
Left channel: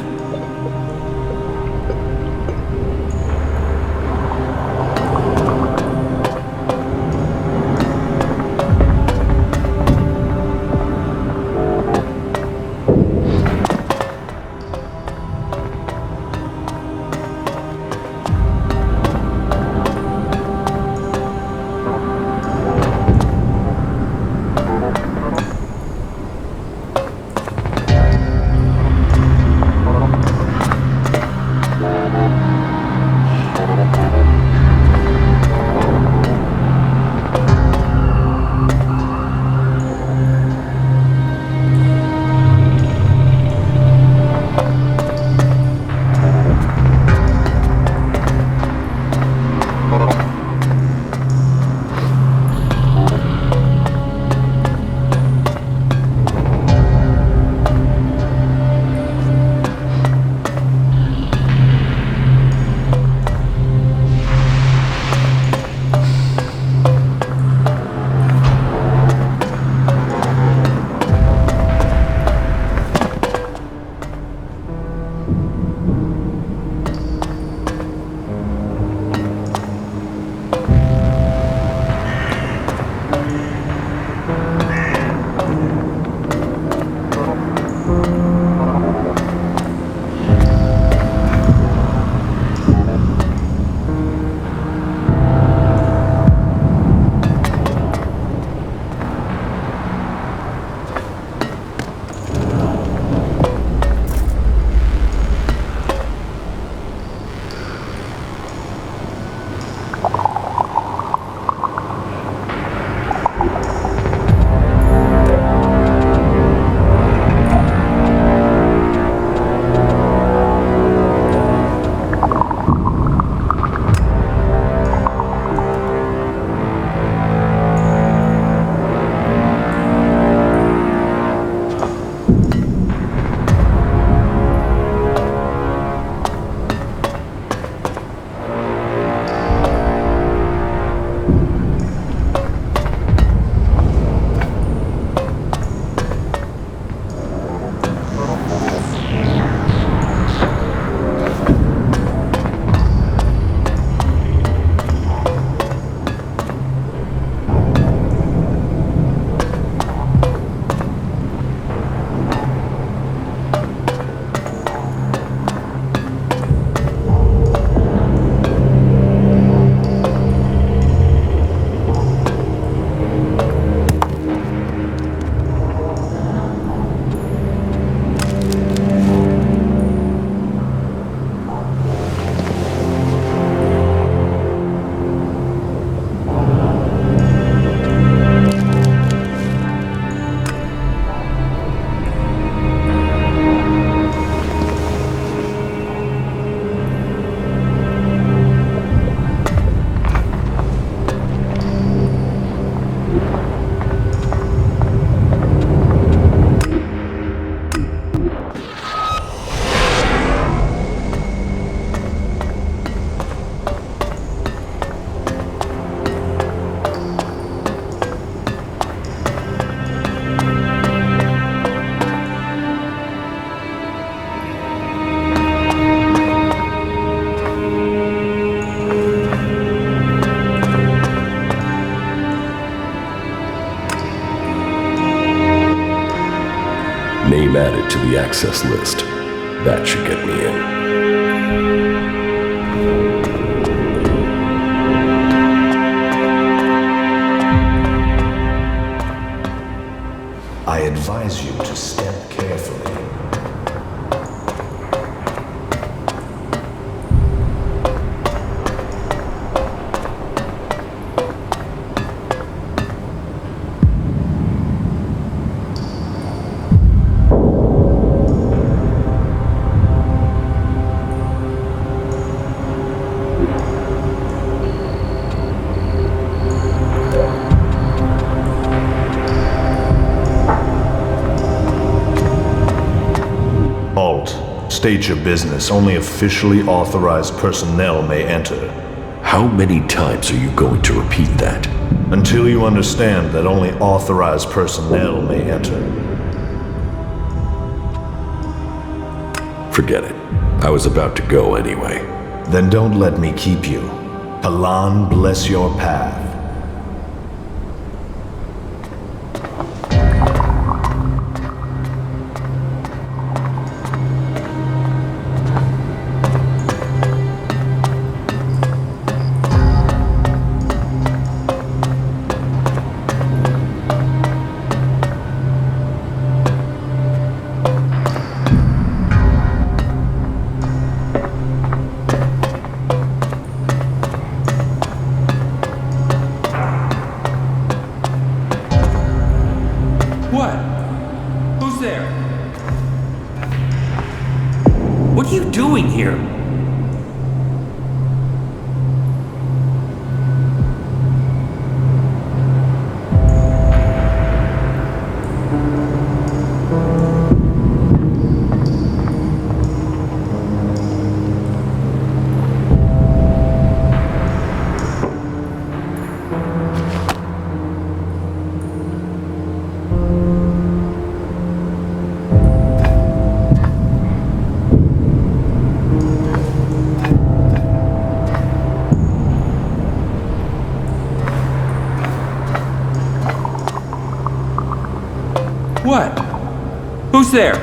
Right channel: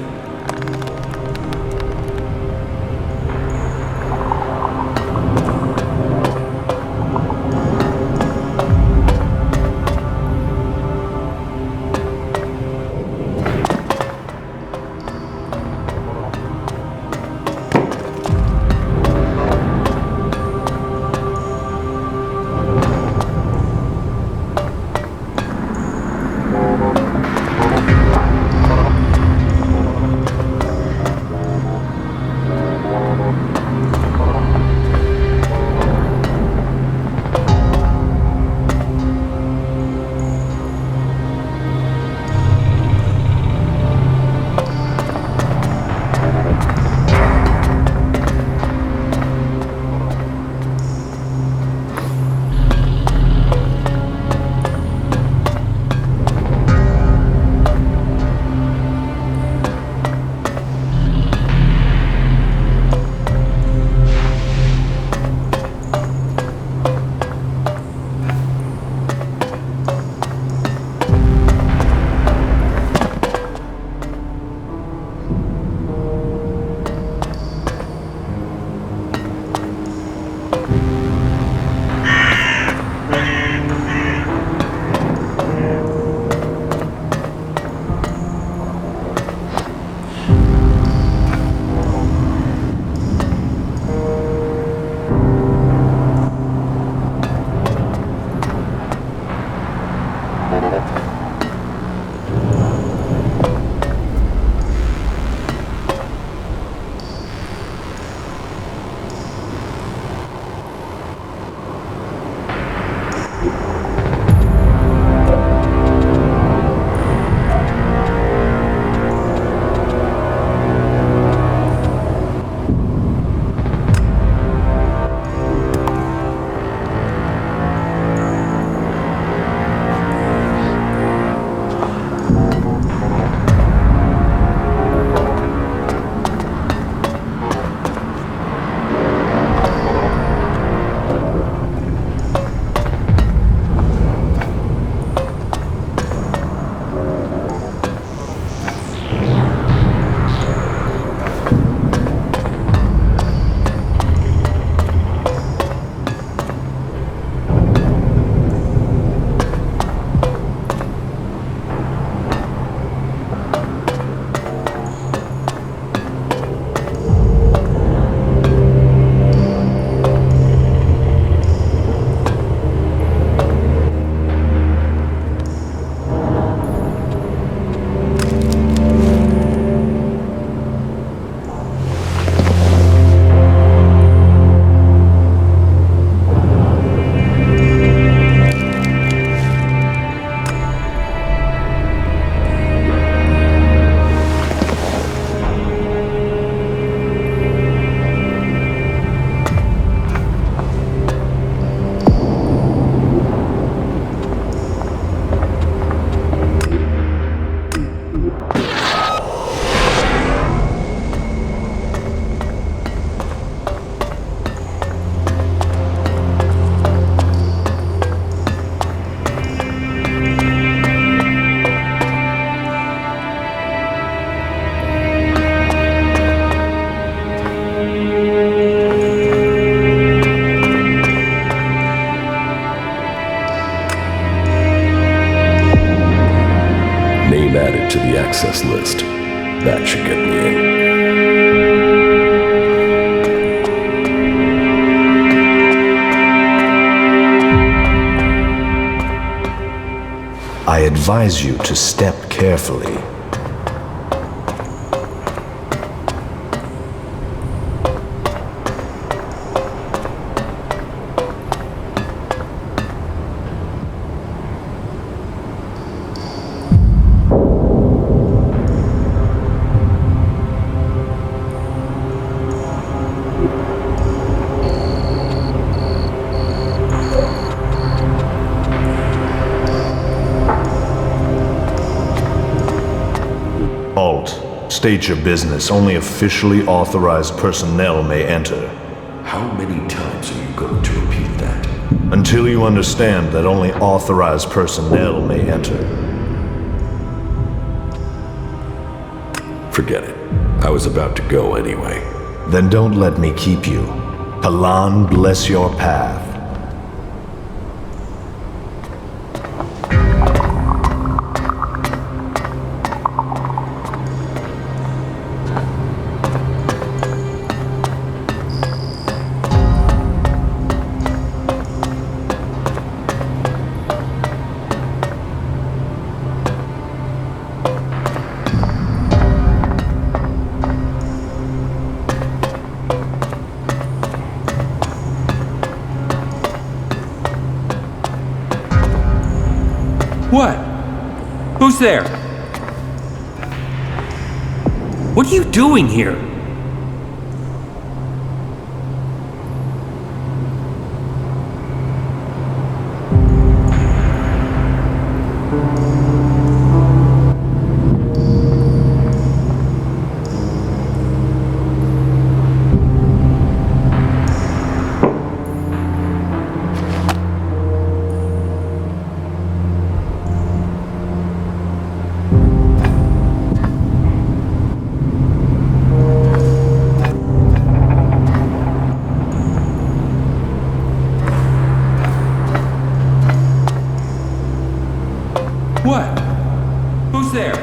to the access list. That should get me in. I advise you to step carefully. State your business. Only officially authorized personnel may enter. How many times are you going to repeat that? Until you understand that only authorized personnel may enter. Forget it. I was about to go anyway. Then don't let me keep you. Kalan bless your path. What? Who's there? What are you doing here? What? Who's there?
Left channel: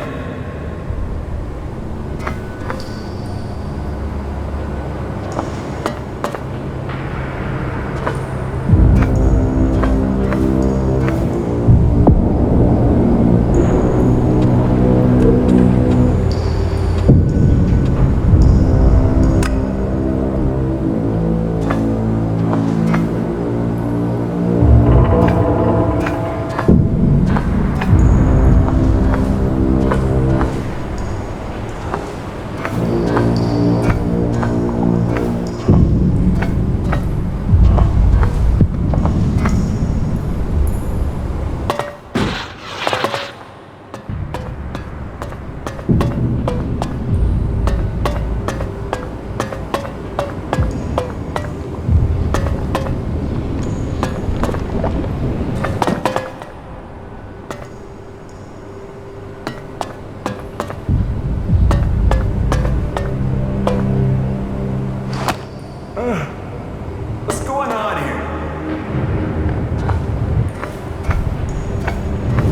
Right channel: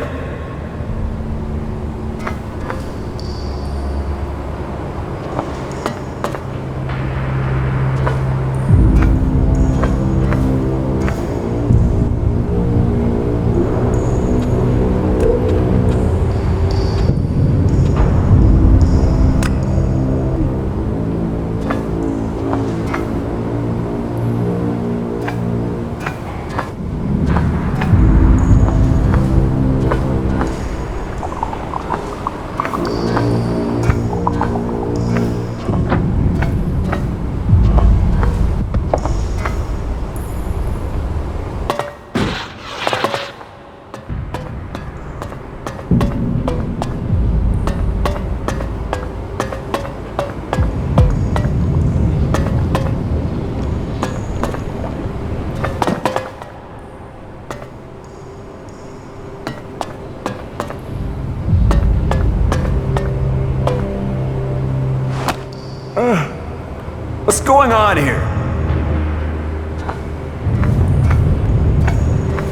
What's going on here?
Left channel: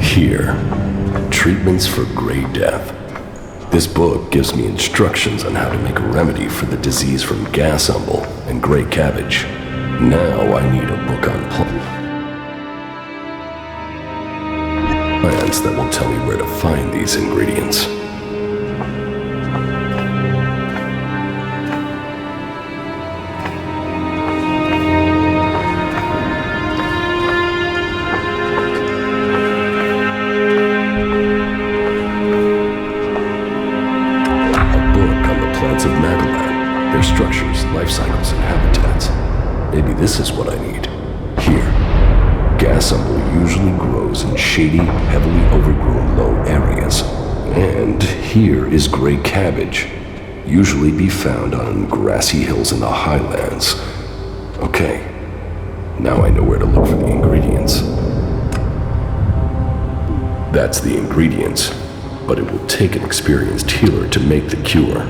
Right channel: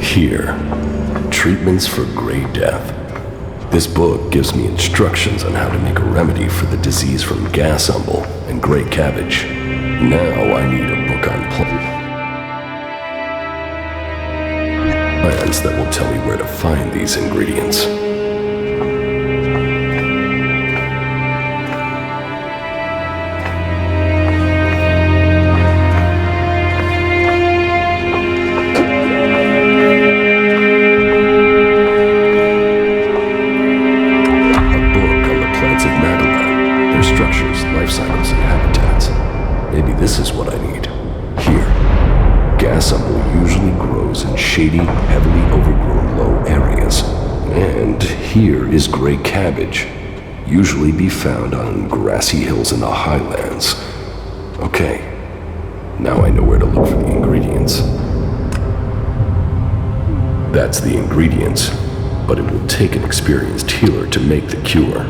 Here, treatments for gray death. This book gives me instructions on how to make a remedy for the disease from gas umble and gray cabbage. Now I need a book on plants that will tell me where to find these ingredients. Structures, life cycles, and habitats. Maybe this is what I need. Here, gas umble usually grows in shady, heavily overgrown low areas. And here is gray cabbage, usually be found on grassy hills in the highlands. Okay, now I know where to look for the ingredients. That's the ingredients, but it will take an experienced healer to make the cure.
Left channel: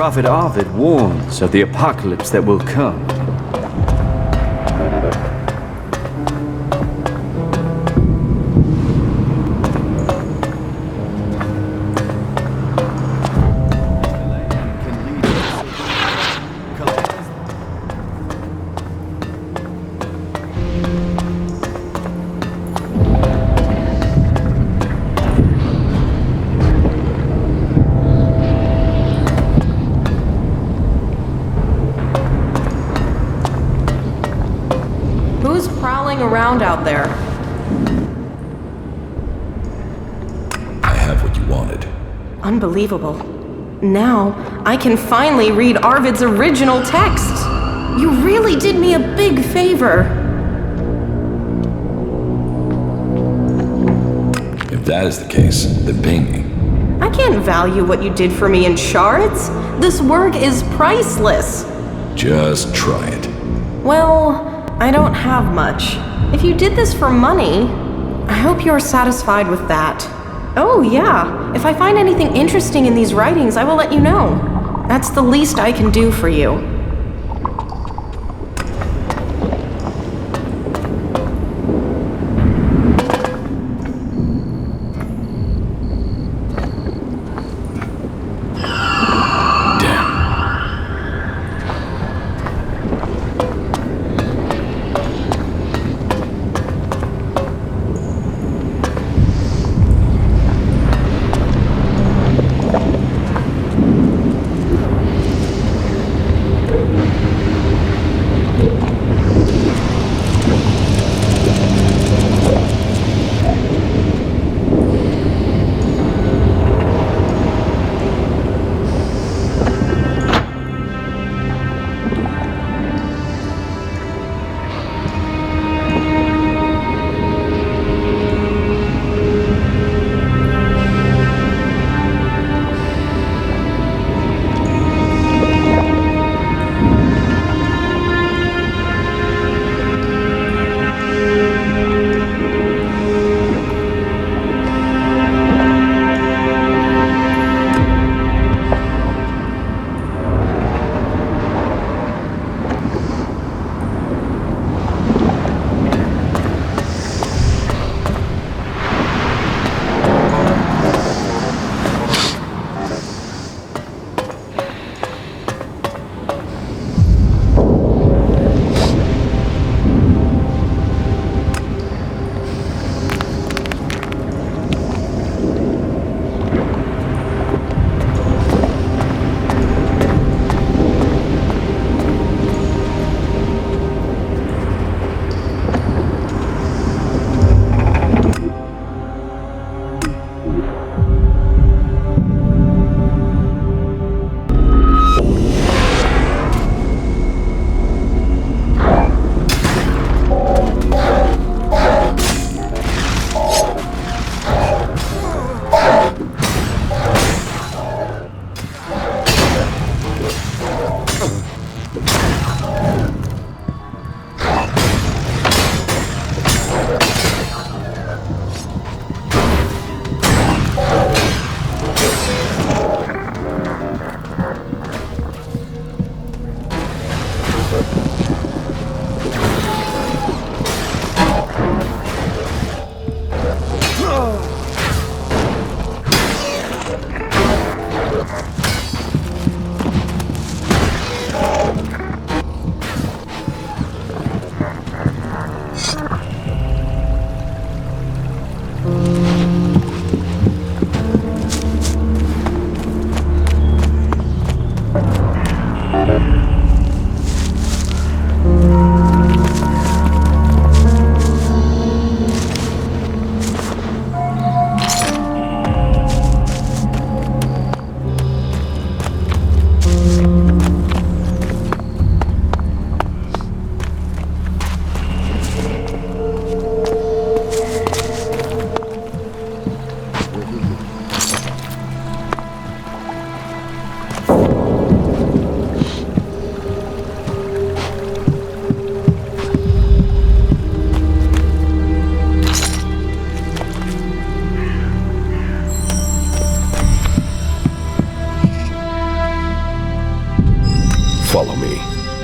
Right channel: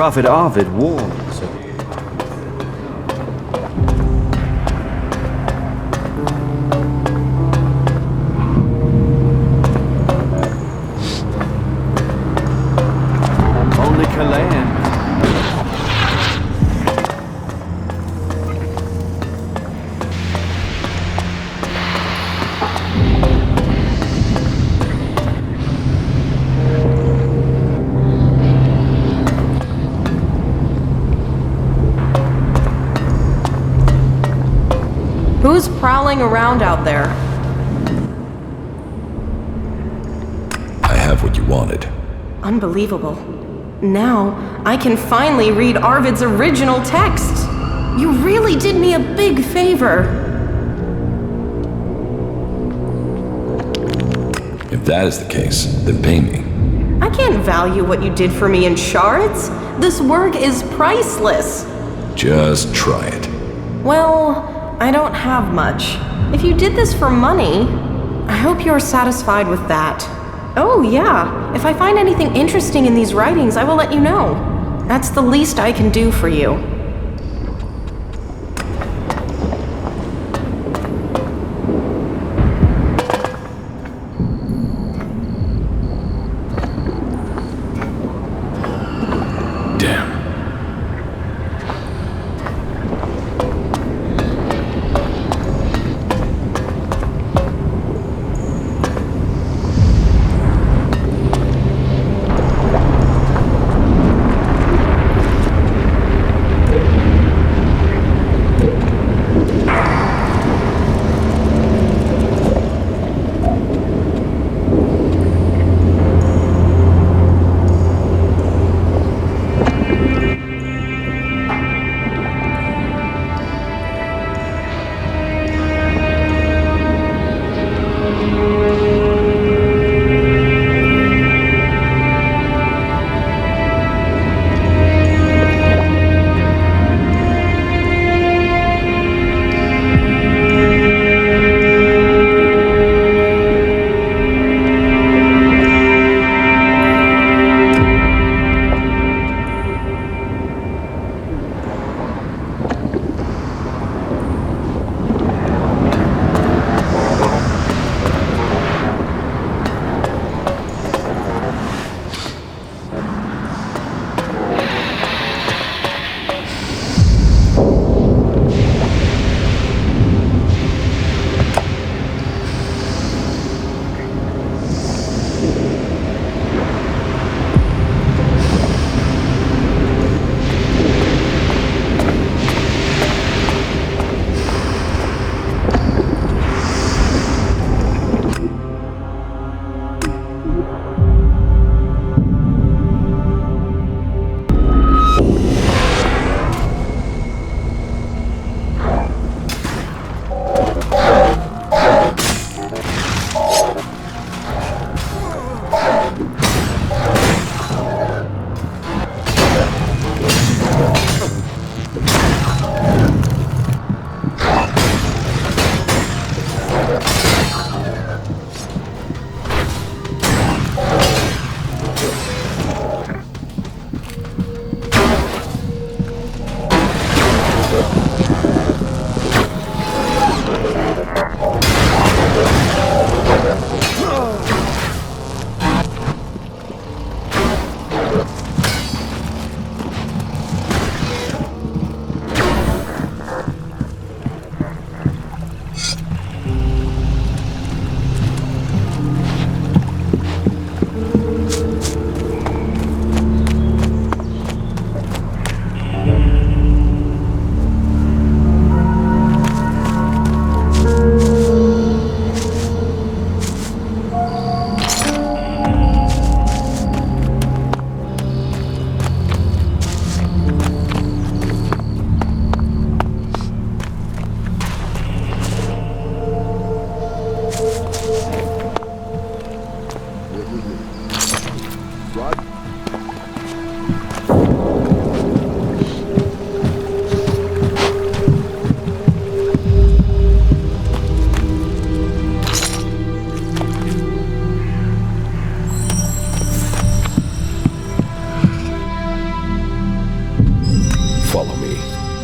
Prophet Ovid warns of the apocalypse that will come. Only Kalan can lead us. Who's prowling around out there? I have what you wanted. Unbelievable. Now, I can finally read Arvid's original text. You really did me a big favor. If that is the case, then pay me. I can't value what you did for me in shards. This work is priceless. Just try it. Well, I don't have much. If you did this for money, I hope you're satisfied with that. Oh, yeah. If I find anything interesting in these writings, I will let you know. That's the least I can do for you.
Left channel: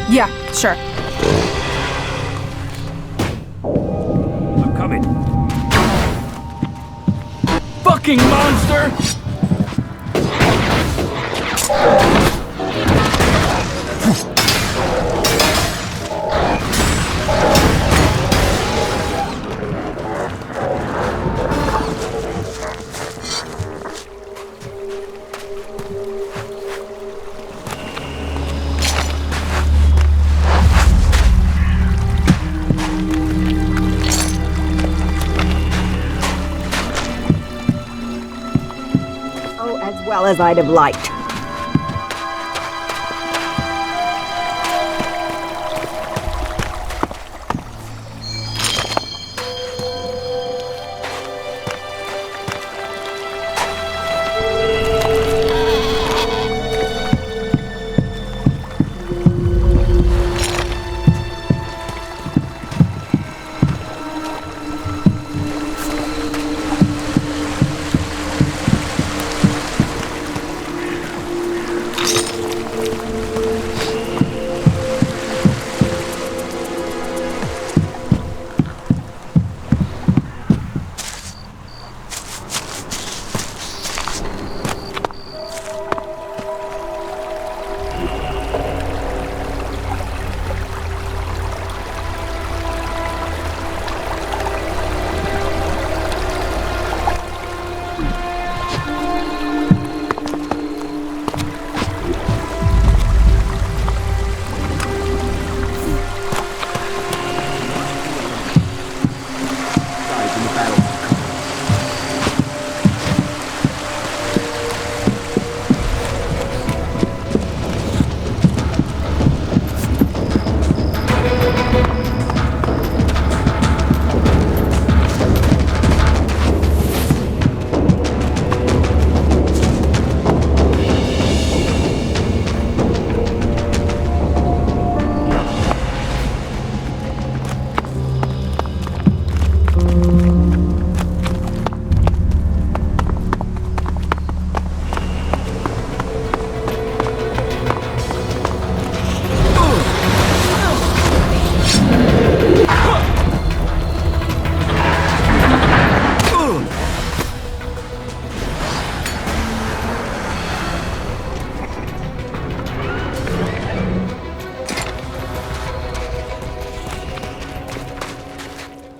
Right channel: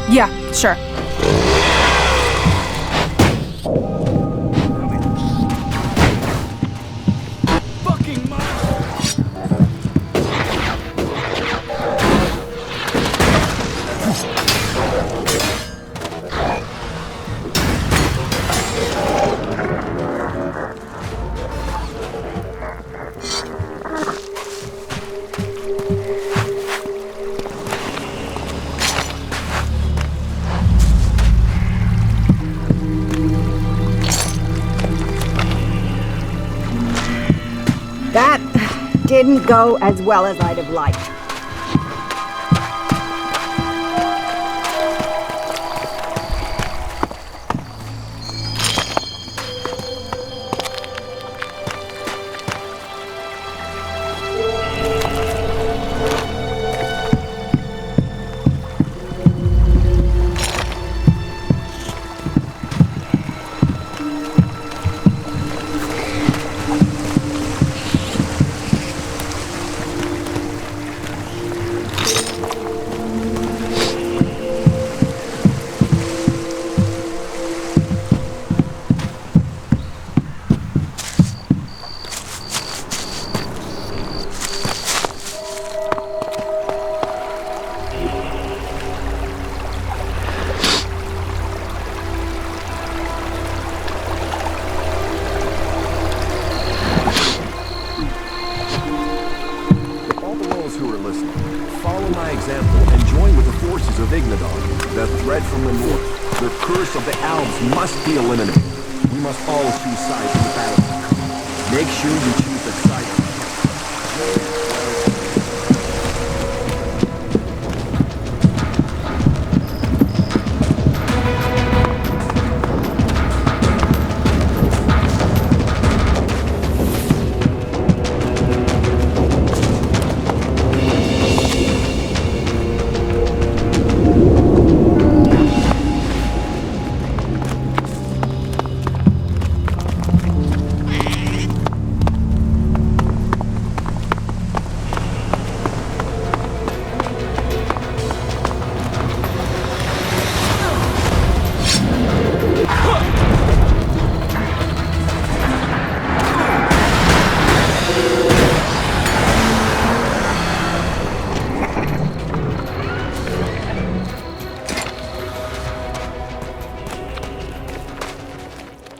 Yeah, sure. Come in. Fucking monster! That didn't go as well as I'd have liked.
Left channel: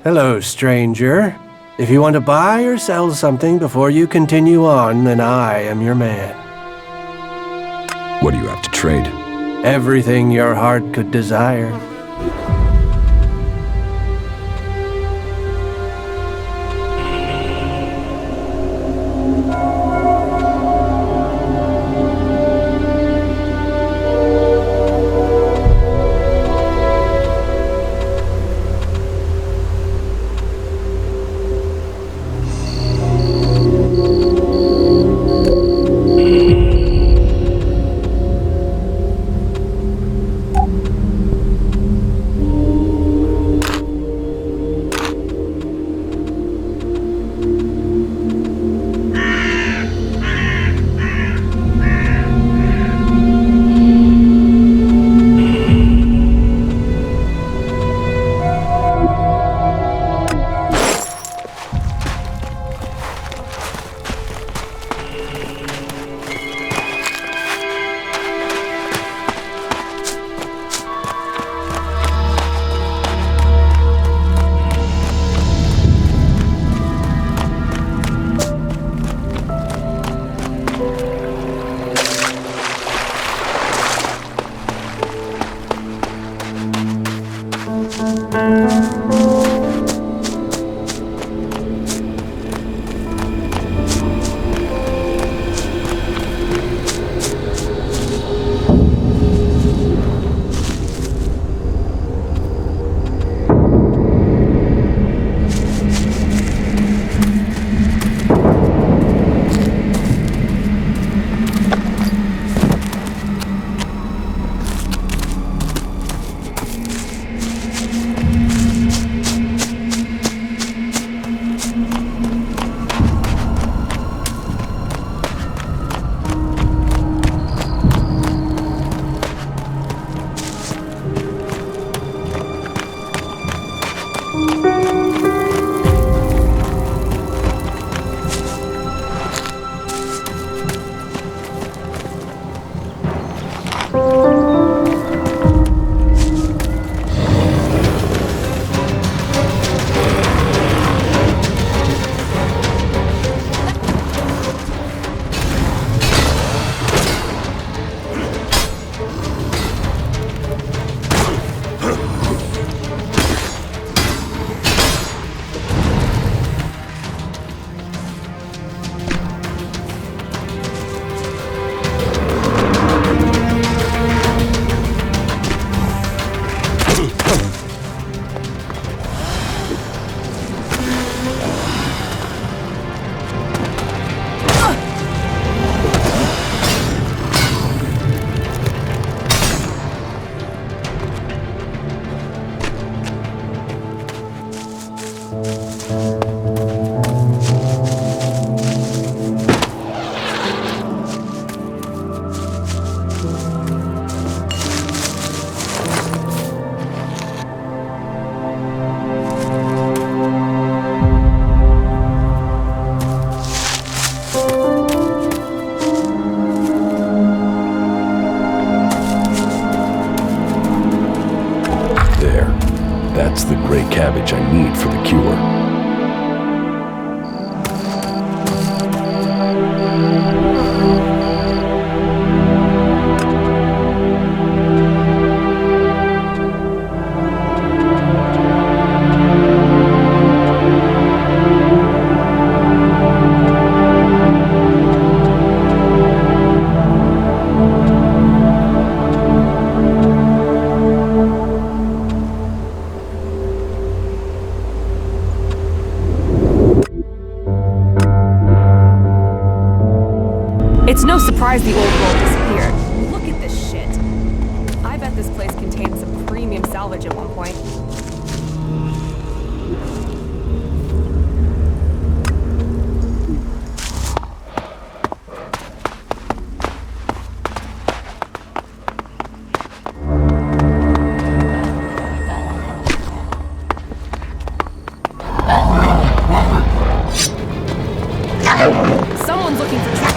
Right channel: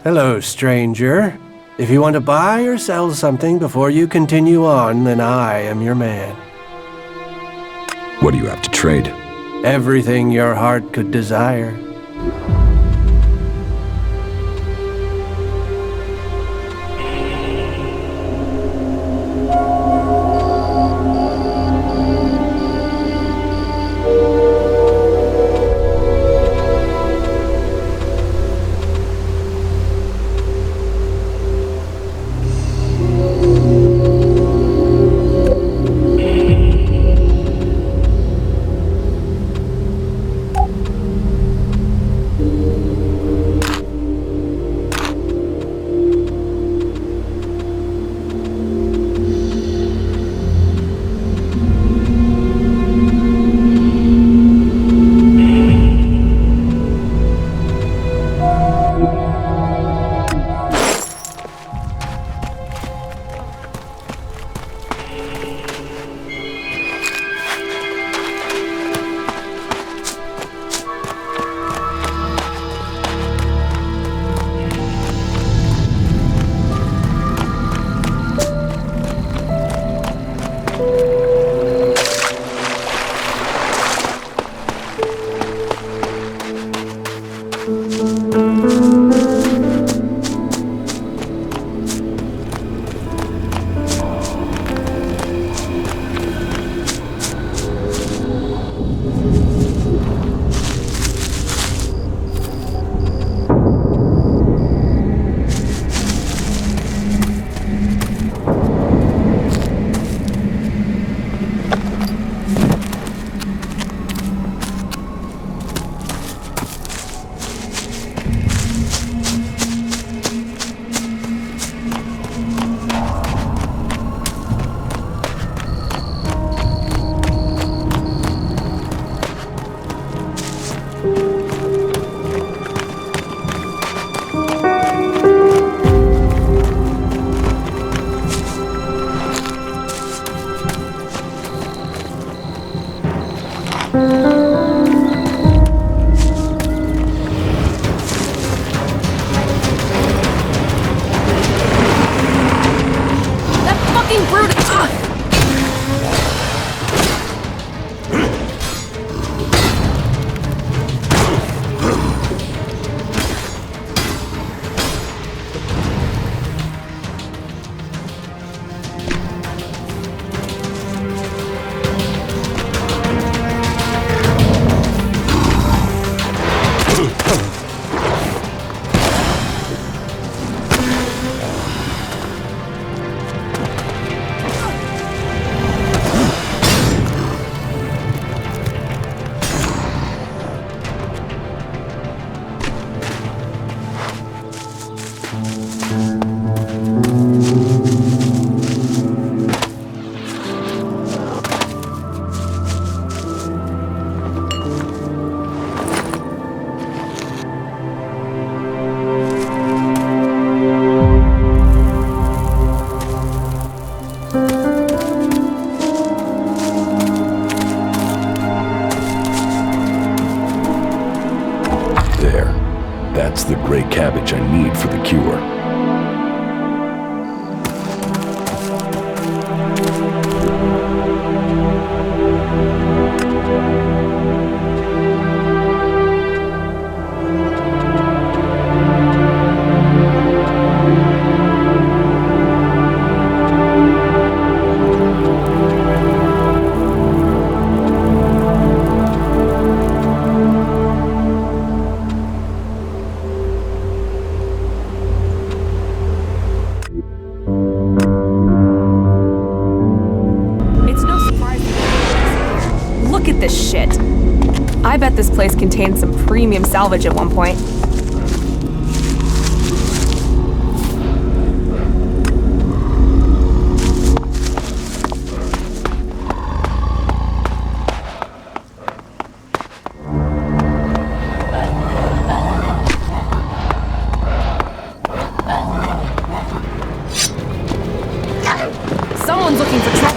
Hello, stranger. If you want to buy or sell something before you continue on, then I am your man. What do you have to trade? Everything your heart could desire. That's the gray cabbage I need for the cure. It's no surprise the old world disappeared. Look at this shit. I bet this place contained some premium salvage at one point. Someone's looking for trouble.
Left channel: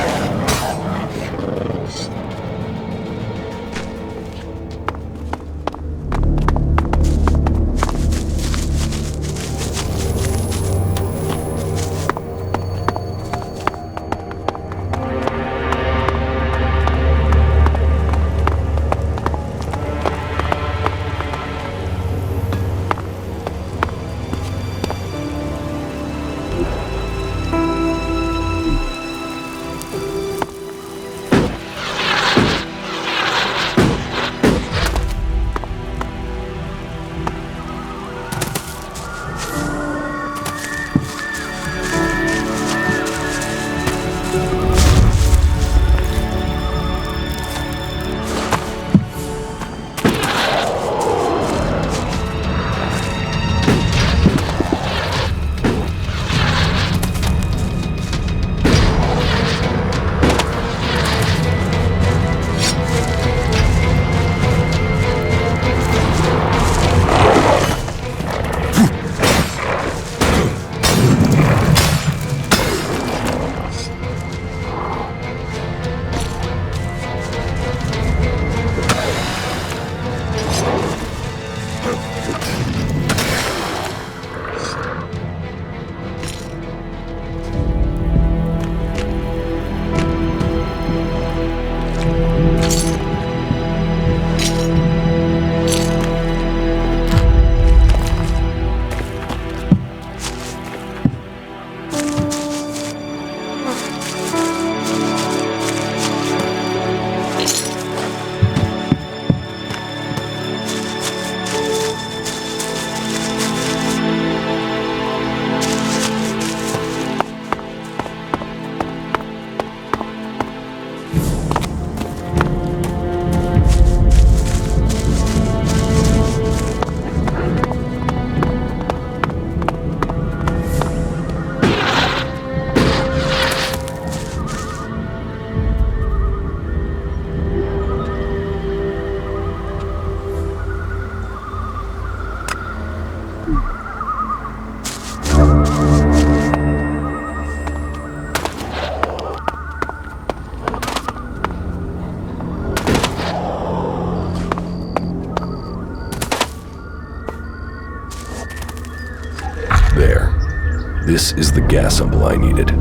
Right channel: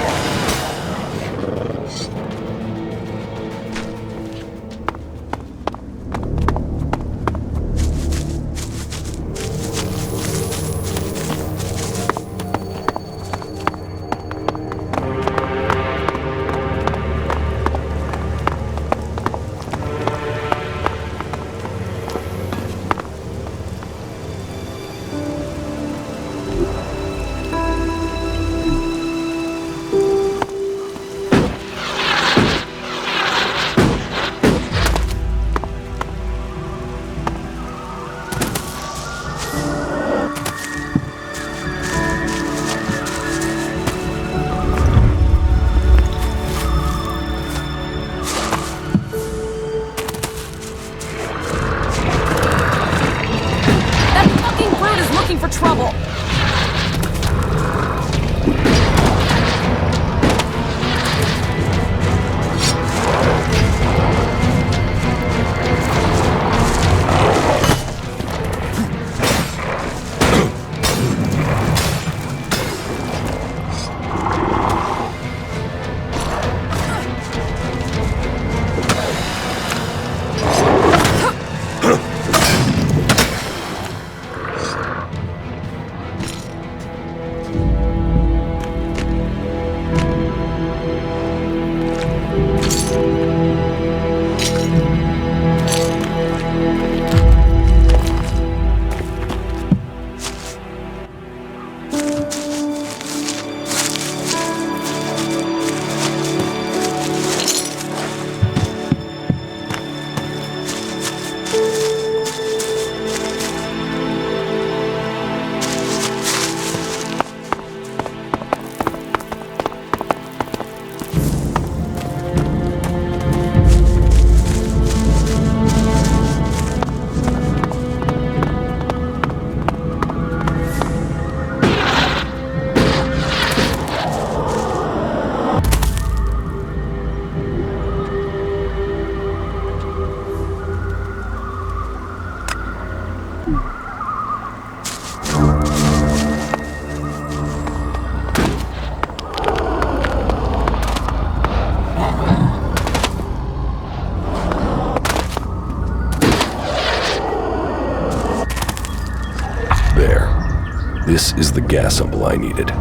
There. This is the gas sample I needed.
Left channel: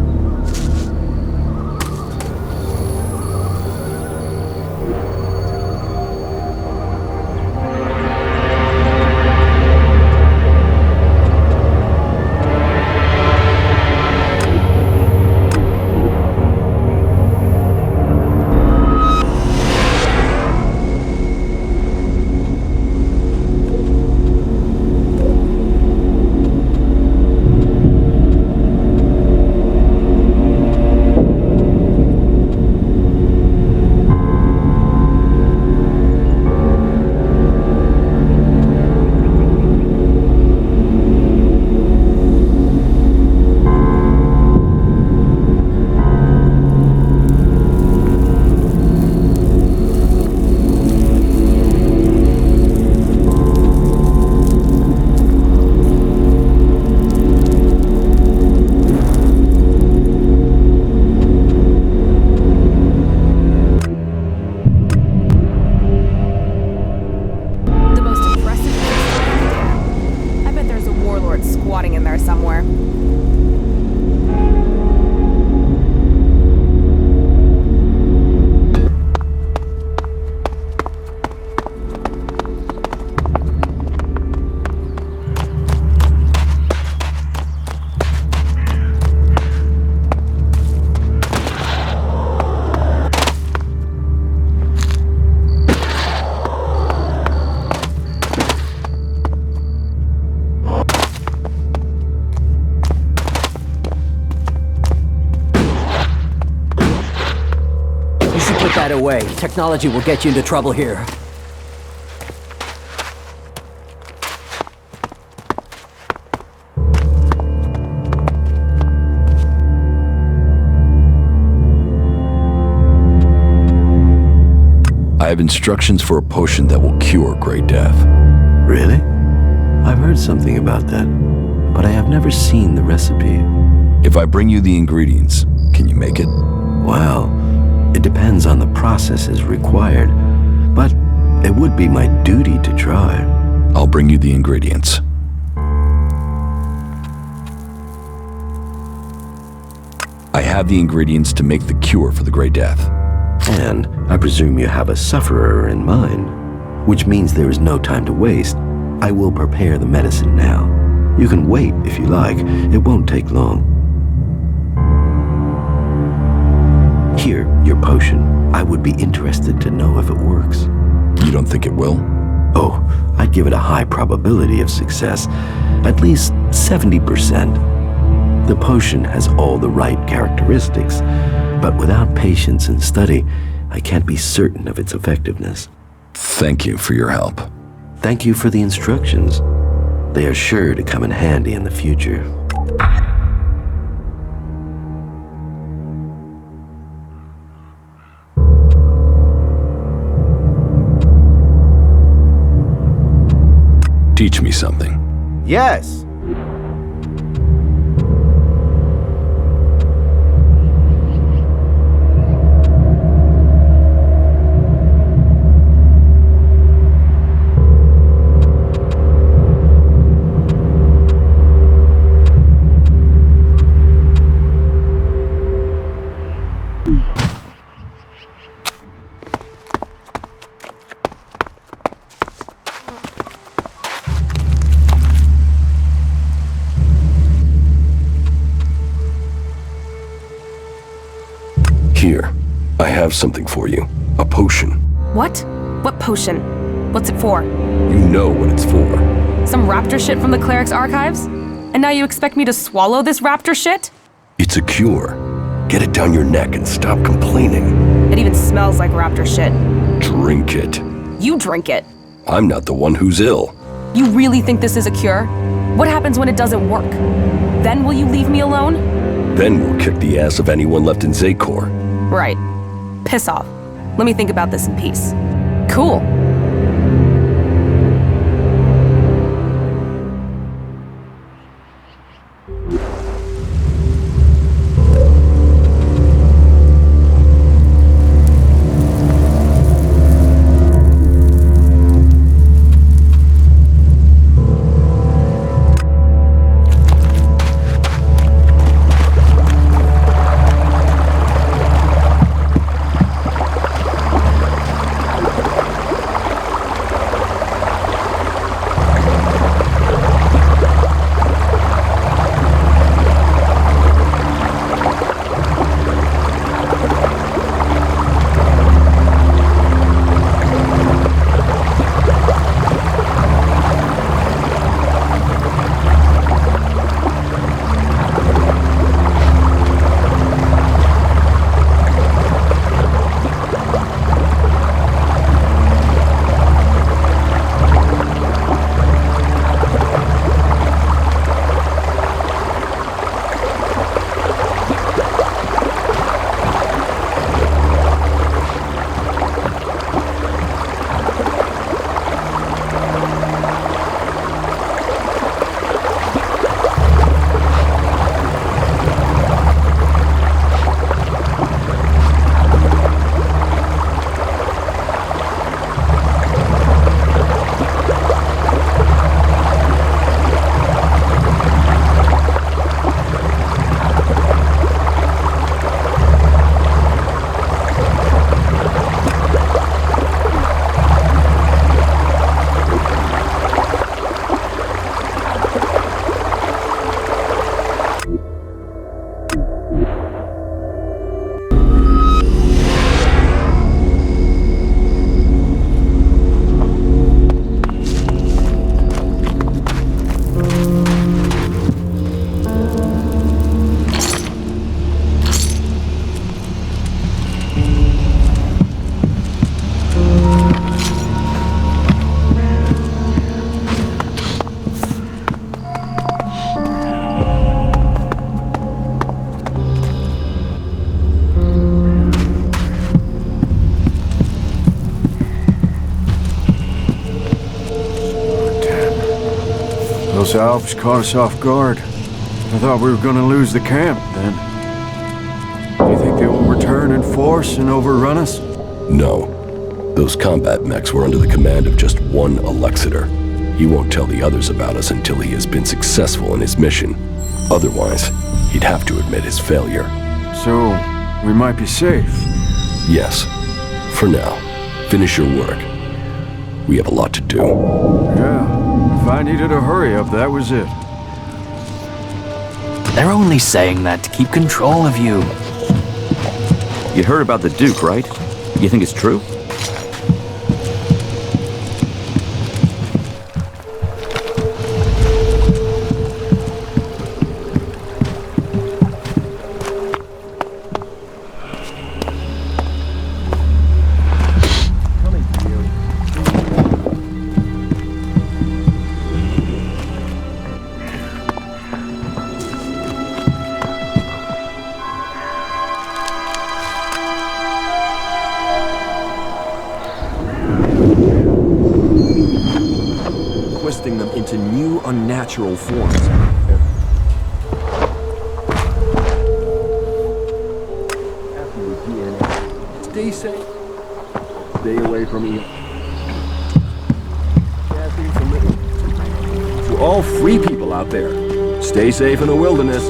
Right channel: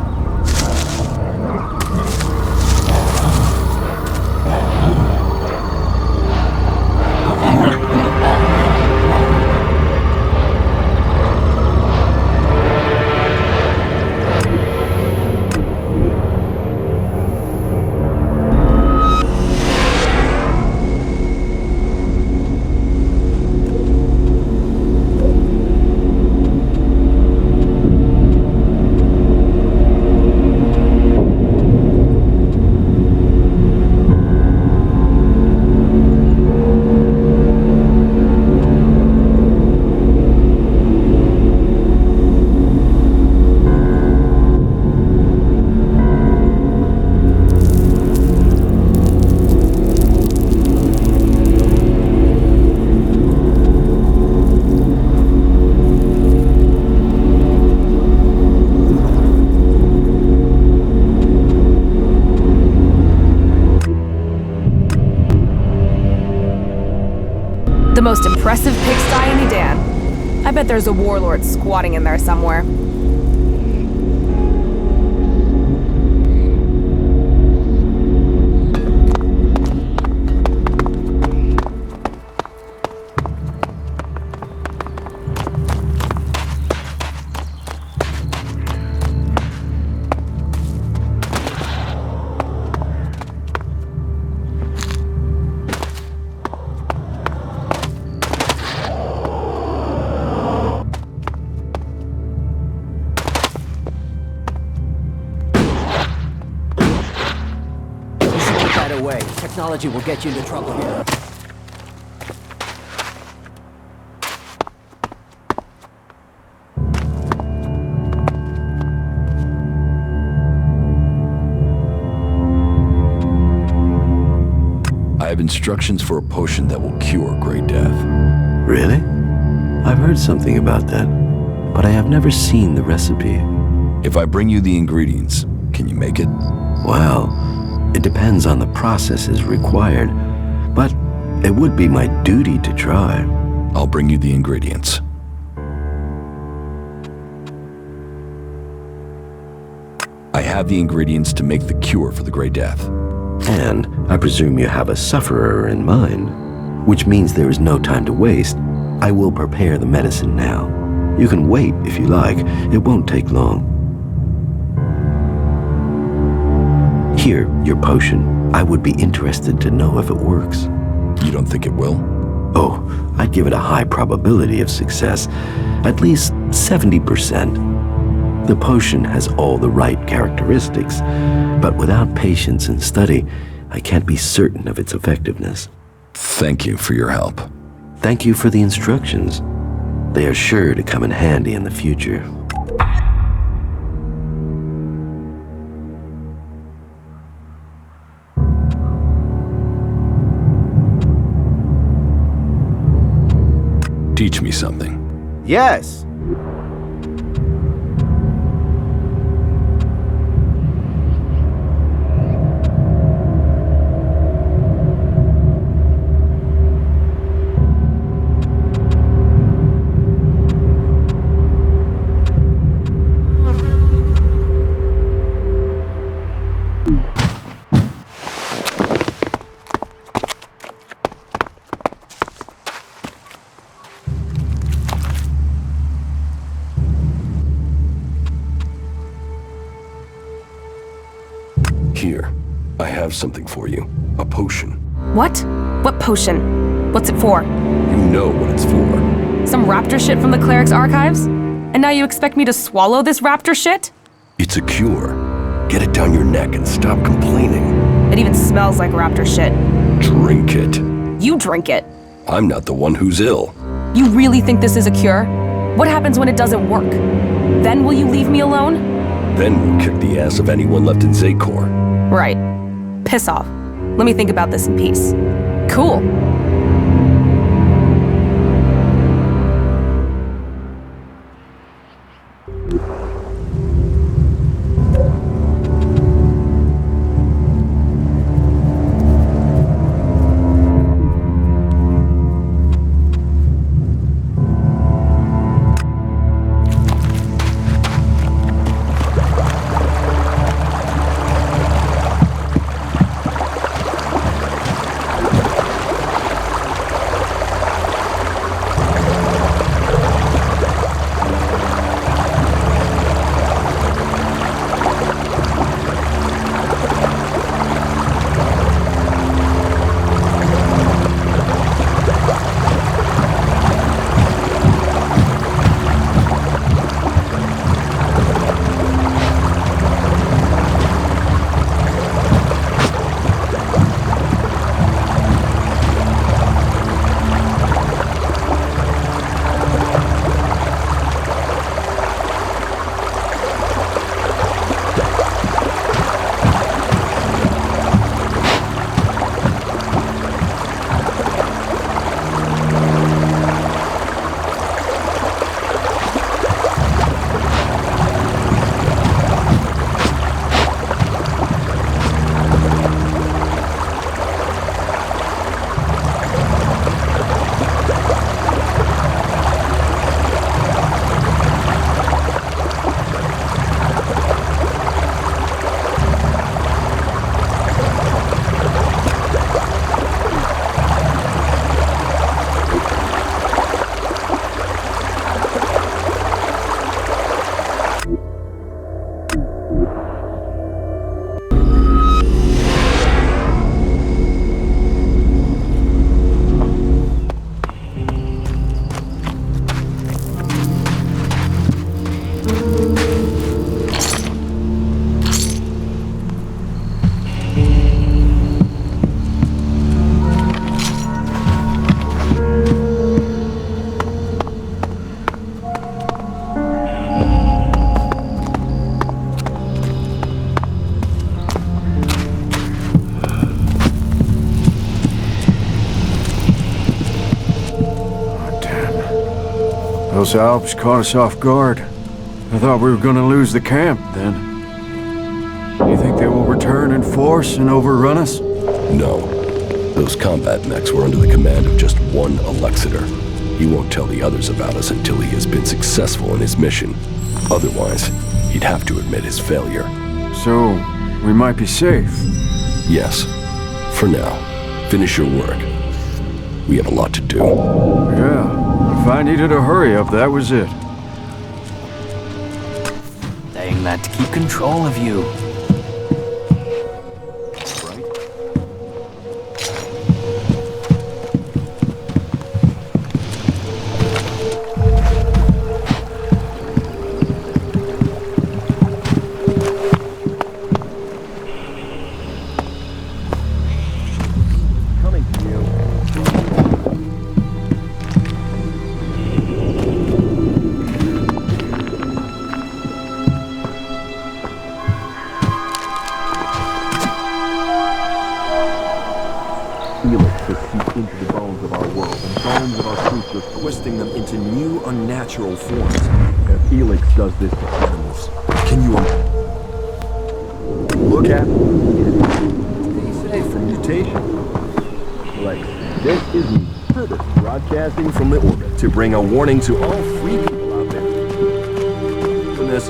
The most impressive pigsty in Edan. I bet there's a warlord squatting in there somewhere. Away. Technology will get you into trouble here. I have instructions for a potion that will cure Grey Death. Really? I've heard something about that, but I have never seen the recipe. If I bring you the ingredients, can you make it? Well, it depends on the processes required, but it would be my duty to try. I'll bring you the ingredients. I have the ingredients to make the cure for the Grey Death. And I presume you have a sufferer in mind, which means there is no time to waste. I will prepare the medicine now. You can wait if you like. It won't take long. Here, your potion. I would be interested to know if it works. You don't think it will? Oh, I'd give it a high probability of success. At least 70%. The potion has all the right characteristics, but without patience and study, I can't be certain of its effectiveness. Thank you for your help. Thank you for the instructions. They are sure to come in handy in the future. Teach me something. Yes. Here, I have something for you. A potion. What? What potion? What's it for? You know what it's for. Some raptor shit from the cleric's archives? And now you expect me to swallow this raptor shit? It's a cure. Get it down your neck and stop complaining. It even smells like raptor shit. Drink it. You drink it. I'm not the one who's ill. You really think this is a cure? What happens when it doesn't work? Then will you leave me alone? Then we'll kick the ass of anyone left in Zakor. Right. Piss off. Let me think about this in peace. Cool. Those Alps caught us off guard. I thought we were gonna lose the camp then. Do you think they will return in force and overrun us? No. Those combat mechs were under the command of just one Alexiter. He won't tell the others about us until he has been successful in his mission. Otherwise, he'd have to admit his failure. So, we might be safe? Yes. For now. Finish your work. We have a lot to do. Yeah. If I needed a hurry up, that was it. They're only saying that to keep control of you. You heard about the Duke, right? You think it's true? Twisting them into new, unnatural forms. If Elex does this, can you look at it? Stay safe from mutation. Stay away from Elex. This is Herbert broadcasting from the orbit to bring a warning to all free people out there. Stay safe in the wilderness.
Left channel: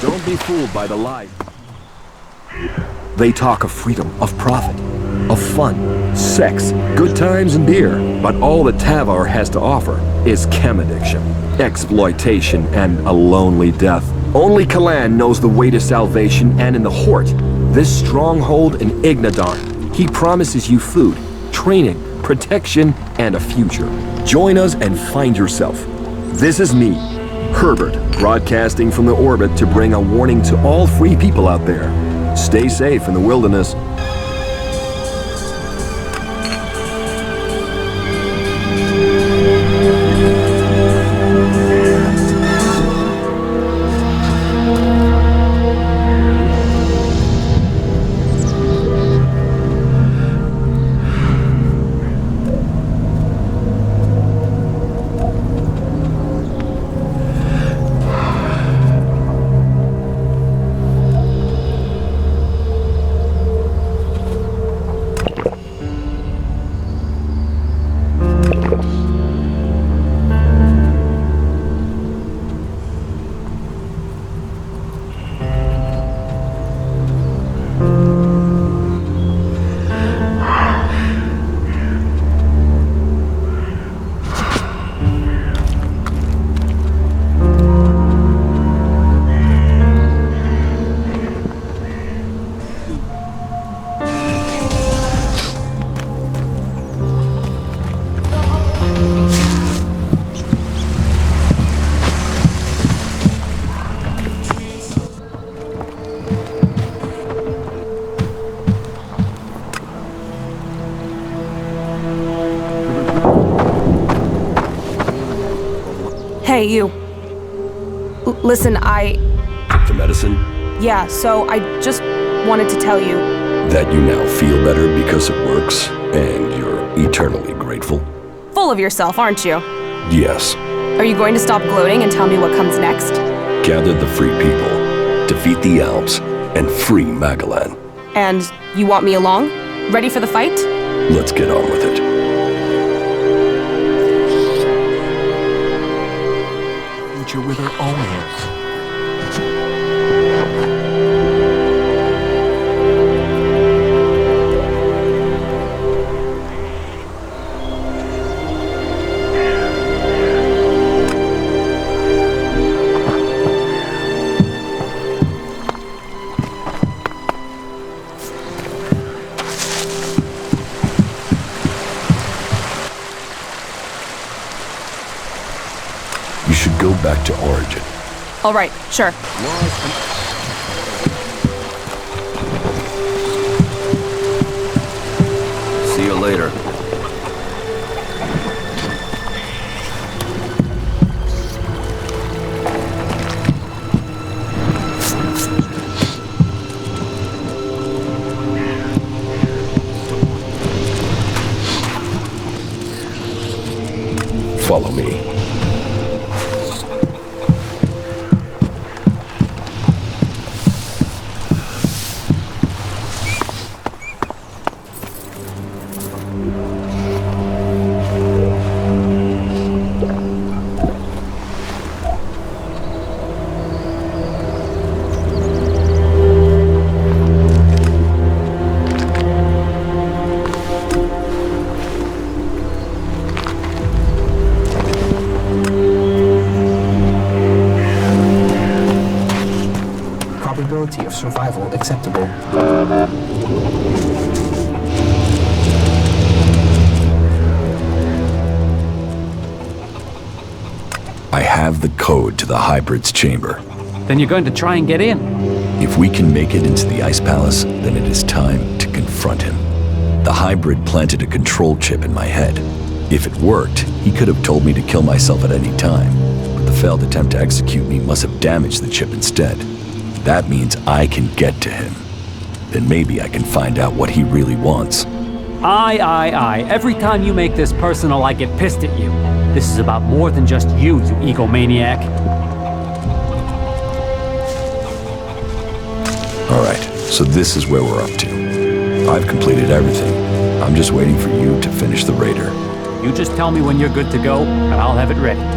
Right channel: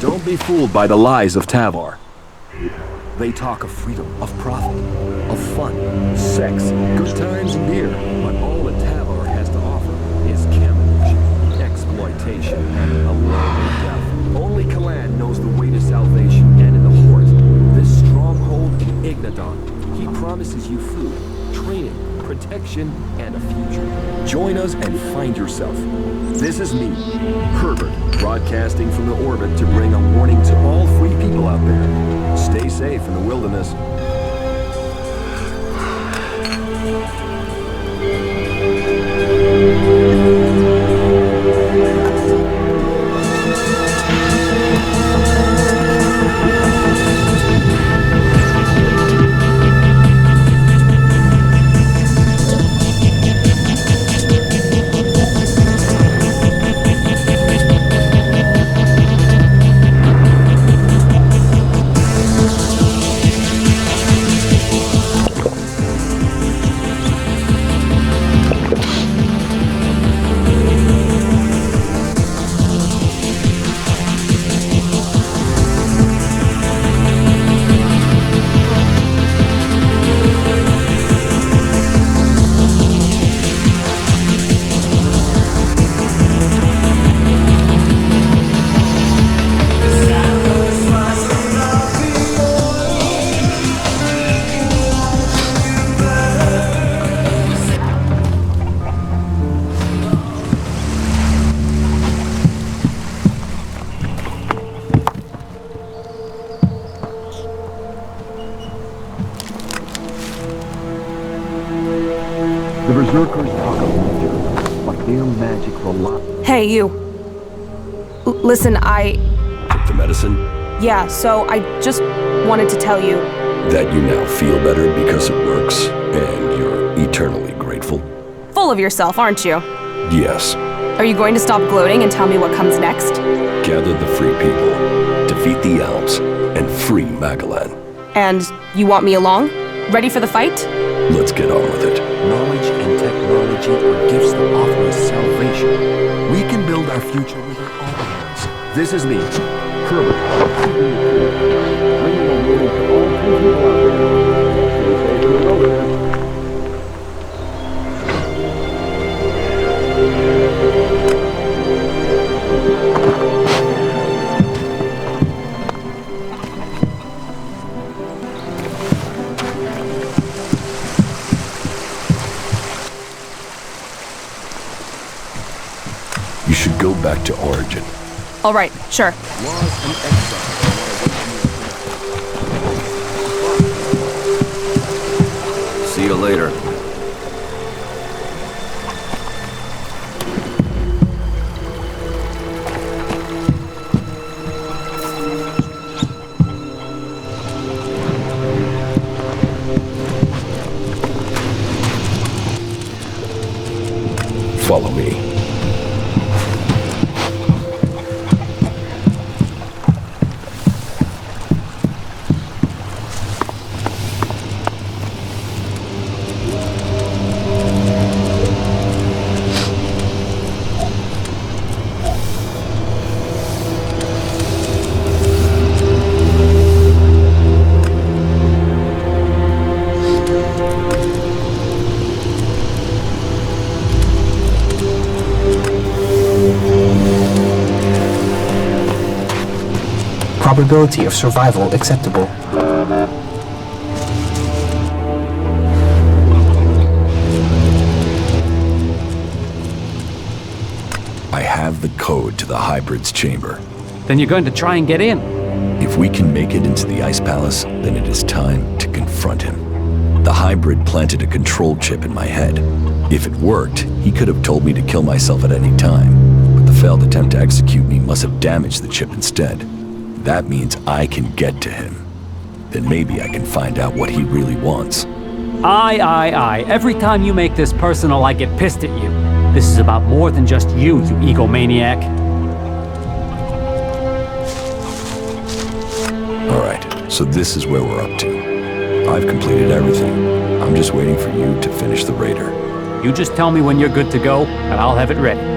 Don't be fooled by the lies of Tavar. They talk of freedom, of profit, of fun, sex, good times and beer. But all that Tavar has to offer is chem addiction, exploitation, and a lonely death. Only Kalan knows the way to salvation, and in the Hort, this stronghold in Ignadon, he promises you food, training, protection, and a future. Join us and find yourself. This is me, Herbert, broadcasting from the orbit to bring a warning to all free people out there. Stay safe in the wilderness. Hey, you. Listen, Took the medicine? Yeah, so I just wanted to tell you, That you now feel better because it works, and you're eternally grateful? Full of yourself, aren't you? Yes. Are you going to stop gloating and tell me what comes next? Gather the free people, defeat the Alps, and free Magellan. And you want me along? Ready for the fight? Let's get on with it. Knowledge and technology are gifts that offer us salvation. We can build our future with our own hands. This is the You should go back to Origin. All right, sure. See you later. Follow me. Probability of survival acceptable. I have the code to the hybrid's chamber. Then you're going to try and get in. If we can make it into the Ice Palace, then it is time to confront him. The hybrid planted a control chip in my head. If it worked, he could have told me to kill myself at any time, but the failed attempt to execute me must have damaged the chip instead. That means I can get to him. Then maybe I can find out what he really wants. Aye. Every time you make this personal, I get pissed at you. This is about more than just you egomaniac. Alright, so this is where we're up to. I've completed everything. I'm just waiting for you to finish the raider. You just tell me when you're good to go, and I'll have it ready.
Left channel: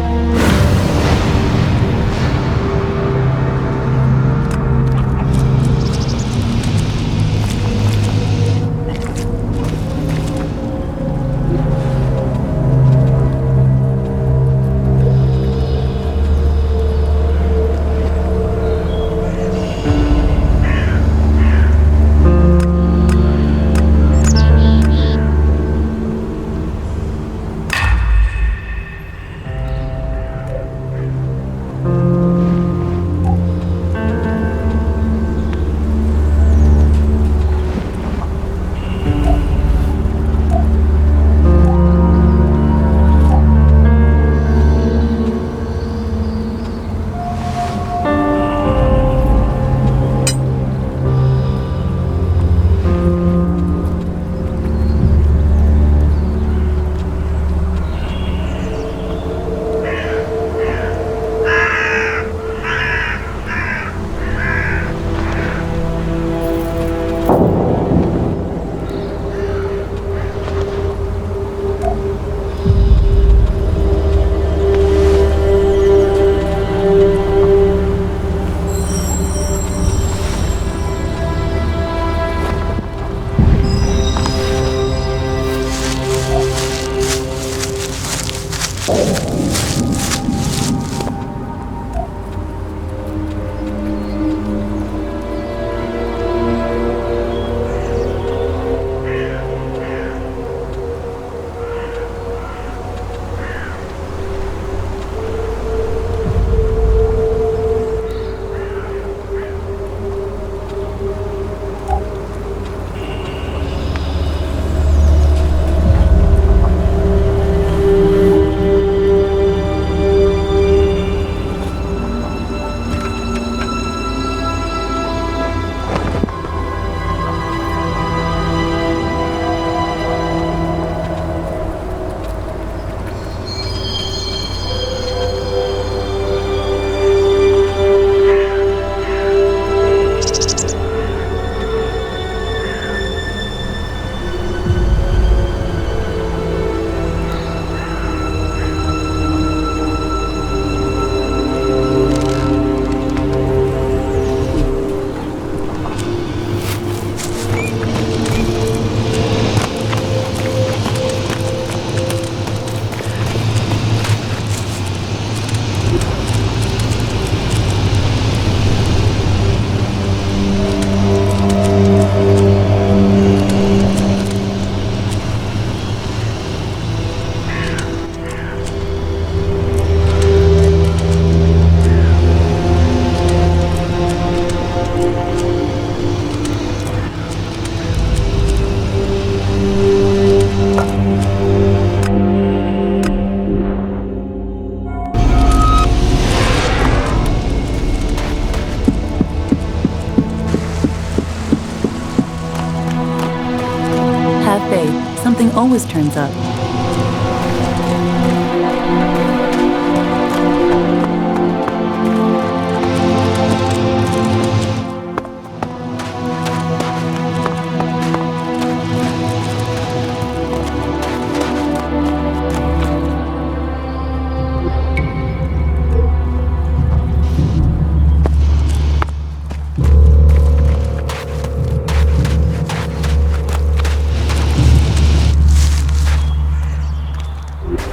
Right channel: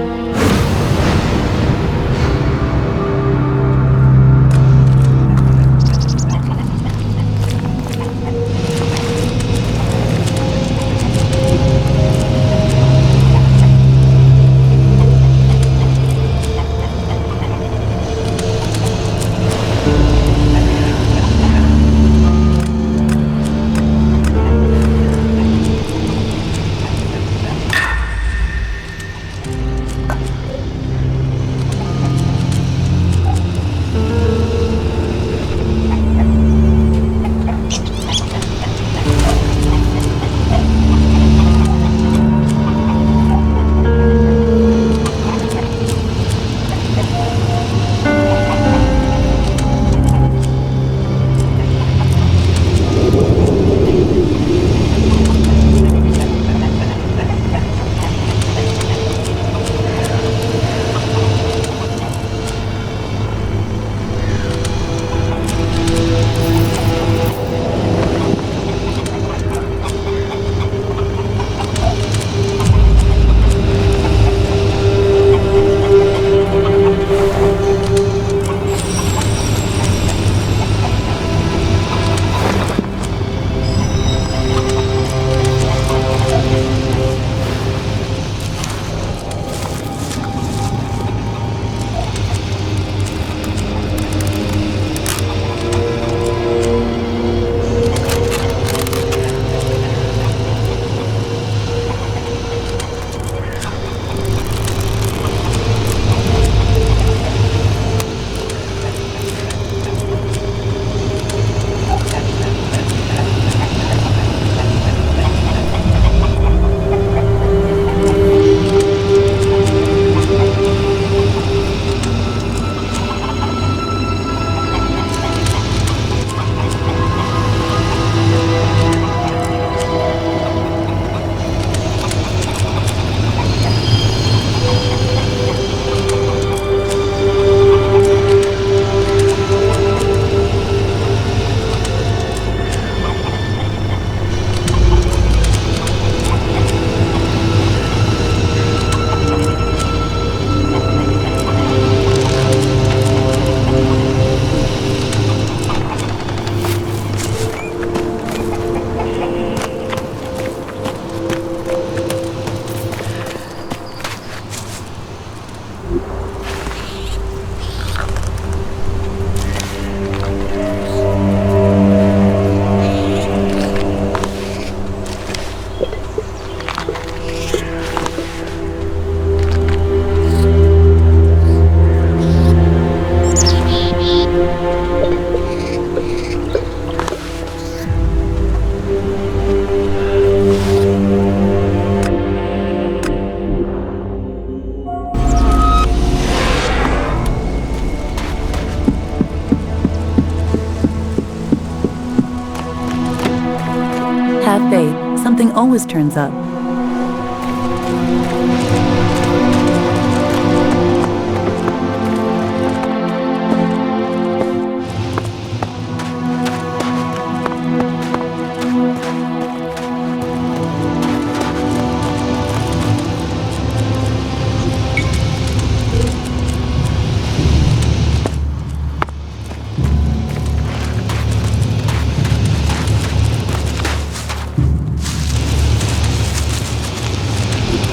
Have faith. Something always turns up.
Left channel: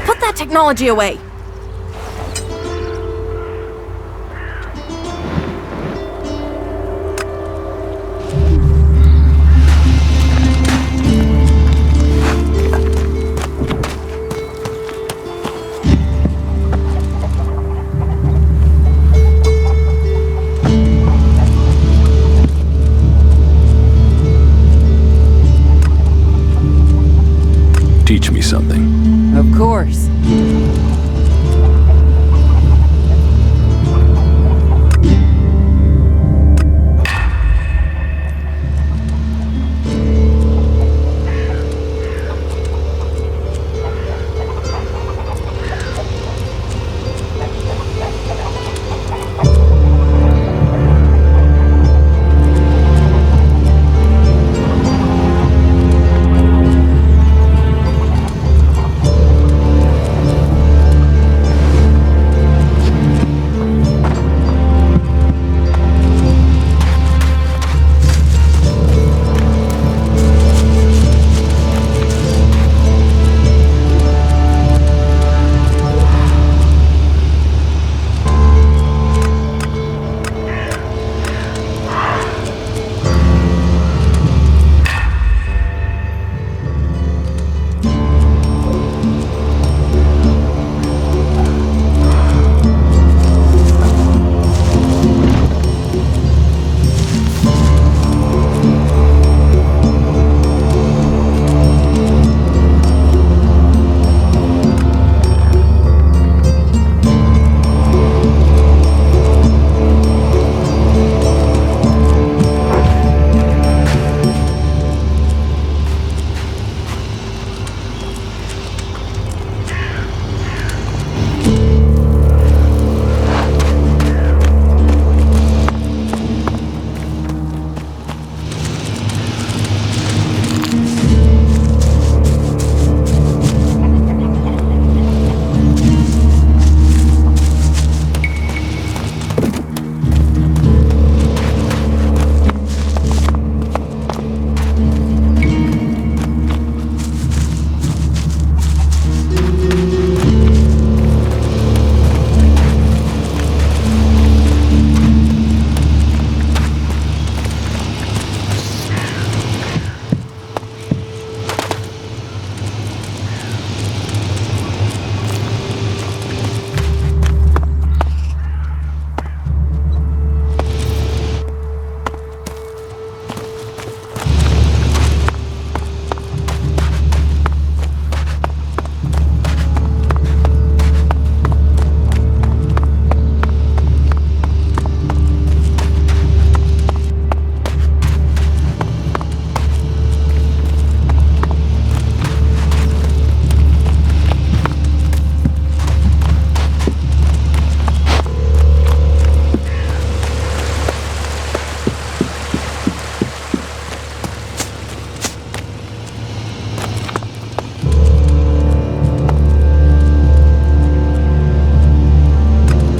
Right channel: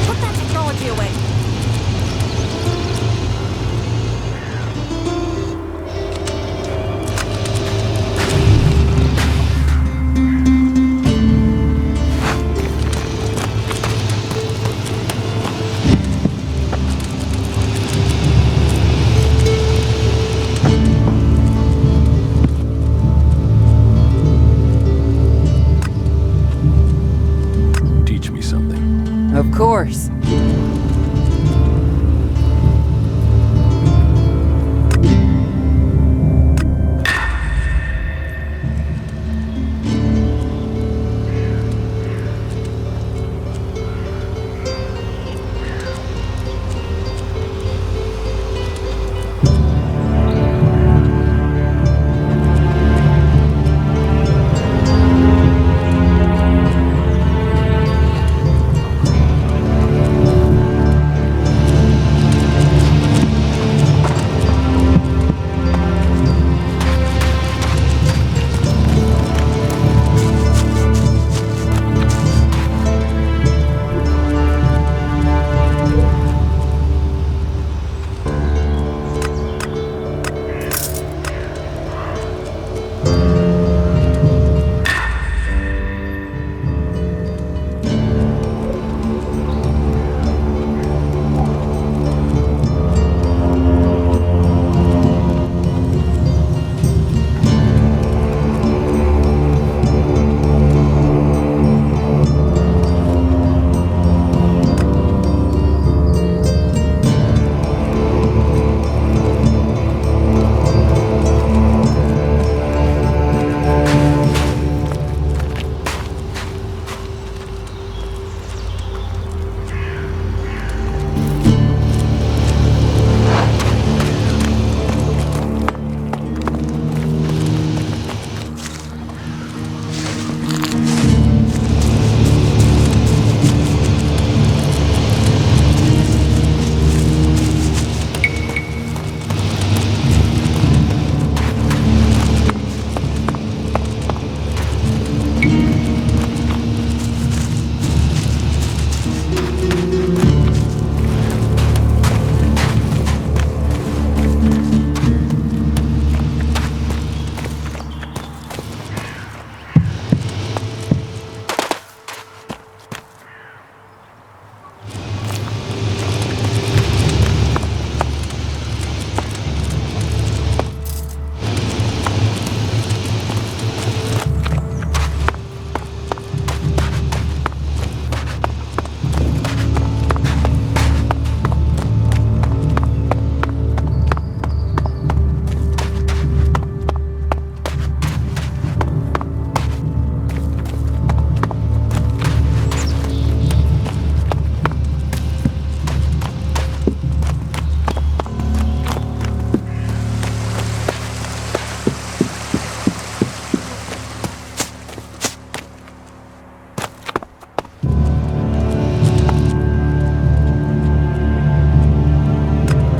Put that technology away! Teach me something. Of course.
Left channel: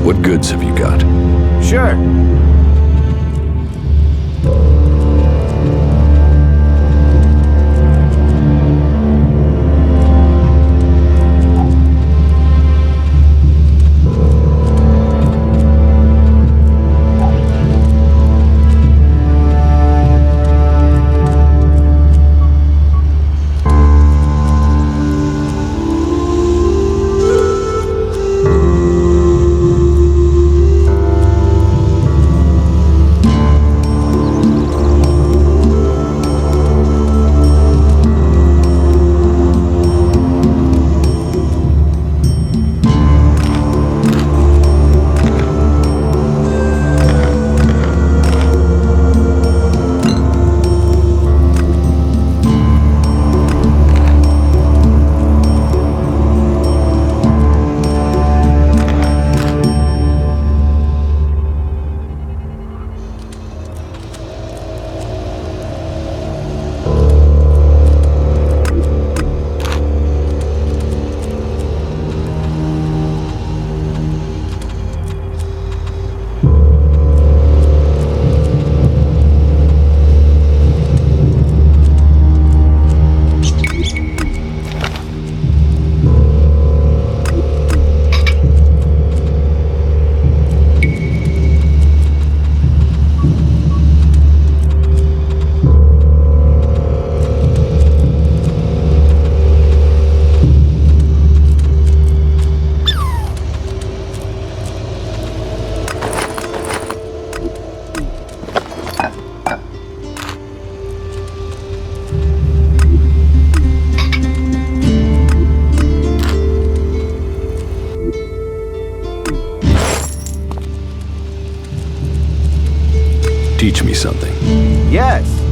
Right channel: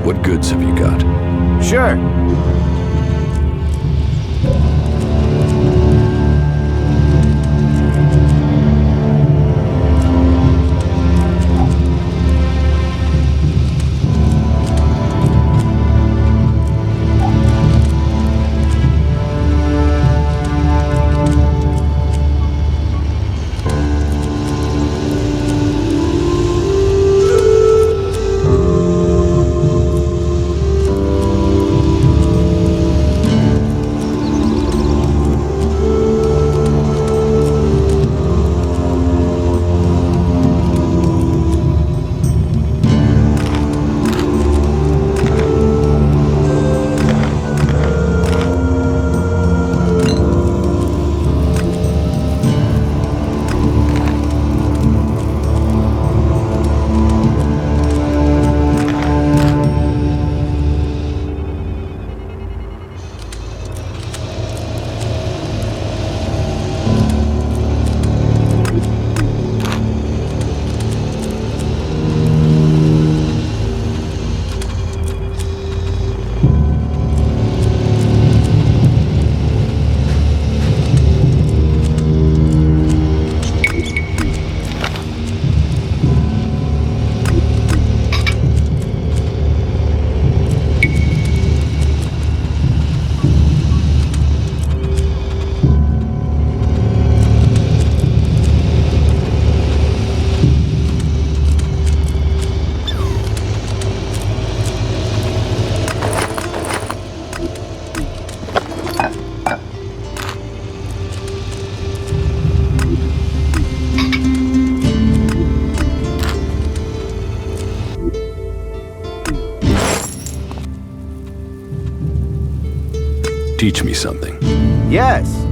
What goods have you got? Sure. teach me something. Yes.